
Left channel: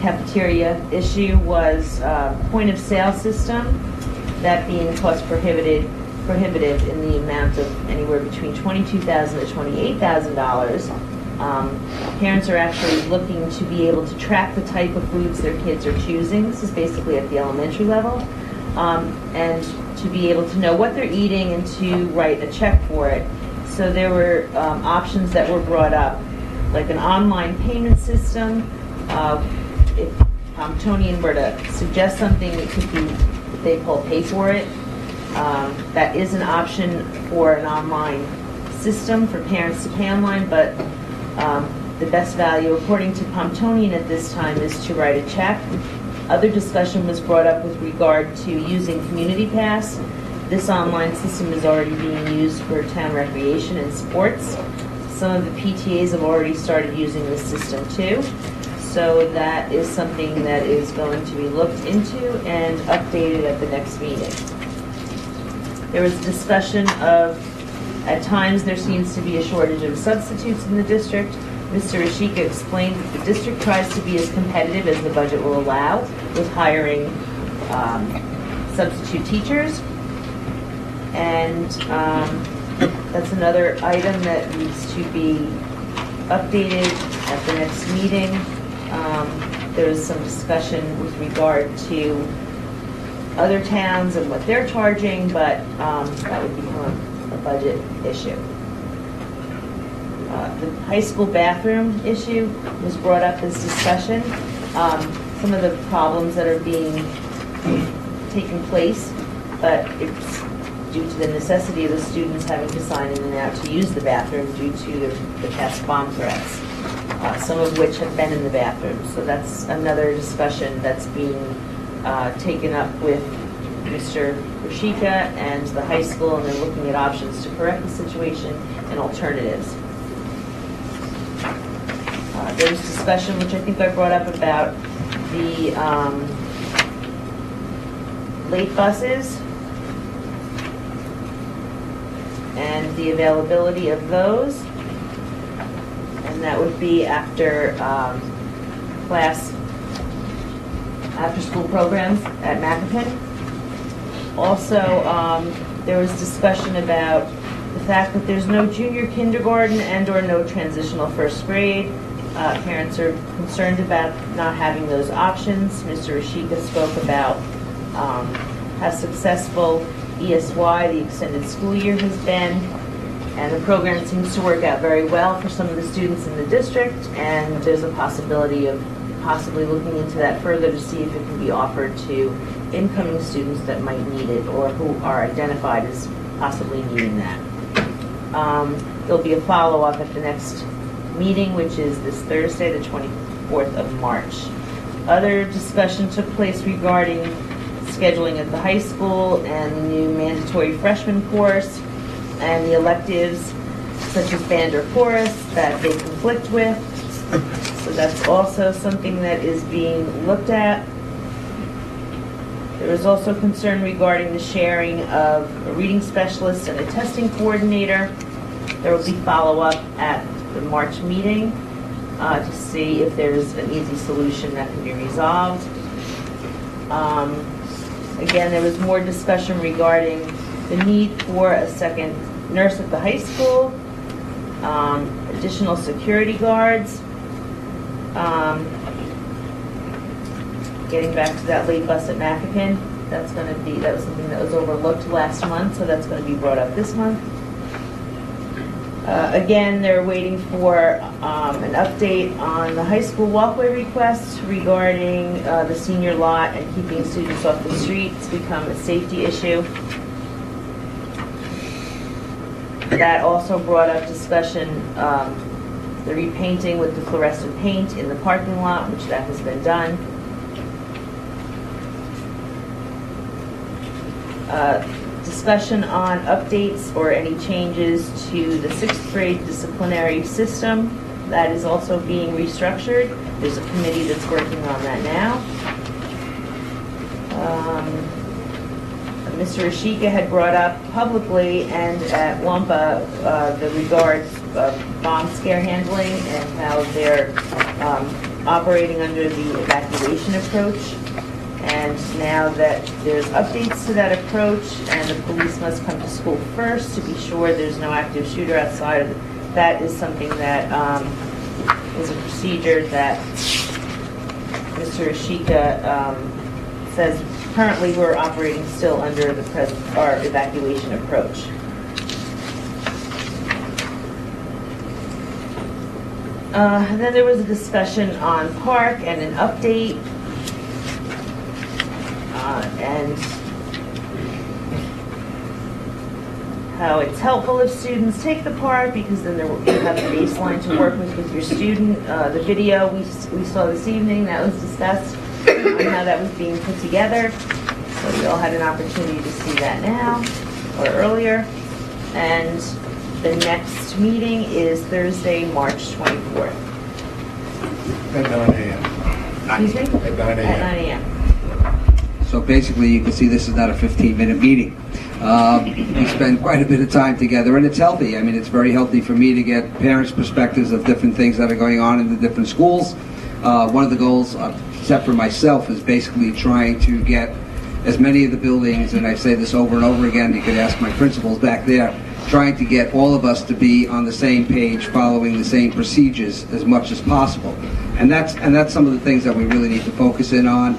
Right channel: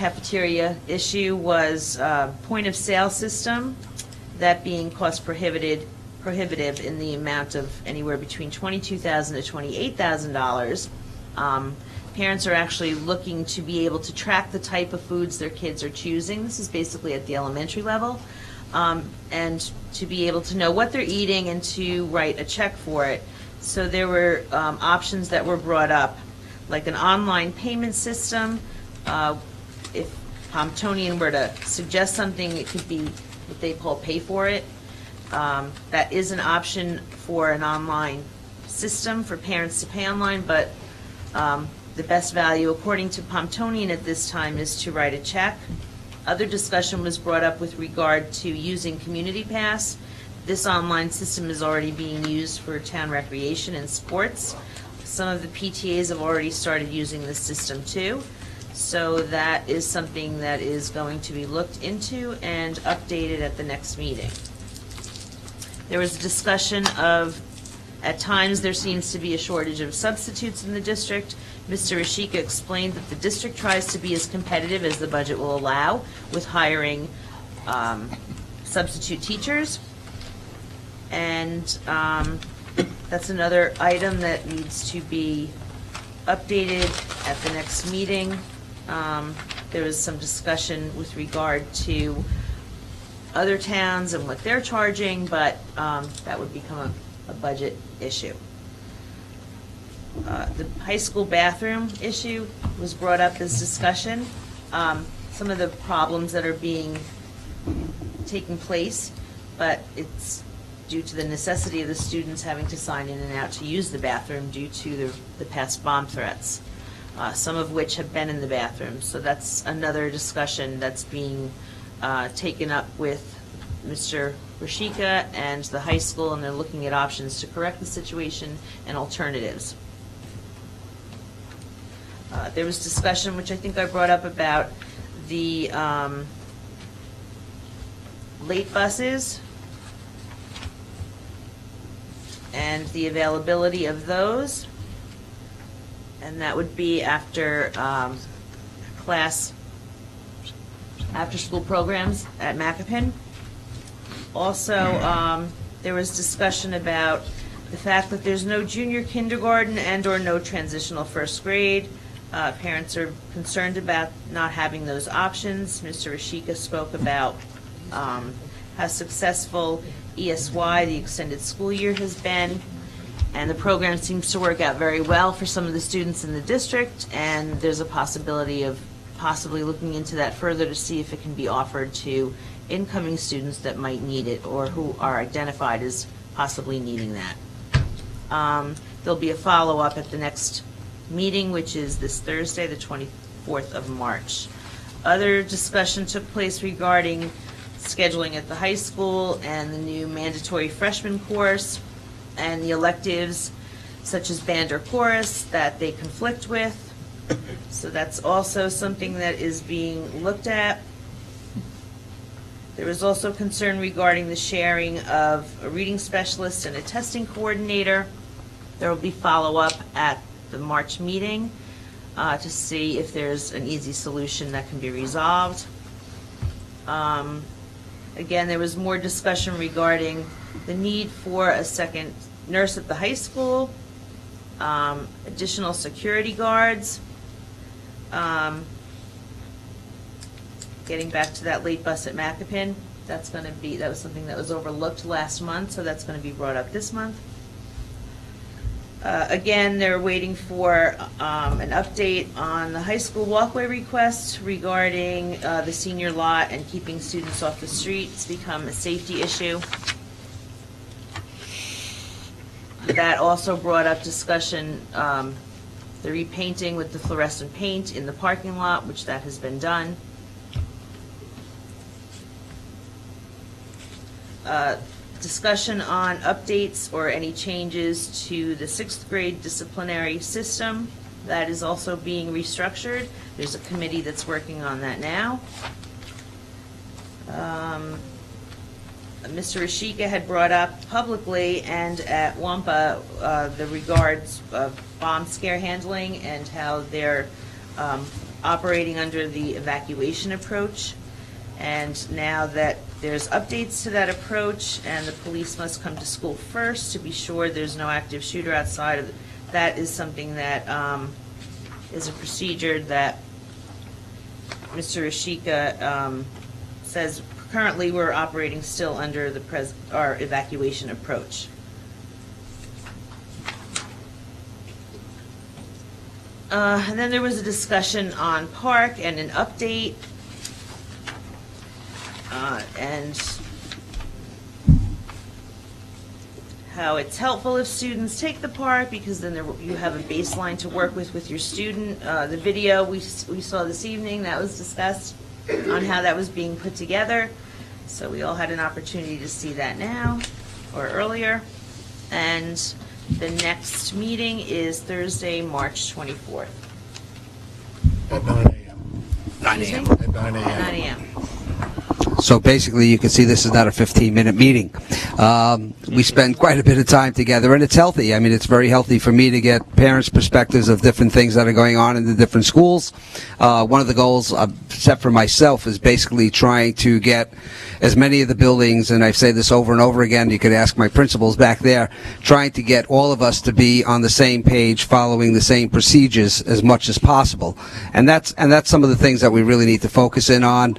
cafeteria issue was point of sale system, that being cost prohibitive in the amount of anywhere between $22,000 to $28,000. Parents are actually looking to be able to track the type of foods their kids are choosing. This is basically at the elementary level. And to be able to know what they're eating and to write a check for it. So there were options that were brought up, like an online payment system. If Tony were to suggest something, it could be they pay for it. That is an option for an online system for parents to pay online, but the best value, according to Pontonian at this time, is to write a check. Other discussion was brought up with regard to using Community Pass. This online system is already being used for town recreation and sports. Some of the PTAs have already started using this system too. So that is something that is going to be looked into and updated at the next meeting. There was discussion of, at times there seems to be a shortage of substitutes in the district. Mr. Ashika explained that the district tries to be as competitive as the budget will allow with hiring substitute teachers. And that's another item that needs to be updated at the next meeting. There was some discussion with regard to other towns and what they're charging, but that would become a budget issue. The high school bathroom issue was brought up as discussion. Some of the problems that are being taken place, but it's due to the necessity of the students having to sign in and out to use the bathroom due to the past bomb threats, some of which have been in the bathroom. So that's another discussion that's being taken up with Mr. Rashika and the high school, and they're looking at options to correct the situation and alternatives. There's discussion, which I think I brought up, about the late buses and the availability of those. And that would be after after-school programs at Macapin. Also, there was discussion about the fact that there's no junior kindergarten and/or no transitional first grade. Parents are concerned about not having those options. Mr. Rashika spoke about how successful ESY, the extended school year, has been, and the program seems to work out very well for some of the students in the district, and there's a possibility of possibly looking into that further to see if it can be offered to incoming students that might need it or who are identified as possibly needing that. There'll be a follow-up at the next meeting, which is this Thursday, the 24th of March. Other discussion took place regarding scheduling at the high school and the new mandatory freshman course and the electives such as band or chorus that they conflict with. So that's also something that is being looked at. There was also concern regarding the sharing of a reading specialist and a testing coordinator. There will be follow-up at the March meeting to see if there's an easy solution that can be resolved. Again, there was more discussion regarding the need for a second nurse at the high school, additional security guards, getting back to that late bus at Macapin, that was something that was overlooked last month, so that's going to be brought up this month. Again, they're waiting for an update on the high school walkway request regarding the senior lot and keeping students off the streets become a safety issue. That also brought up discussion, the repainting with the fluorescent paint in the parking lot, which that has been done. Discussion on updates or any changes to the 6th grade disciplinary system. That is also being restructured. There's a committee that's working on that now. Mr. Rashika had brought up publicly and at WAMPA the regards of bomb scare handling and how they're operating under the evacuation approach. And now that there's updates to that approach and the police must come to school first to be sure there's no active shooter outside, that is something that is a procedure that Mr. Rashika says currently we're operating still under our evacuation approach. Then there was a discussion on park and an update. And how it's helpful if students take the park because then you have a baseline to work with your student. The video we saw this evening that was discussed on how that was being put together. So we all had an opportunity to see that now or earlier. And the next meeting is Thursday, March 24th. At 9 a.m. At 9 a.m. So basically, you can see this is not a 15-minute meeting. We spend quite a bit of time together, and it's healthy. I mean, it's very healthy for me to get parents' perspectives of different things that are going on in the different schools. One of the goals I've set for myself is basically trying to get as many of the buildings, and I say this over and over again, you could ask my principals back there, trying to get all of us to be on the same page, following the same procedures as much as possible. And that's some of the things that we really need to focus in on.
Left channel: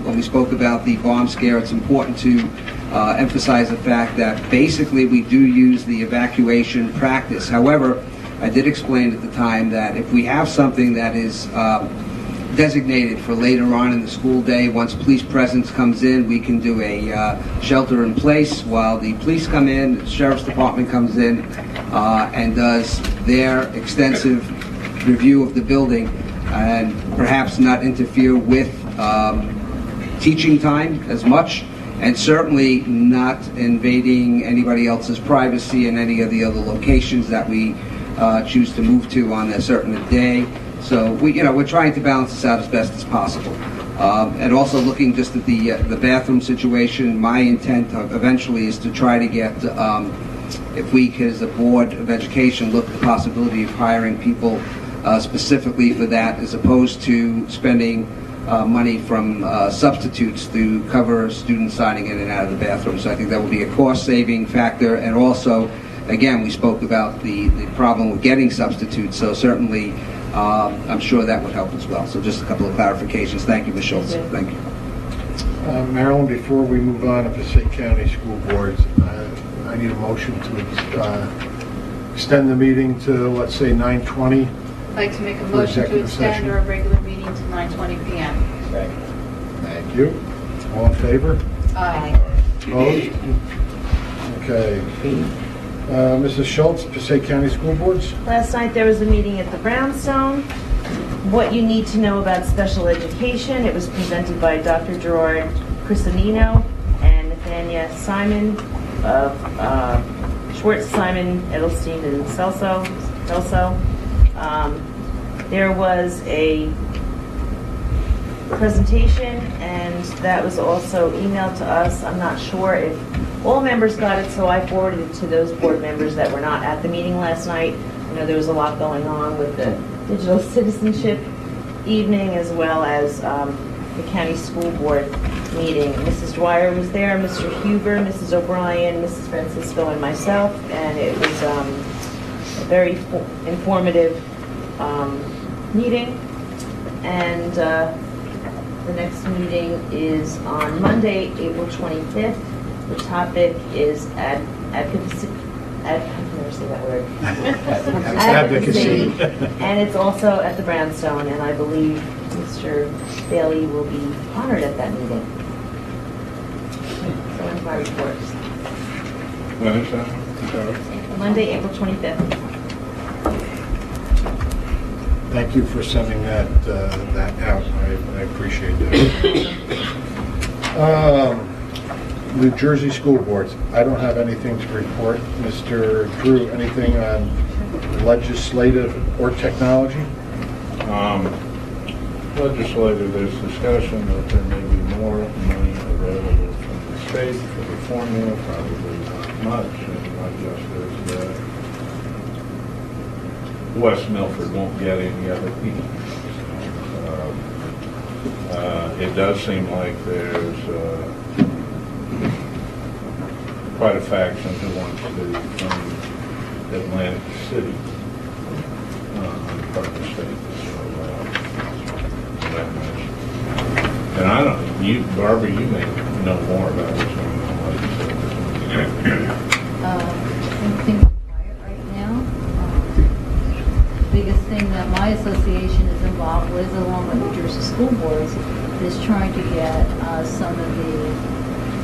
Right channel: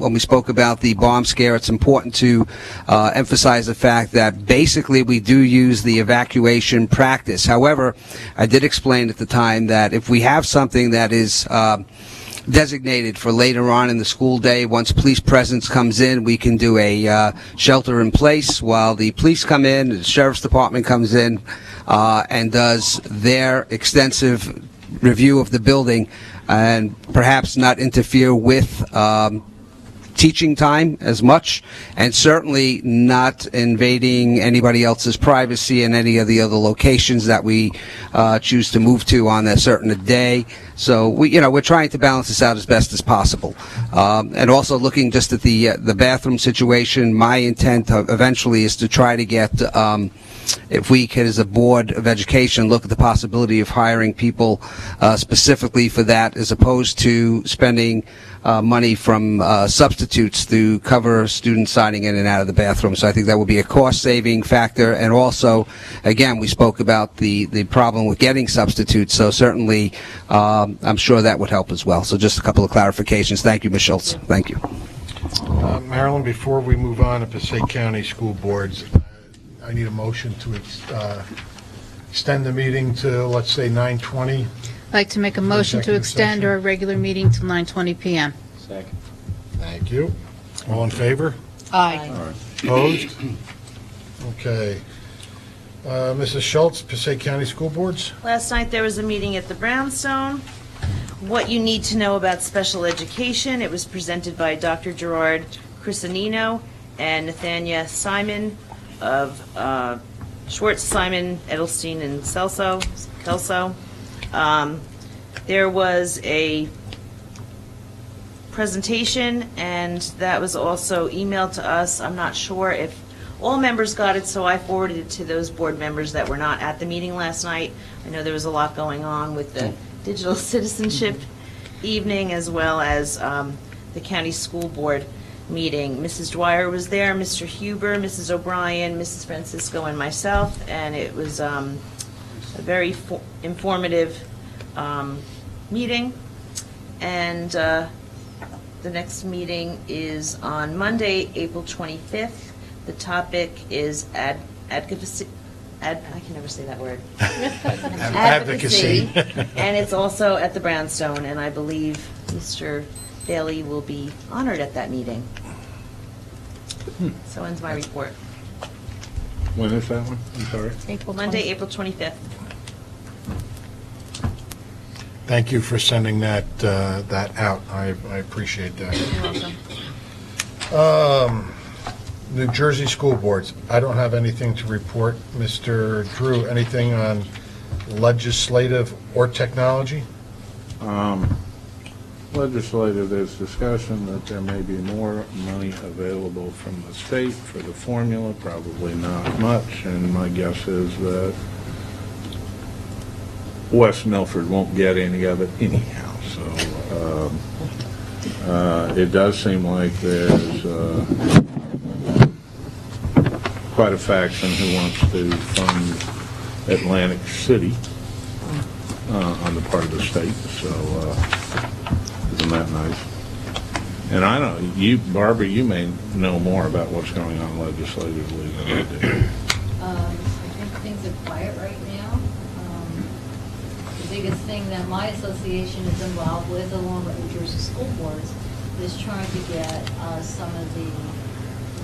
When we spoke about the bomb scare, it's important to emphasize the fact that basically we do use the evacuation practice. However, I did explain at the time that if we have something that is designated for later on in the school day, once police presence comes in, we can do a shelter in place while the police come in, the sheriff's department comes in and does their extensive review of the building and perhaps not interfere with teaching time as much and certainly not invading anybody else's privacy in any of the other locations that we choose to move to on a certain day. So we're trying to balance this out as best as possible. And also looking just at the bathroom situation, my intent eventually is to try to get, if we could, as a Board of Education, look at the possibility of hiring people specifically for that, as opposed to spending money from substitutes to cover students signing in and out of the bathroom. So I think that would be a cost-saving factor. And also, again, we spoke about the problem with getting substitutes, so certainly I'm sure that would help as well. So just a couple of clarifications. Thank you, Ms. Schultz. Thank you. Marilyn, before we move on to Passaic County School Boards, I need a motion to extend the meeting to, let's say, 9:20. I'd like to make a motion to extend our regular meeting till 9:20 p.m. Thank you. All in favor? Aye. Opposed? Okay. Mrs. Schultz, Passaic County School Boards? Last night there was a meeting at the Brownstone. What you need to know about special education. It was presented by Dr. Gerard Crisanino and Nathania Simon of Schwartz, Simon, Edelstein, and Celso. There was a presentation, and that was also emailed to us. I'm not sure if all members got it, so I forwarded it to those board members that were not at the meeting last night. I know there was a lot going on with the digital citizenship evening, as well as the county school board meeting. Mrs. Dwyer was there, Mr. Huber, Mrs. O'Brien, Mrs. Francisco, and myself, and it was a very informative meeting. And the next meeting is on Monday, April 25th. The topic is advocacy. I can never say that word. Advocacy. And it's also at the Brownstone, and I believe Mr. Bailey will be honored at that meeting. So in my report. When is that? I'm sorry. Monday, April 25th. Thank you for sending that out. I appreciate that. New Jersey School Boards. I don't have anything to report. Mr. Drew, anything on legislative or technology? Legislative, there's discussion that there may be more money available from the state for the formula, probably not much, and my guess is that West Milford won't get any of it anyhow. So it does seem like there's quite a faction who wants to fund Atlantic City on the part of the state. So isn't that nice? And I don't, Barbara, you may know more about what's going on legislatively. Things are quiet right now. The biggest thing that my association is involved with, along with New Jersey School Boards, is trying to get some of the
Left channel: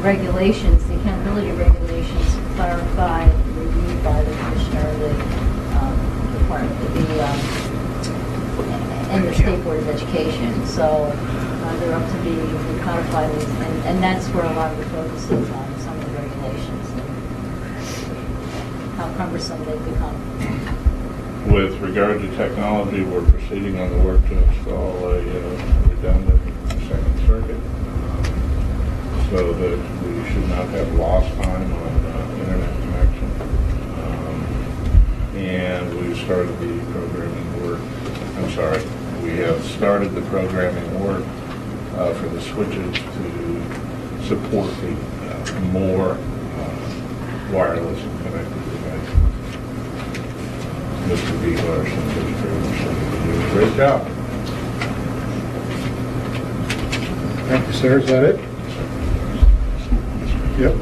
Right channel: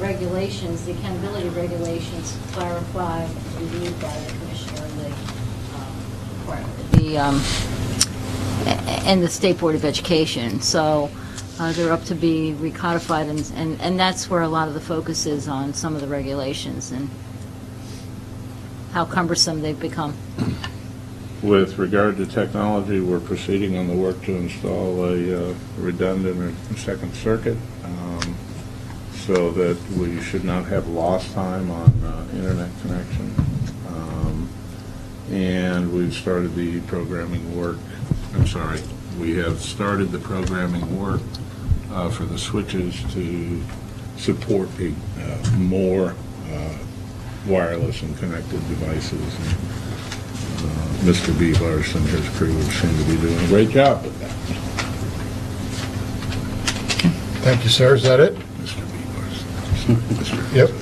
regulations, the accountability regulations, clarified, reviewed by the commissioner of the department, and the State Board of Education. So they're up to be recodified, and that's where a lot of the focus is on some of the regulations and how cumbersome they've become. With regard to technology, we're proceeding on the work to install a redundant second circuit so that we should not have lost time on internet connection. And we've started the programming work. I'm sorry, we have started the programming work for the switches to support the more wireless and connected devices. Mr. B. Larson has proven to be doing a great job. Thank you, sir. Is that it? Yep.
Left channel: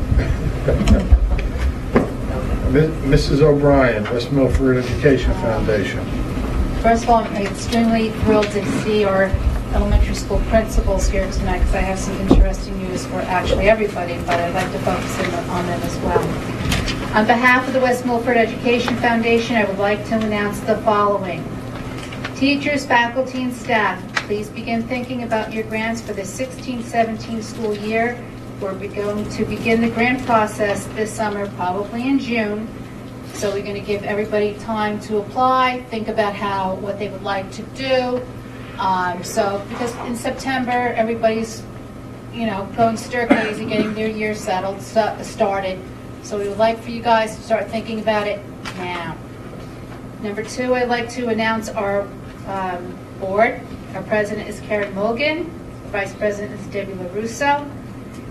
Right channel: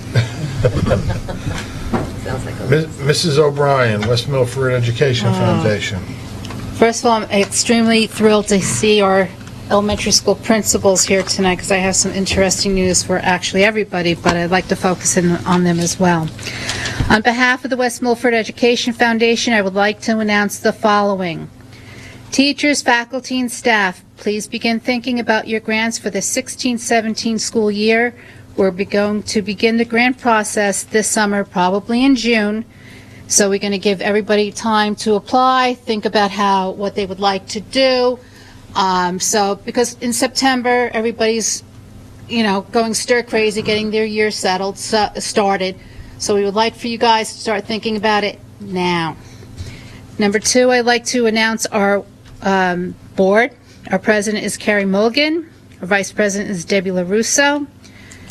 Mrs. O'Brien, West Milford Education Foundation. First of all, I'm extremely thrilled to see our elementary school principals here tonight because I have some interesting news for actually everybody, but I'd like to focus in on them as well. On behalf of the West Milford Education Foundation, I would like to announce the following. Teachers, faculty, and staff, please begin thinking about your grants for the 16-17 school year. We're going to begin the grant process this summer, probably in June. So we're going to give everybody time to apply, think about what they would like to do. Because in September, everybody's, going stir crazy, getting their year started. So we would like for you guys to start thinking about it now. Number 2, I'd like to announce our board. Our president is Carrie Mulligan. Our vice president is Debbie LaRusso.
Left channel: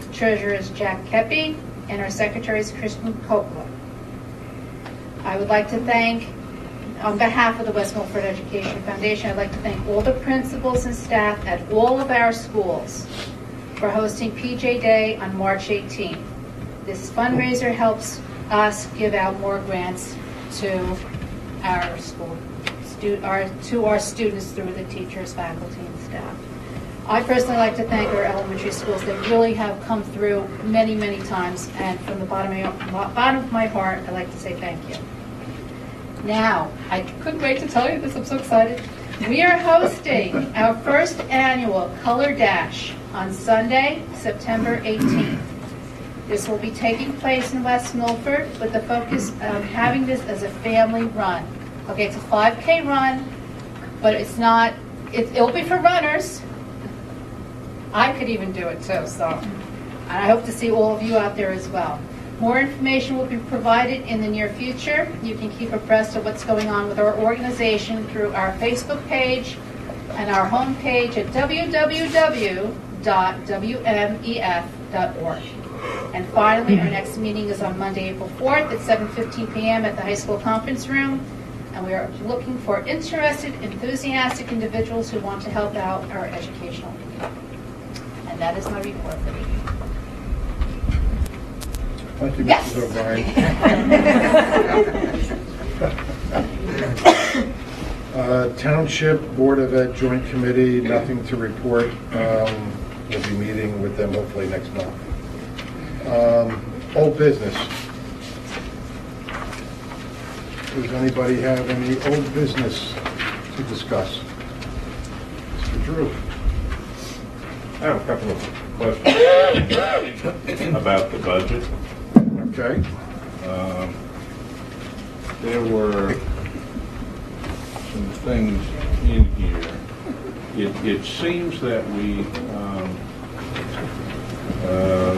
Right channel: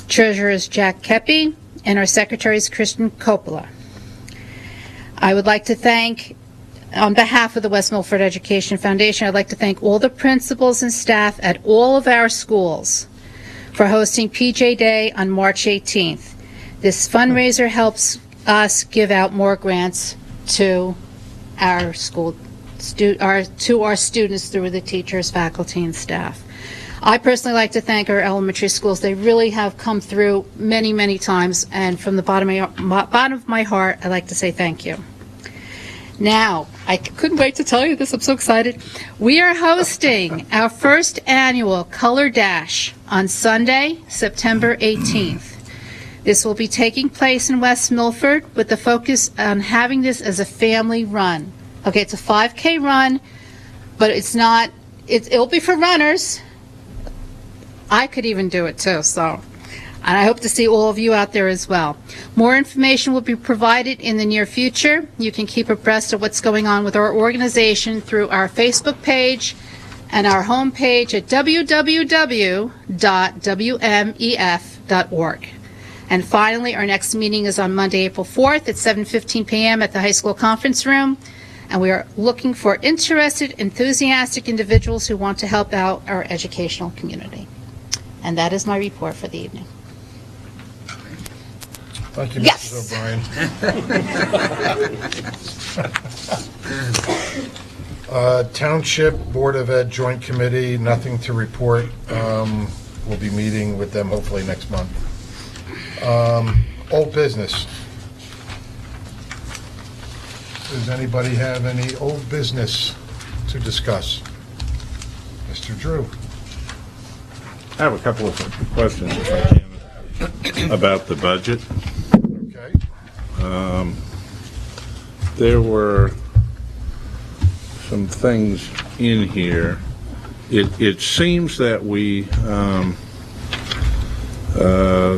Treasurer is Jack Kepi. And our secretary is Kristen Coppola. I would like to thank, on behalf of the West Milford Education Foundation, I'd like to thank all the principals and staff at all of our schools for hosting PJ Day on March 18th. This fundraiser helps us give out more grants to our to our students through the teachers, faculty, and staff. I personally like to thank our elementary schools. They really have come through many, many times, and from the bottom of my heart, I'd like to say thank you. Now, I couldn't wait to tell you this. I'm so excited. We are hosting our first annual Color Dash on Sunday, September 18th. This will be taking place in West Milford with the focus on having this as a family run. Okay, it's a 5K run, but it'll be for runners. I could even do it too, and I hope to see all of you out there as well. More information will be provided in the near future. You can keep abreast of what's going on with our organization through our Facebook page and our homepage at www.wmef.org. And finally, our next meeting is on Monday, April 4th at 7:15 p.m. at the high school conference room. And we are looking for interested, enthusiastic individuals who want to help out our educational community. And that is my report for the evening. Thank you, Yes. Mr. O'Brien. Township Board of Ed Joint Committee, nothing to report. We'll be meeting with them hopefully next month. Old business. Does anybody have any old business to discuss? Mr. Drew. I have a couple of questions about the budget. Okay. There were some things in here. It seems that we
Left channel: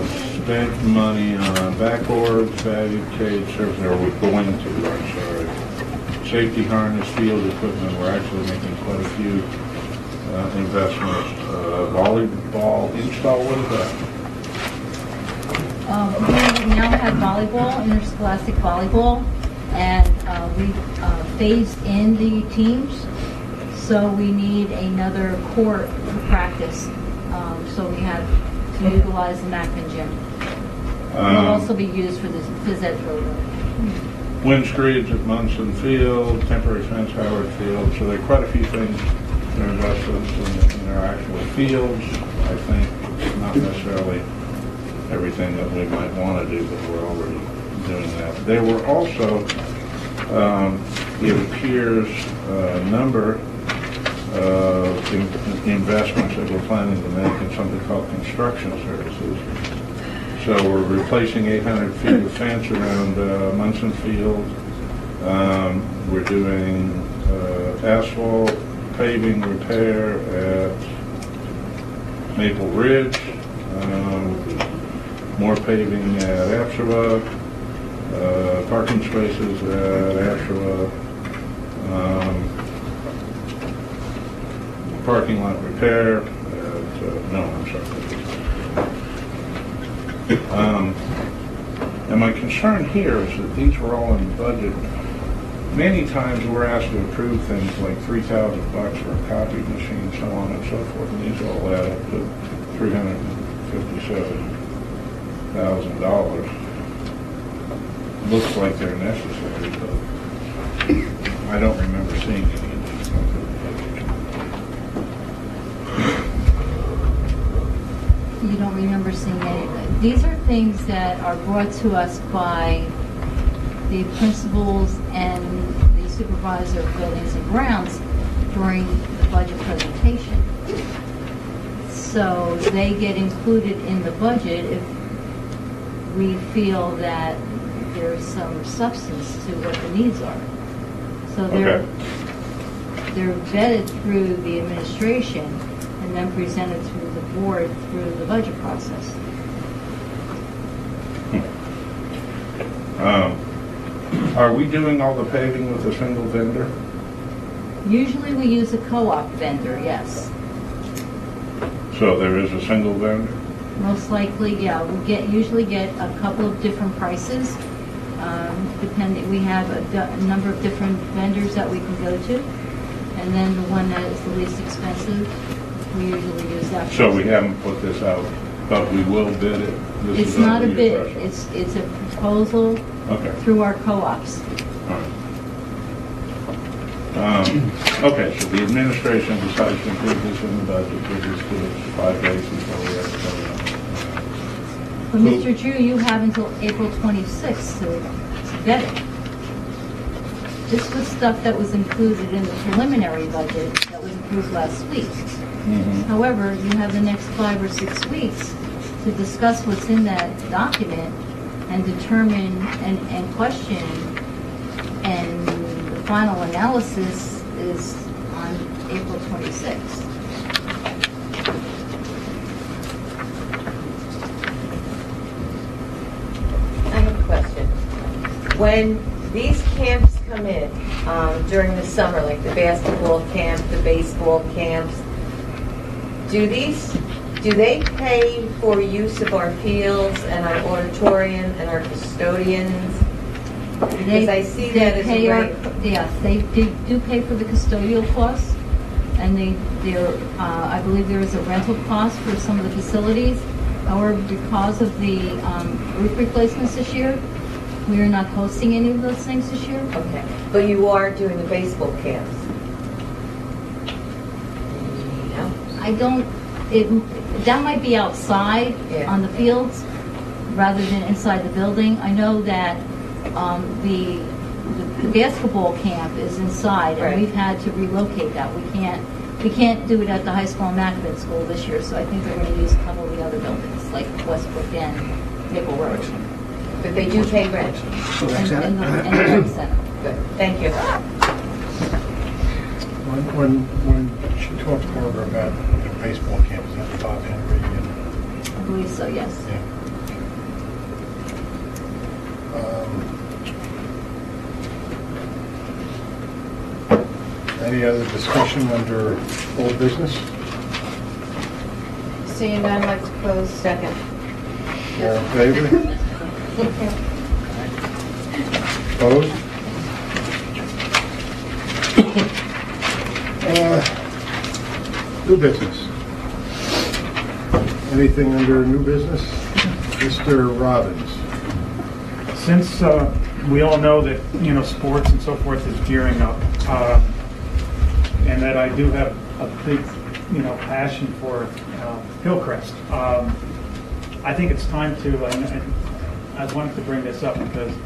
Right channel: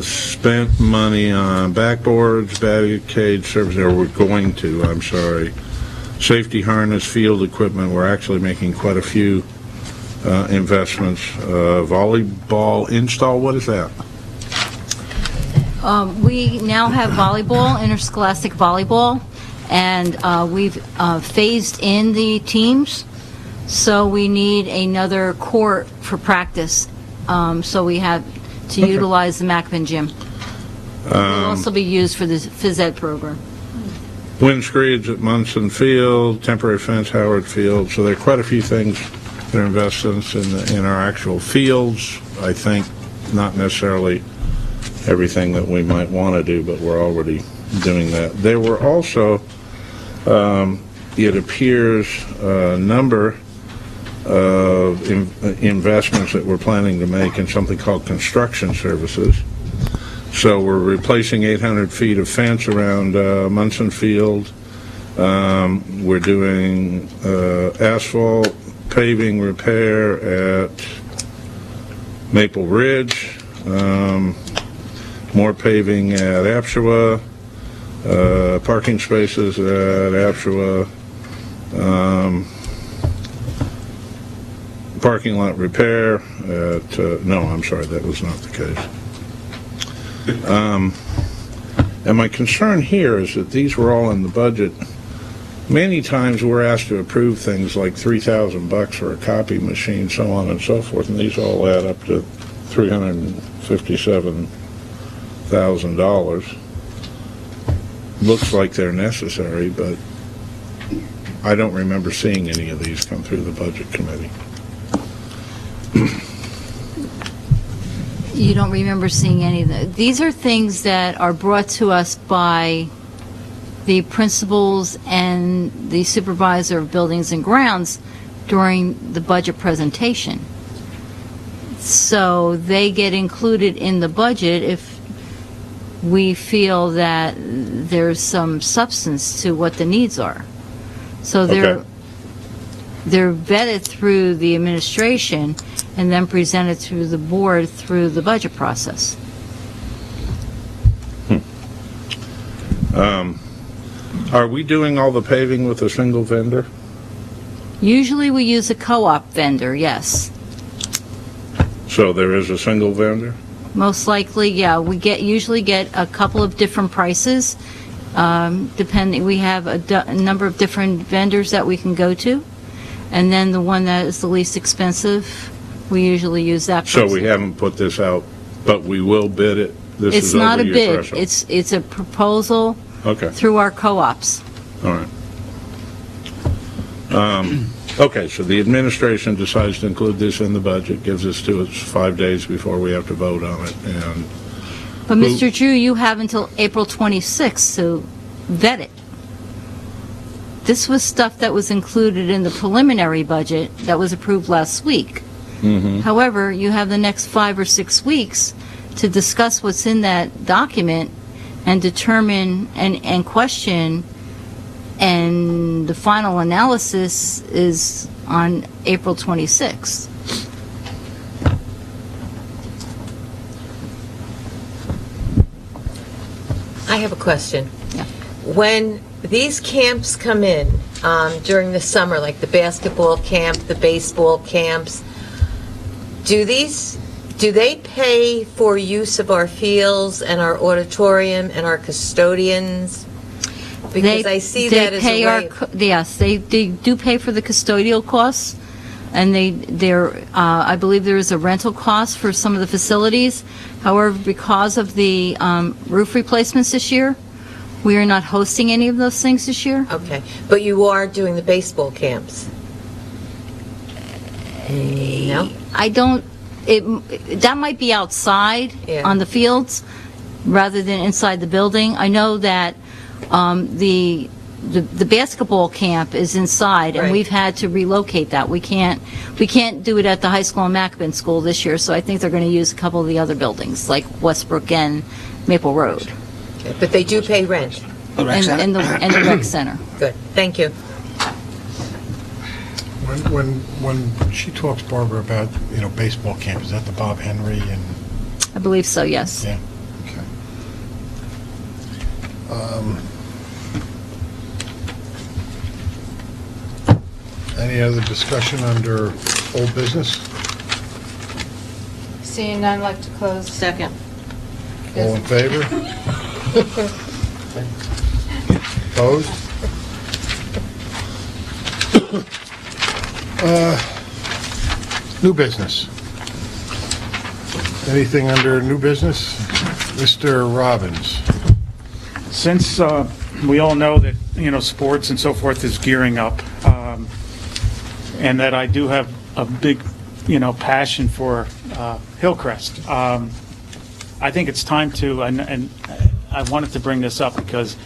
spent money on backboards, barricade service, or we're going to, I'm sorry, safety harness, field equipment. We're actually making quite a few investments. Volleyball install, what is that? We now have volleyball, interscholastic volleyball, and we've phased in the teams, so we need another court for practice. So we have to utilize the Macman gym. It will also be used for the phys ed program. Windscreens at Munson Field, temporary fence Howard Field, so there are quite a few things that are investments in our actual fields. I think not necessarily everything that we might want to do, but we're already doing that. There were also, it appears, a number of investments that we're planning to make in something called construction services. So we're replacing 800 feet of fence around Munson Field. We're doing asphalt paving repair at Maple Ridge. More paving at Apshawa, parking spaces at Apshawa, parking lot repair at, no, I'm sorry, that is not the case. And my concern here is that these were all in the budget. Many times we're asked to approve things like $3,000 for a copy machine, so on and so forth, and these all add up to $357,000. Looks like they're necessary, but I don't remember seeing any of these come through the budget committee. You don't remember seeing any of them. These are things that are brought to us by the principals and the supervisor of buildings and grounds during the budget presentation. So they get included in the budget we feel that there's some substance to what the needs are. So they're vetted through the administration and then presented through the board through the budget process. Are we doing all the paving with a single vendor? Usually we use a co-op vendor, yes. So there is a single vendor? Most likely, yeah. We usually get a couple of different prices, depending. We have a number of different vendors that we can go to, and then the one that is the least expensive, we usually use that person. So we haven't put this out, but we will bid it? It's not a bid. It's a proposal through our co-ops. All right. Okay, so the administration decides to include this in the budget, gives this to us 5 days before we have to vote on it, and... But Mr. Drew, you have until April 26th to vet it. This was stuff that was included in the preliminary budget that was approved last week. However, you have the next 5 or 6 weeks to discuss what's in that document and determine and question, and the final analysis is on April 26th. I have a question. When these camps come in during the summer, like the basketball camp, the baseball camps, do they pay for use of our fields and our auditorium and our custodians? Because I see that as a way... Yes, they do pay for the custodial costs, and I believe there is a rental cost for some of the facilities. However, because of the roof replacements this year, we are not hosting any of those things this year. Okay, but you are doing the baseball camps? No? I don't, that might be outside on the fields rather than inside the building. I know that the basketball camp is inside, and we've had to relocate that. We can't do it at the high school and Mackin School this year, so I think they're going to use a couple of the other buildings, like Westbrook and Maple Road. But they do pay rent? And the rec center. Good, thank you. When she talks, Barbara, about, baseball camp, is that the Bob Henry and... I believe so, yes. Yeah. Any other discussion under old business? Seeing none, I'd like to close. Second. All in favor? Opposed? New business. Anything under new business? Mr. Robbins. Since we all know that, sports and so forth is gearing up, and that I do have a big, passion for Hillcrest, I think it's time to, and I wanted to bring this up because,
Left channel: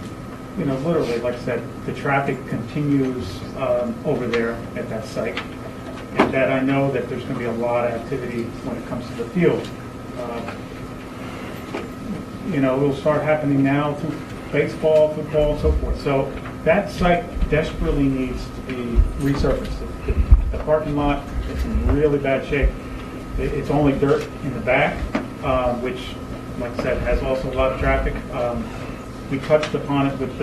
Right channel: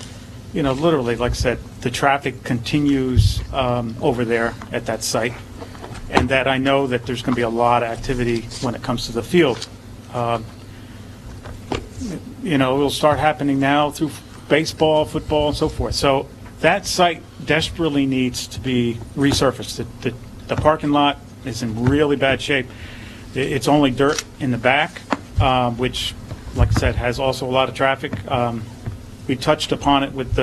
literally, like I said, the traffic continues over there at that site, and that I know that there's going to be a lot of activity when it comes to the field. It'll start happening now through baseball, football, and so forth. So that site desperately needs to be resurfaced. The parking lot is in really bad shape. It's only dirt in the back, which, like I said, has also a lot of traffic. We touched upon it with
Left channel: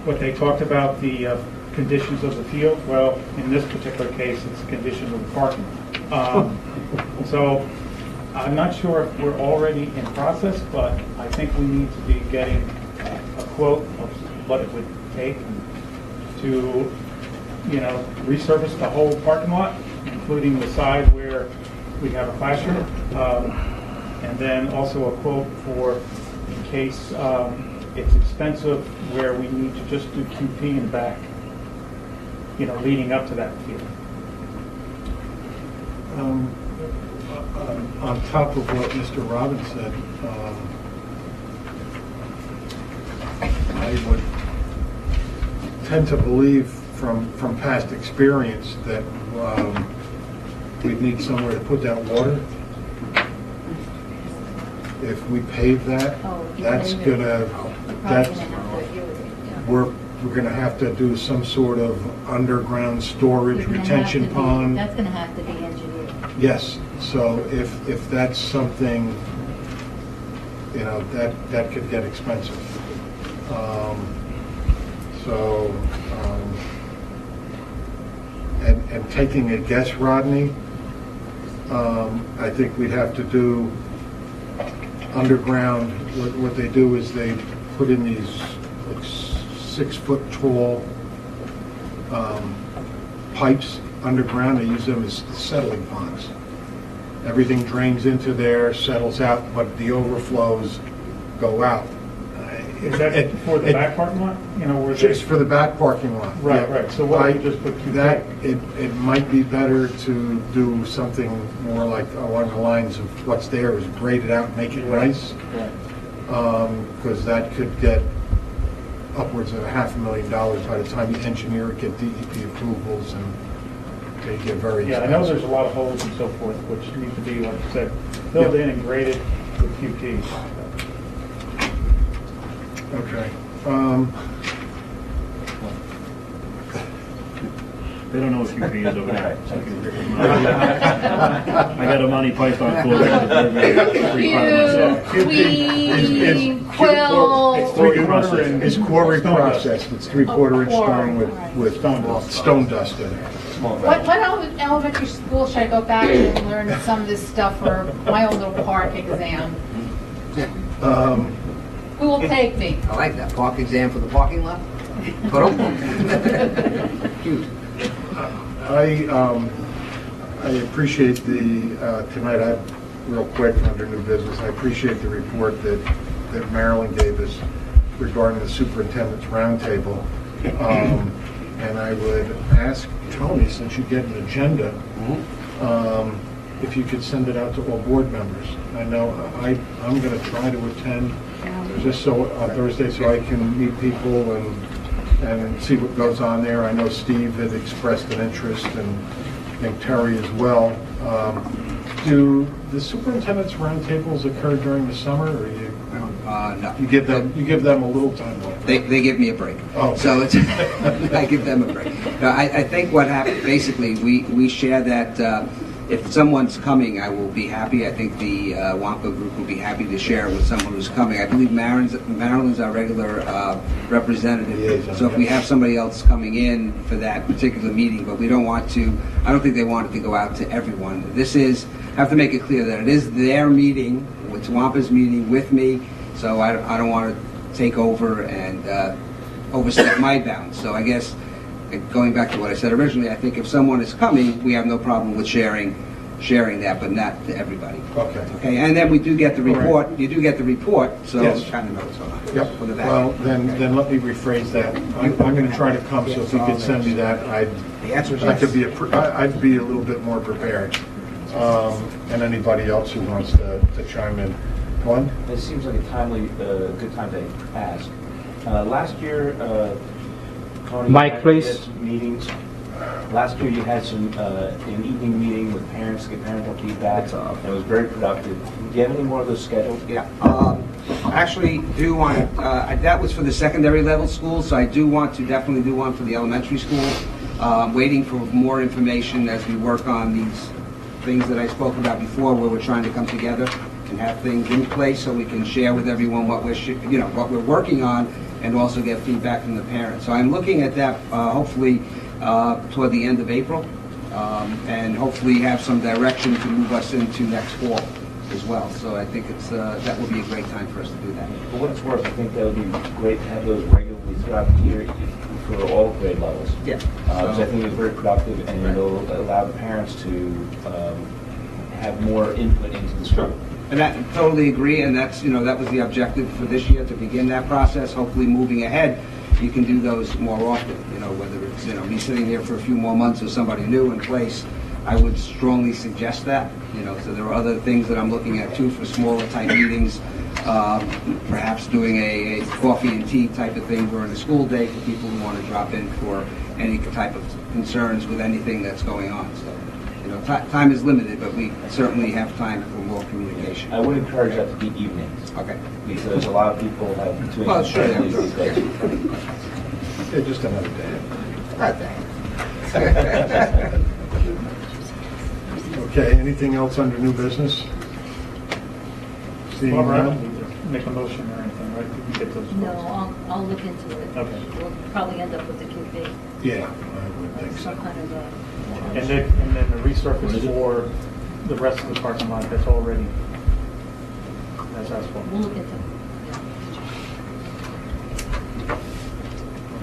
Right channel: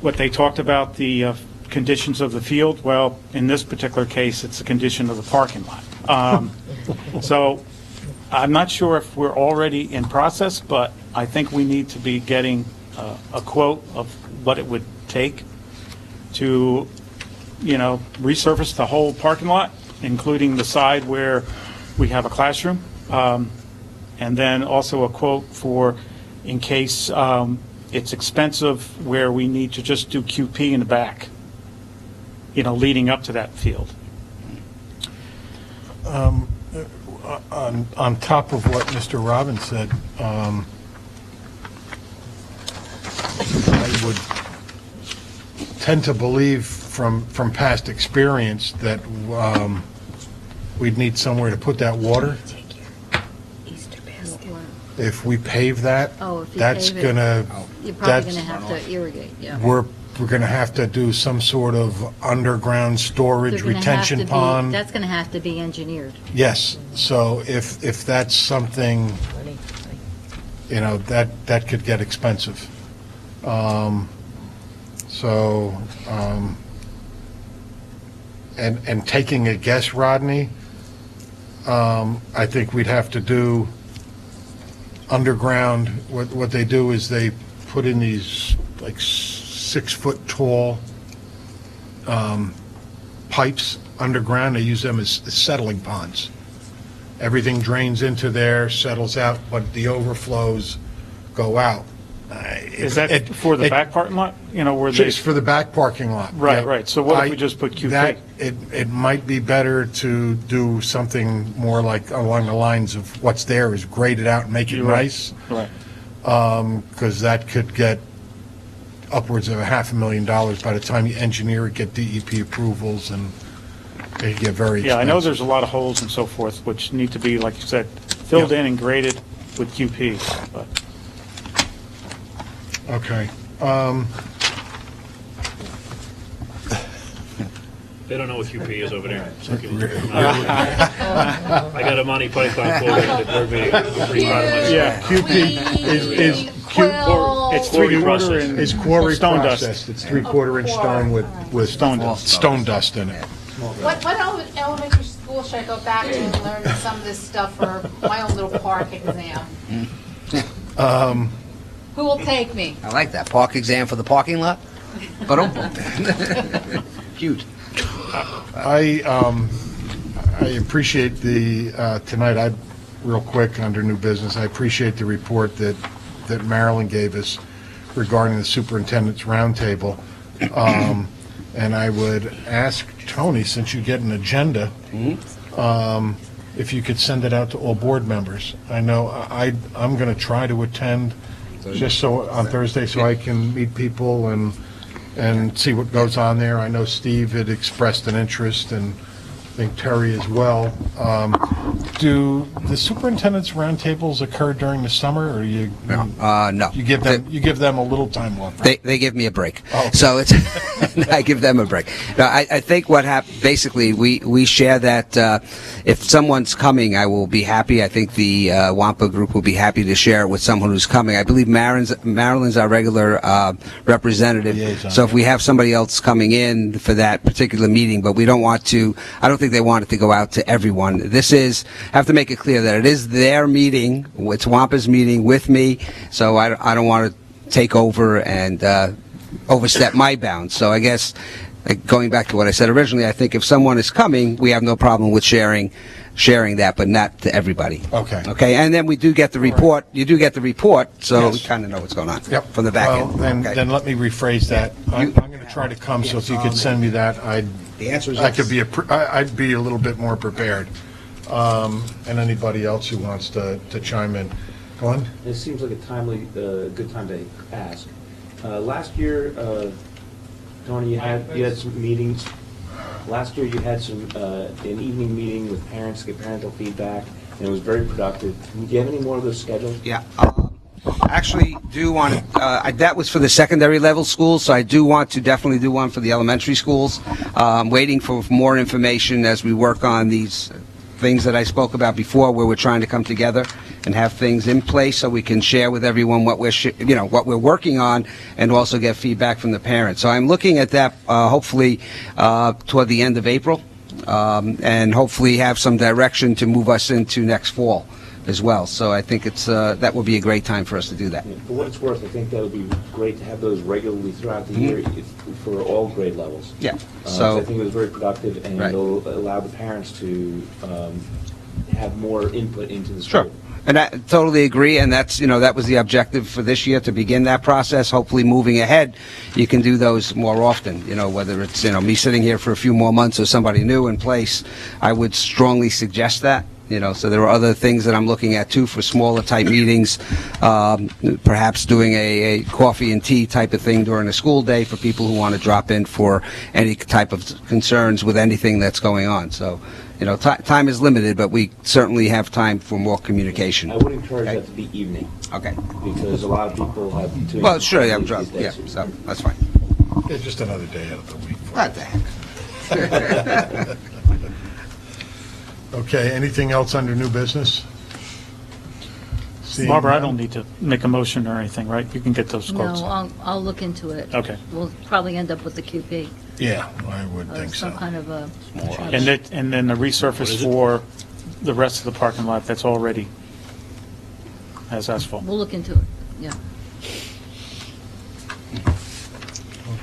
what they talked about, the conditions of the field. Well, in this particular case, it's the condition of the parking lot. So I'm not sure if we're already in process, but I think we need to be getting a quote of what it would take to, resurface the whole parking lot, including the side where we have a classroom, and then also a quote for in case it's expensive, where we need to just do QP in the back, leading up to that field. On top of what Mr. Robbins said, I would tend to believe from past experience that we'd need somewhere to put that water. if we pave that, Oh, if you that's pave it, gonna, You're probably that's, gonna have to irrigate, yeah. we're gonna have to do some sort of underground storage You're gonna have retention to be- pond. That's gonna have to be engineered. Yes, so if that's something, that could get expensive. So, and taking a guess, Rodney, I think we'd have to do underground, what they do is they put in these like 6-foot tall pipes underground. They use them as settling ponds. Everything drains into there, settles out, but the overflows go out. Is that for the back parking lot? Where they... Just for the back parking lot. Right, Yeah. right. So what if you just put That, it might be better to do something more like along the lines of what's there is grade it out and make it nice. Right. Because that could get upwards of $500,000 by the time you engineer it, get DEP approvals, and they get very Yeah, I expensive. know there's a lot of holes and so forth, which need to be, like you said, filled in and graded with QPs. But Okay. They don't know what QP is over there. I got a Monty Python for Yeah, QP is It's 3D process. It's quarry Stone dust. process. It's 3/4 inch stone with stone dust in it. What elementary school should I go back to and learn some of this stuff for my own little park exam? Who will take me? I like that, park exam for the parking lot. But huge. I appreciate tonight, real quick, under new business, I appreciate the report that Marilyn gave us regarding the superintendent's roundtable. And I would ask Tony, since you get an agenda, if you could send it out to all board members. I know I'm going to try to attend just so on Thursday so I can meet people and see what goes on there. I know Steve had expressed an interest, and I think Terry as well. Do the superintendent's roundtables occur during the summer, or you? No. You give them a little time off. They give me a break. Oh. So it's I give them a break. No, I think what happened, basically, we share that if someone's coming, I will be happy. I think the Wampa group will be happy to share with someone who's coming. I believe Marilyn's our regular representative. So if we have somebody else coming in for that particular meeting, but we don't want to, I don't think they want it to go out to everyone. This is, I have to make it clear that it is their meeting, it's Wampa's meeting with me, so I don't want to take over and overstep my bounds. So I guess, like, going back to what I said originally, I think if someone is coming, we have no problem with sharing that, but not to everybody. Okay. Okay, and then we do get the report, you do get the report, so Yes. you kind of know what's going on. Yep. From the back Well, end. Okay. then let me rephrase that. I'm going to try to come, so if you could send me that, I'd be a little bit more prepared. And anybody else who wants to chime in. Glenn? This seems like a good time to ask. Last year, Tony, Mike, you had please. some meetings. Last year, you had an evening meeting with parents, get parental feedback, and it was very productive. Do you get any more of those scheduled? Yeah, I actually do want to, that was for the secondary level schools, so I do want to definitely do one for the elementary schools. I'm waiting for more information as we work on these things that I spoke about before, where we're trying to come together and have things in place so we can share with everyone what we're working on, and also get feedback from the parents. So I'm looking at that hopefully toward the end of April, and hopefully have some direction to move us into next fall as well. So I think that will be a great time for us to do that. For what it's worth, I think that would be great to have those regularly throughout the year for all grade levels. Yeah. So I think it would be very productive, and Right. it'll allow the parents to have more input into the school. Sure. And I totally agree, and that was the objective for this year, to begin that process. Hopefully, moving ahead, you can do those more often, whether it's, me sitting here for a few more months or somebody new in place. I would strongly suggest that, so there are other things that I'm looking at too for smaller type meetings, perhaps doing a coffee and tea type of thing during a school day for people who want to drop in for any type of concerns with anything that's going on. So time is limited, but we certainly have time for more communication. I would encourage that to be evening. Okay. Because a lot of people have to. Well, sure, yeah, I'm sure. Yeah, so that's fine. Yeah, just another day. Okay, anything else under new business? Seeing Barbara, I none? don't need to make a motion or anything, right? You can get those No, quotes. I'll look into it. Okay. We'll probably end up with the QP. Yeah, I would think so. Some kind of a... And then the resurface for the rest of the parking lot that's already has asphalt. We'll look into it, yeah.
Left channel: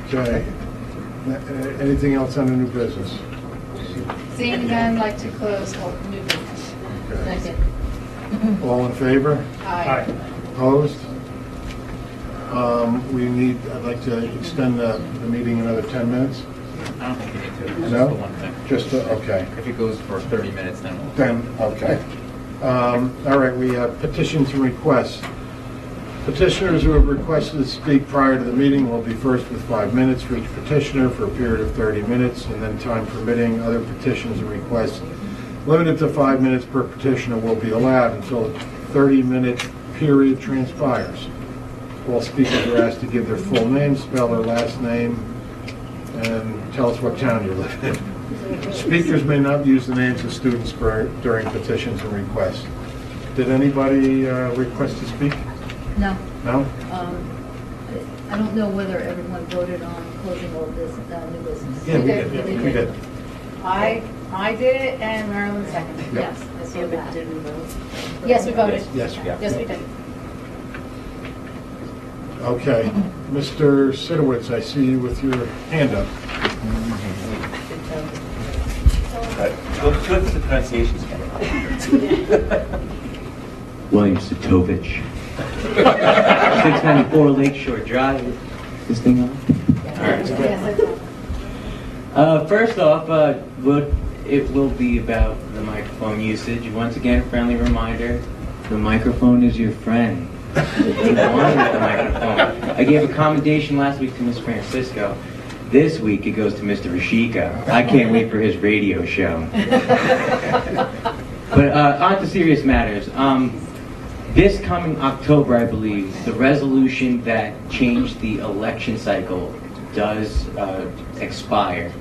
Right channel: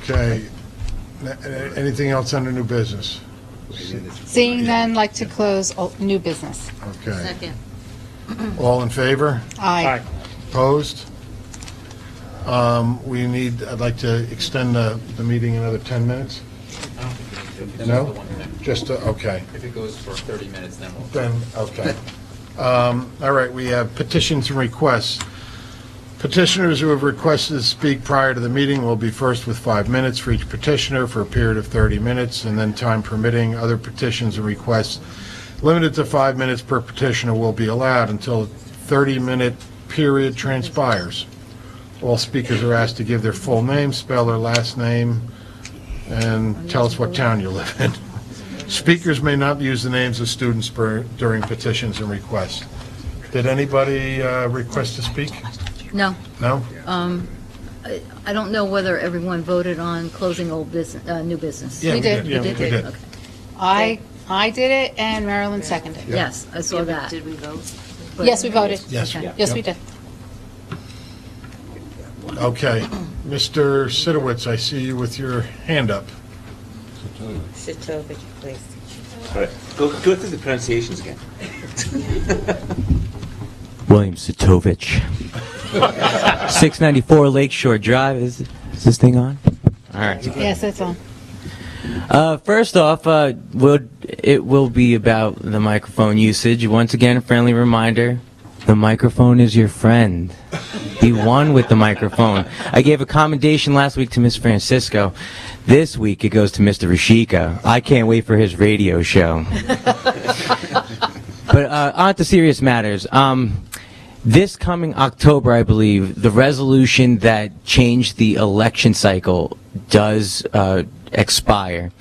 Okay. Anything else under new business? Seeing none, like to close new business. Okay. Second. All in favor? Aye. Opposed? I'd like to extend the meeting another 10 minutes. No? Just, okay. If it goes for 30 minutes, then we'll... Then, okay. All right, we have petitions and requests. Petitioners who have requested to speak prior to the meeting will be first with 5 minutes for each petitioner for a period of 30 minutes, and then time permitting, other petitions and requests limited to 5 minutes per petitioner will be allowed until a 30-minute period transpires. All speakers are asked to give their full name, spell their last name, and tell us what town you live in. Speakers may not use the names of students during petitions and requests. Did anybody request to speak? No. No? I don't know whether everyone voted on closing old business, new business. Yeah, We did. You we did. I did it and Marilyn seconded. Yes, I saw that. Did we vote? Yes, we voted. Yes. Yes, we did. Okay. Mr. Sidowitz, I see you with your hand up. Right. Go through the pronunciations again. William Sitovich. 694 Lakeshore Drive. Is this thing on? All right. Yes, that's all. First off, it will be about the microphone usage. Once again, a friendly reminder, the microphone is your friend. Be one with the microphone. I gave a commendation last week to Miss Francisco. This week it goes to Mr. Rashika. I can't wait for his radio show. But on to serious matters. This coming October, I believe, the resolution that changed the election cycle does expire.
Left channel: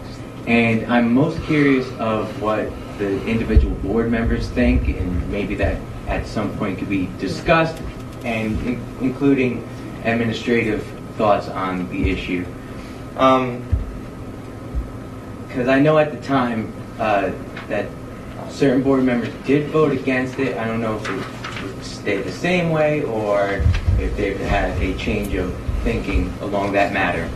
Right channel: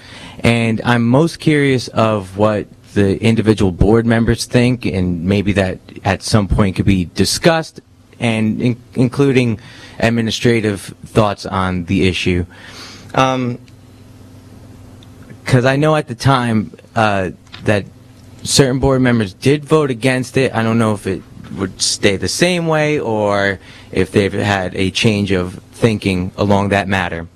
And I'm most curious of what the individual board members think, and maybe that at some point could be discussed, and including administrative thoughts on the issue. Because I know at the time that certain board members did vote against it. I don't know if it would stay the same way or if they've had a change of thinking along that matter.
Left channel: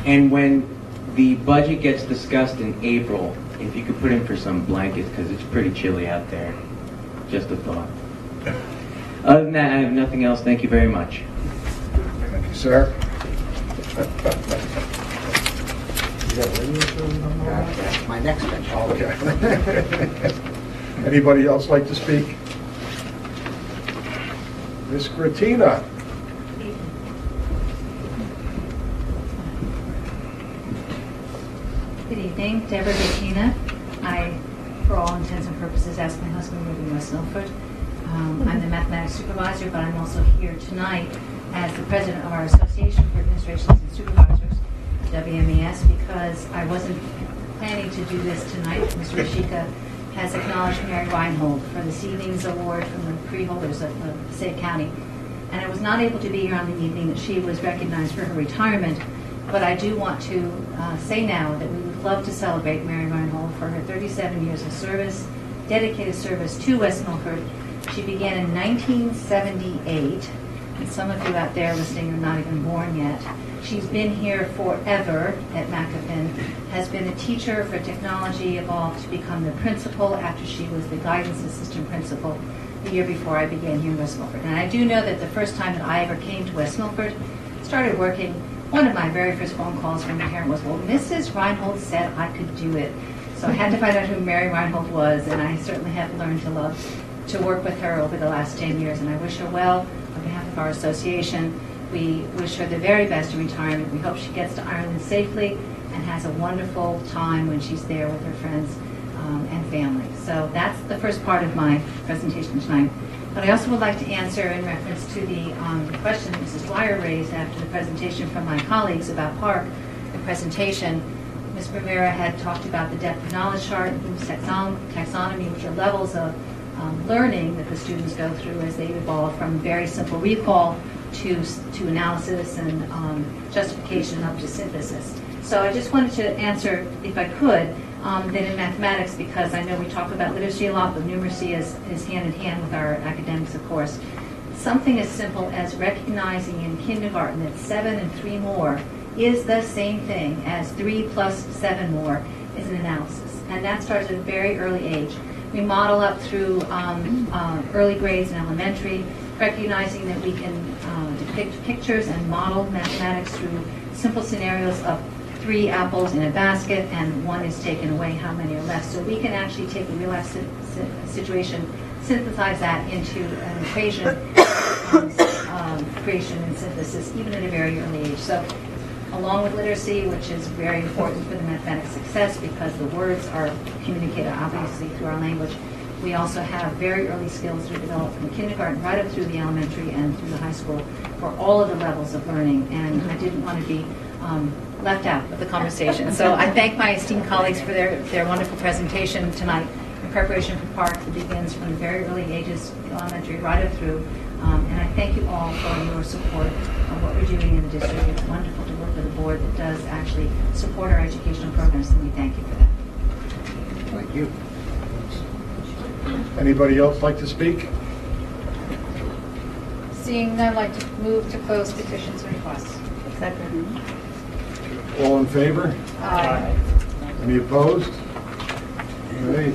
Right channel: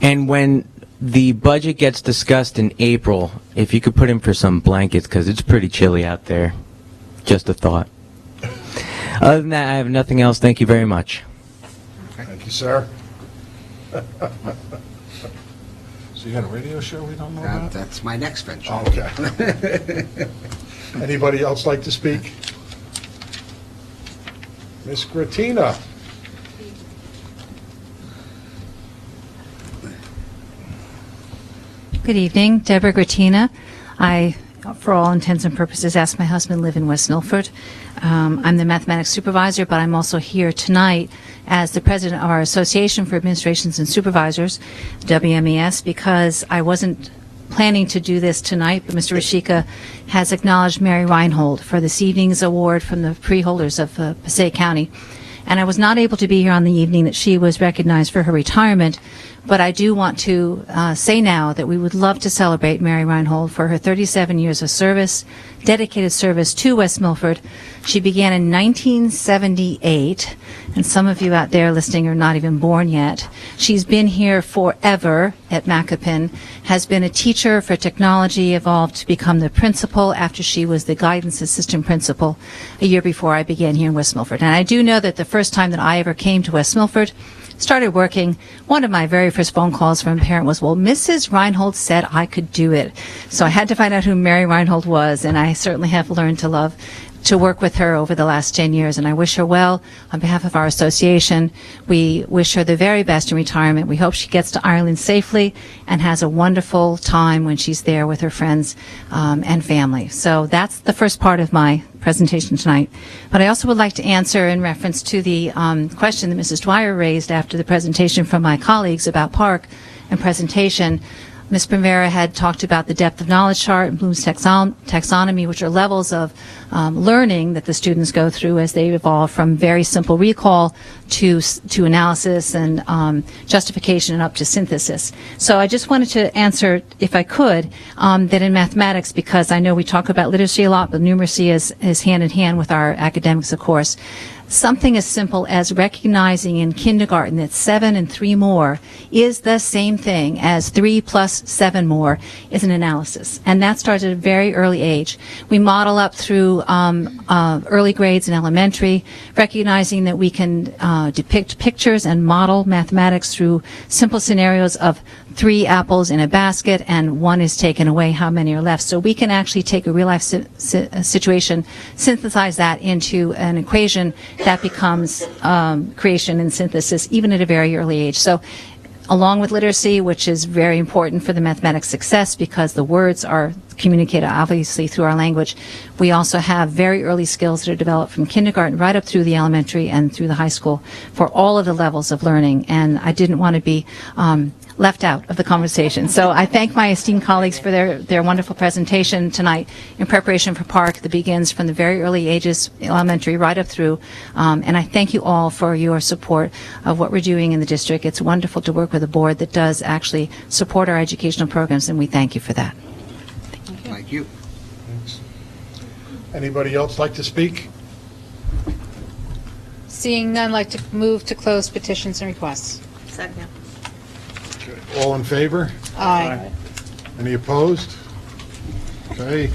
And when the budget gets discussed in April, if you could put in for some blankets, because it's pretty chilly out there. Just a thought. Other than that, I have nothing else. Thank you very much. Thank you, sir. You got a radio show on that? That's my next mention. Okay. Anybody else like to speak? Ms. Gratina? Good evening, Deborah Gratina. I, for all intents and purposes, asked my husband live in West Milford. I'm the mathematics supervisor, but I'm also here tonight as the president of our Association for Administrations and Supervisors, WMES, because I wasn't planning to do this tonight. Mr. Rashika has acknowledged Mary Reinhold for this evening's award from the pre-holders of Passaic County. And I was not able to be here on the evening that she was recognized for her retirement, but I do want to say now that we would love to celebrate Mary Reinhold for her 37 years of service, dedicated service to West Milford. She began in 1978, and some of you out there listening are not even born yet. She's been here forever at Macapin, has been a teacher for technology, evolved to become the principal after she was the guidance assistant principal a year before I began here in West Milford. And I do know that the first time that I ever came to West Milford, started working, one of my very first phone calls from a parent was, well, Mrs. Reinhold said I could do it. So I had to find out who Mary Reinhold was, and I certainly have learned to love to work with her over the last 10 years, and I wish her well on behalf of our association. We wish her the very best in retirement. We hope she gets to Ireland safely and has a wonderful time when she's there with her friends and family. So that's the first part of my presentation tonight. But I also would like to answer in reference to the question that Mrs. Dwyer raised after the presentation from my colleagues about park and presentation. Ms. Primera had talked about the depth of knowledge chart and Bloom's taxonomy, which are levels of learning that the students go through as they evolve from very simple recall to analysis and justification and up to synthesis. So I just wanted to answer, if I could, that in mathematics, because I know we talk about literacy a lot, but numeracy is hand in hand with our academics, of course. Something as simple as recognizing in kindergarten that 7 and 3 more is the same thing as 3 plus 7 more is an analysis. And that starts at a very early age. We model up through early grades in elementary, recognizing that we can depict pictures and model mathematics through simple scenarios of 3 apples in a basket and 1 is taken away, how many are left. So we can actually take a real life situation, synthesize that into an equation that becomes creation and synthesis even at a very early age. So along with literacy, which is very important for the mathematics success because the words are communicated obviously through our language, we also have very early skills that are developed from kindergarten right up through the elementary and through the high school for all of the levels of learning. And I didn't want to be left out of the conversation. So I thank my esteemed colleagues for their wonderful presentation tonight in preparation for Park that begins from the very early ages, elementary, right up through. And I thank you all for your support of what we're doing in the district. It's wonderful to work with a board that does actually support our educational programs, and we thank you for that. Thank you. Anybody else like to speak? Seeing none, I'd like to move to close petitions and requests. Second. All in favor? Aye. Any opposed? Okay.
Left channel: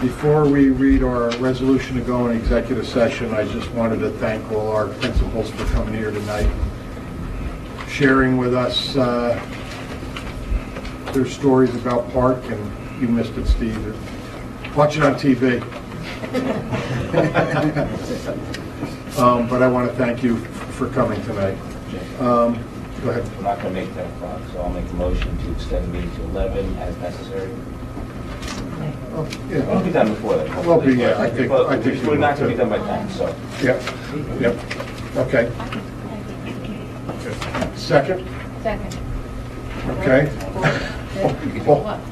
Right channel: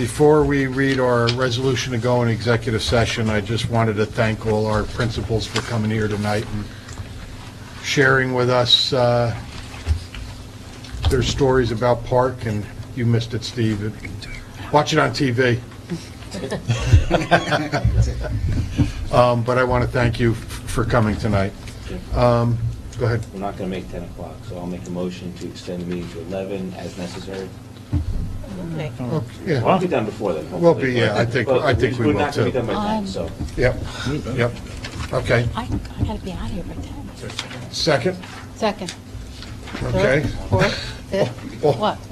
Before we read our resolution to go in executive session, I just wanted to thank all our principals for coming here tonight and sharing with us their stories about Park, and you missed it, Steve. Watch it on TV. But I want to thank you for coming tonight. Go ahead. We're not going to make 10 o'clock, so I'll make a motion to extend the meeting to 11 as necessary. Oh, yeah. Well, I'll be done before that. Well, yeah, I think we will too. We're not going to be done by 10, so. Yeah. Okay. Second? Second. Okay.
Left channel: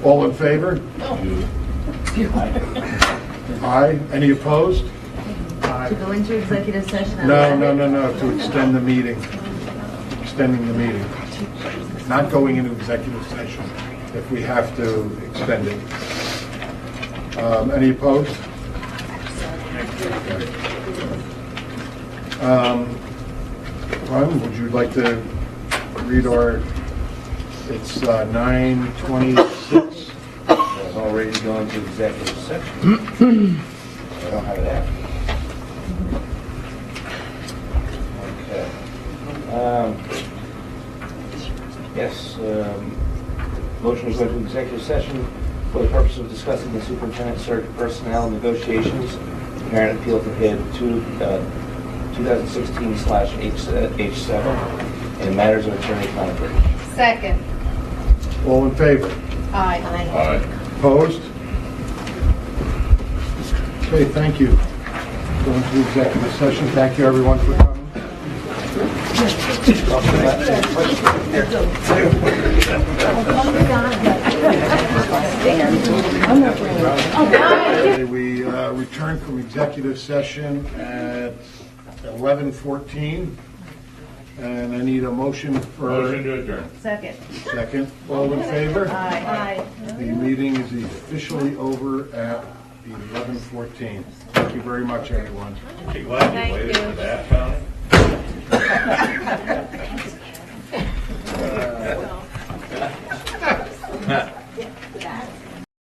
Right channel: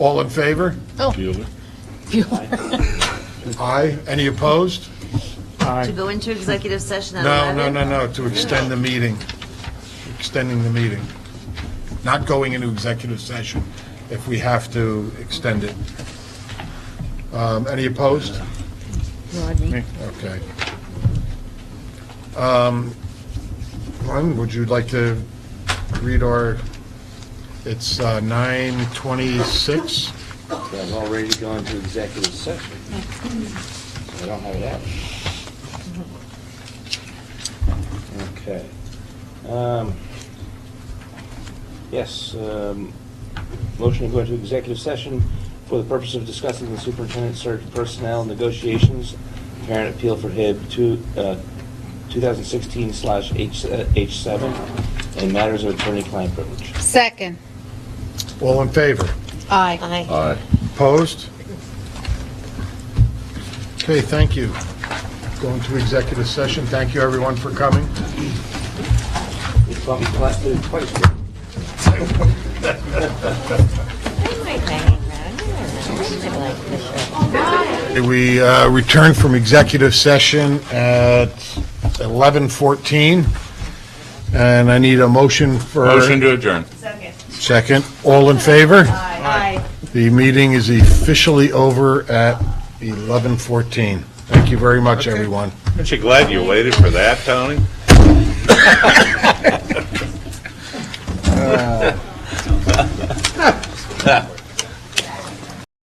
All in favor? Oh. Aye. Any opposed? To go into executive session at No, 11? to extend the meeting. Extending the meeting. Not going into executive session if we have to extend it. Any opposed? Okay. Glenn, would you like to read our, it's 9:26? I was all ready to go into executive session. I don't have that. Okay. Yes, motion to go into executive session for the purpose of discussing the superintendent search personnel negotiations, merit appeal for bid 2016/H7, and matters of attorney-client privilege. Second. All in favor? Aye. Aye. Opposed? Okay, thank you. Going to executive session. Thank you, everyone, for coming. We return from executive session at 11:14, and I need a motion for... Motion to adjourn. Second. Second. All in favor? Aye. The meeting is officially over at 11:14. Thank you very much, everyone. Aren't you glad you waited for that, Tony?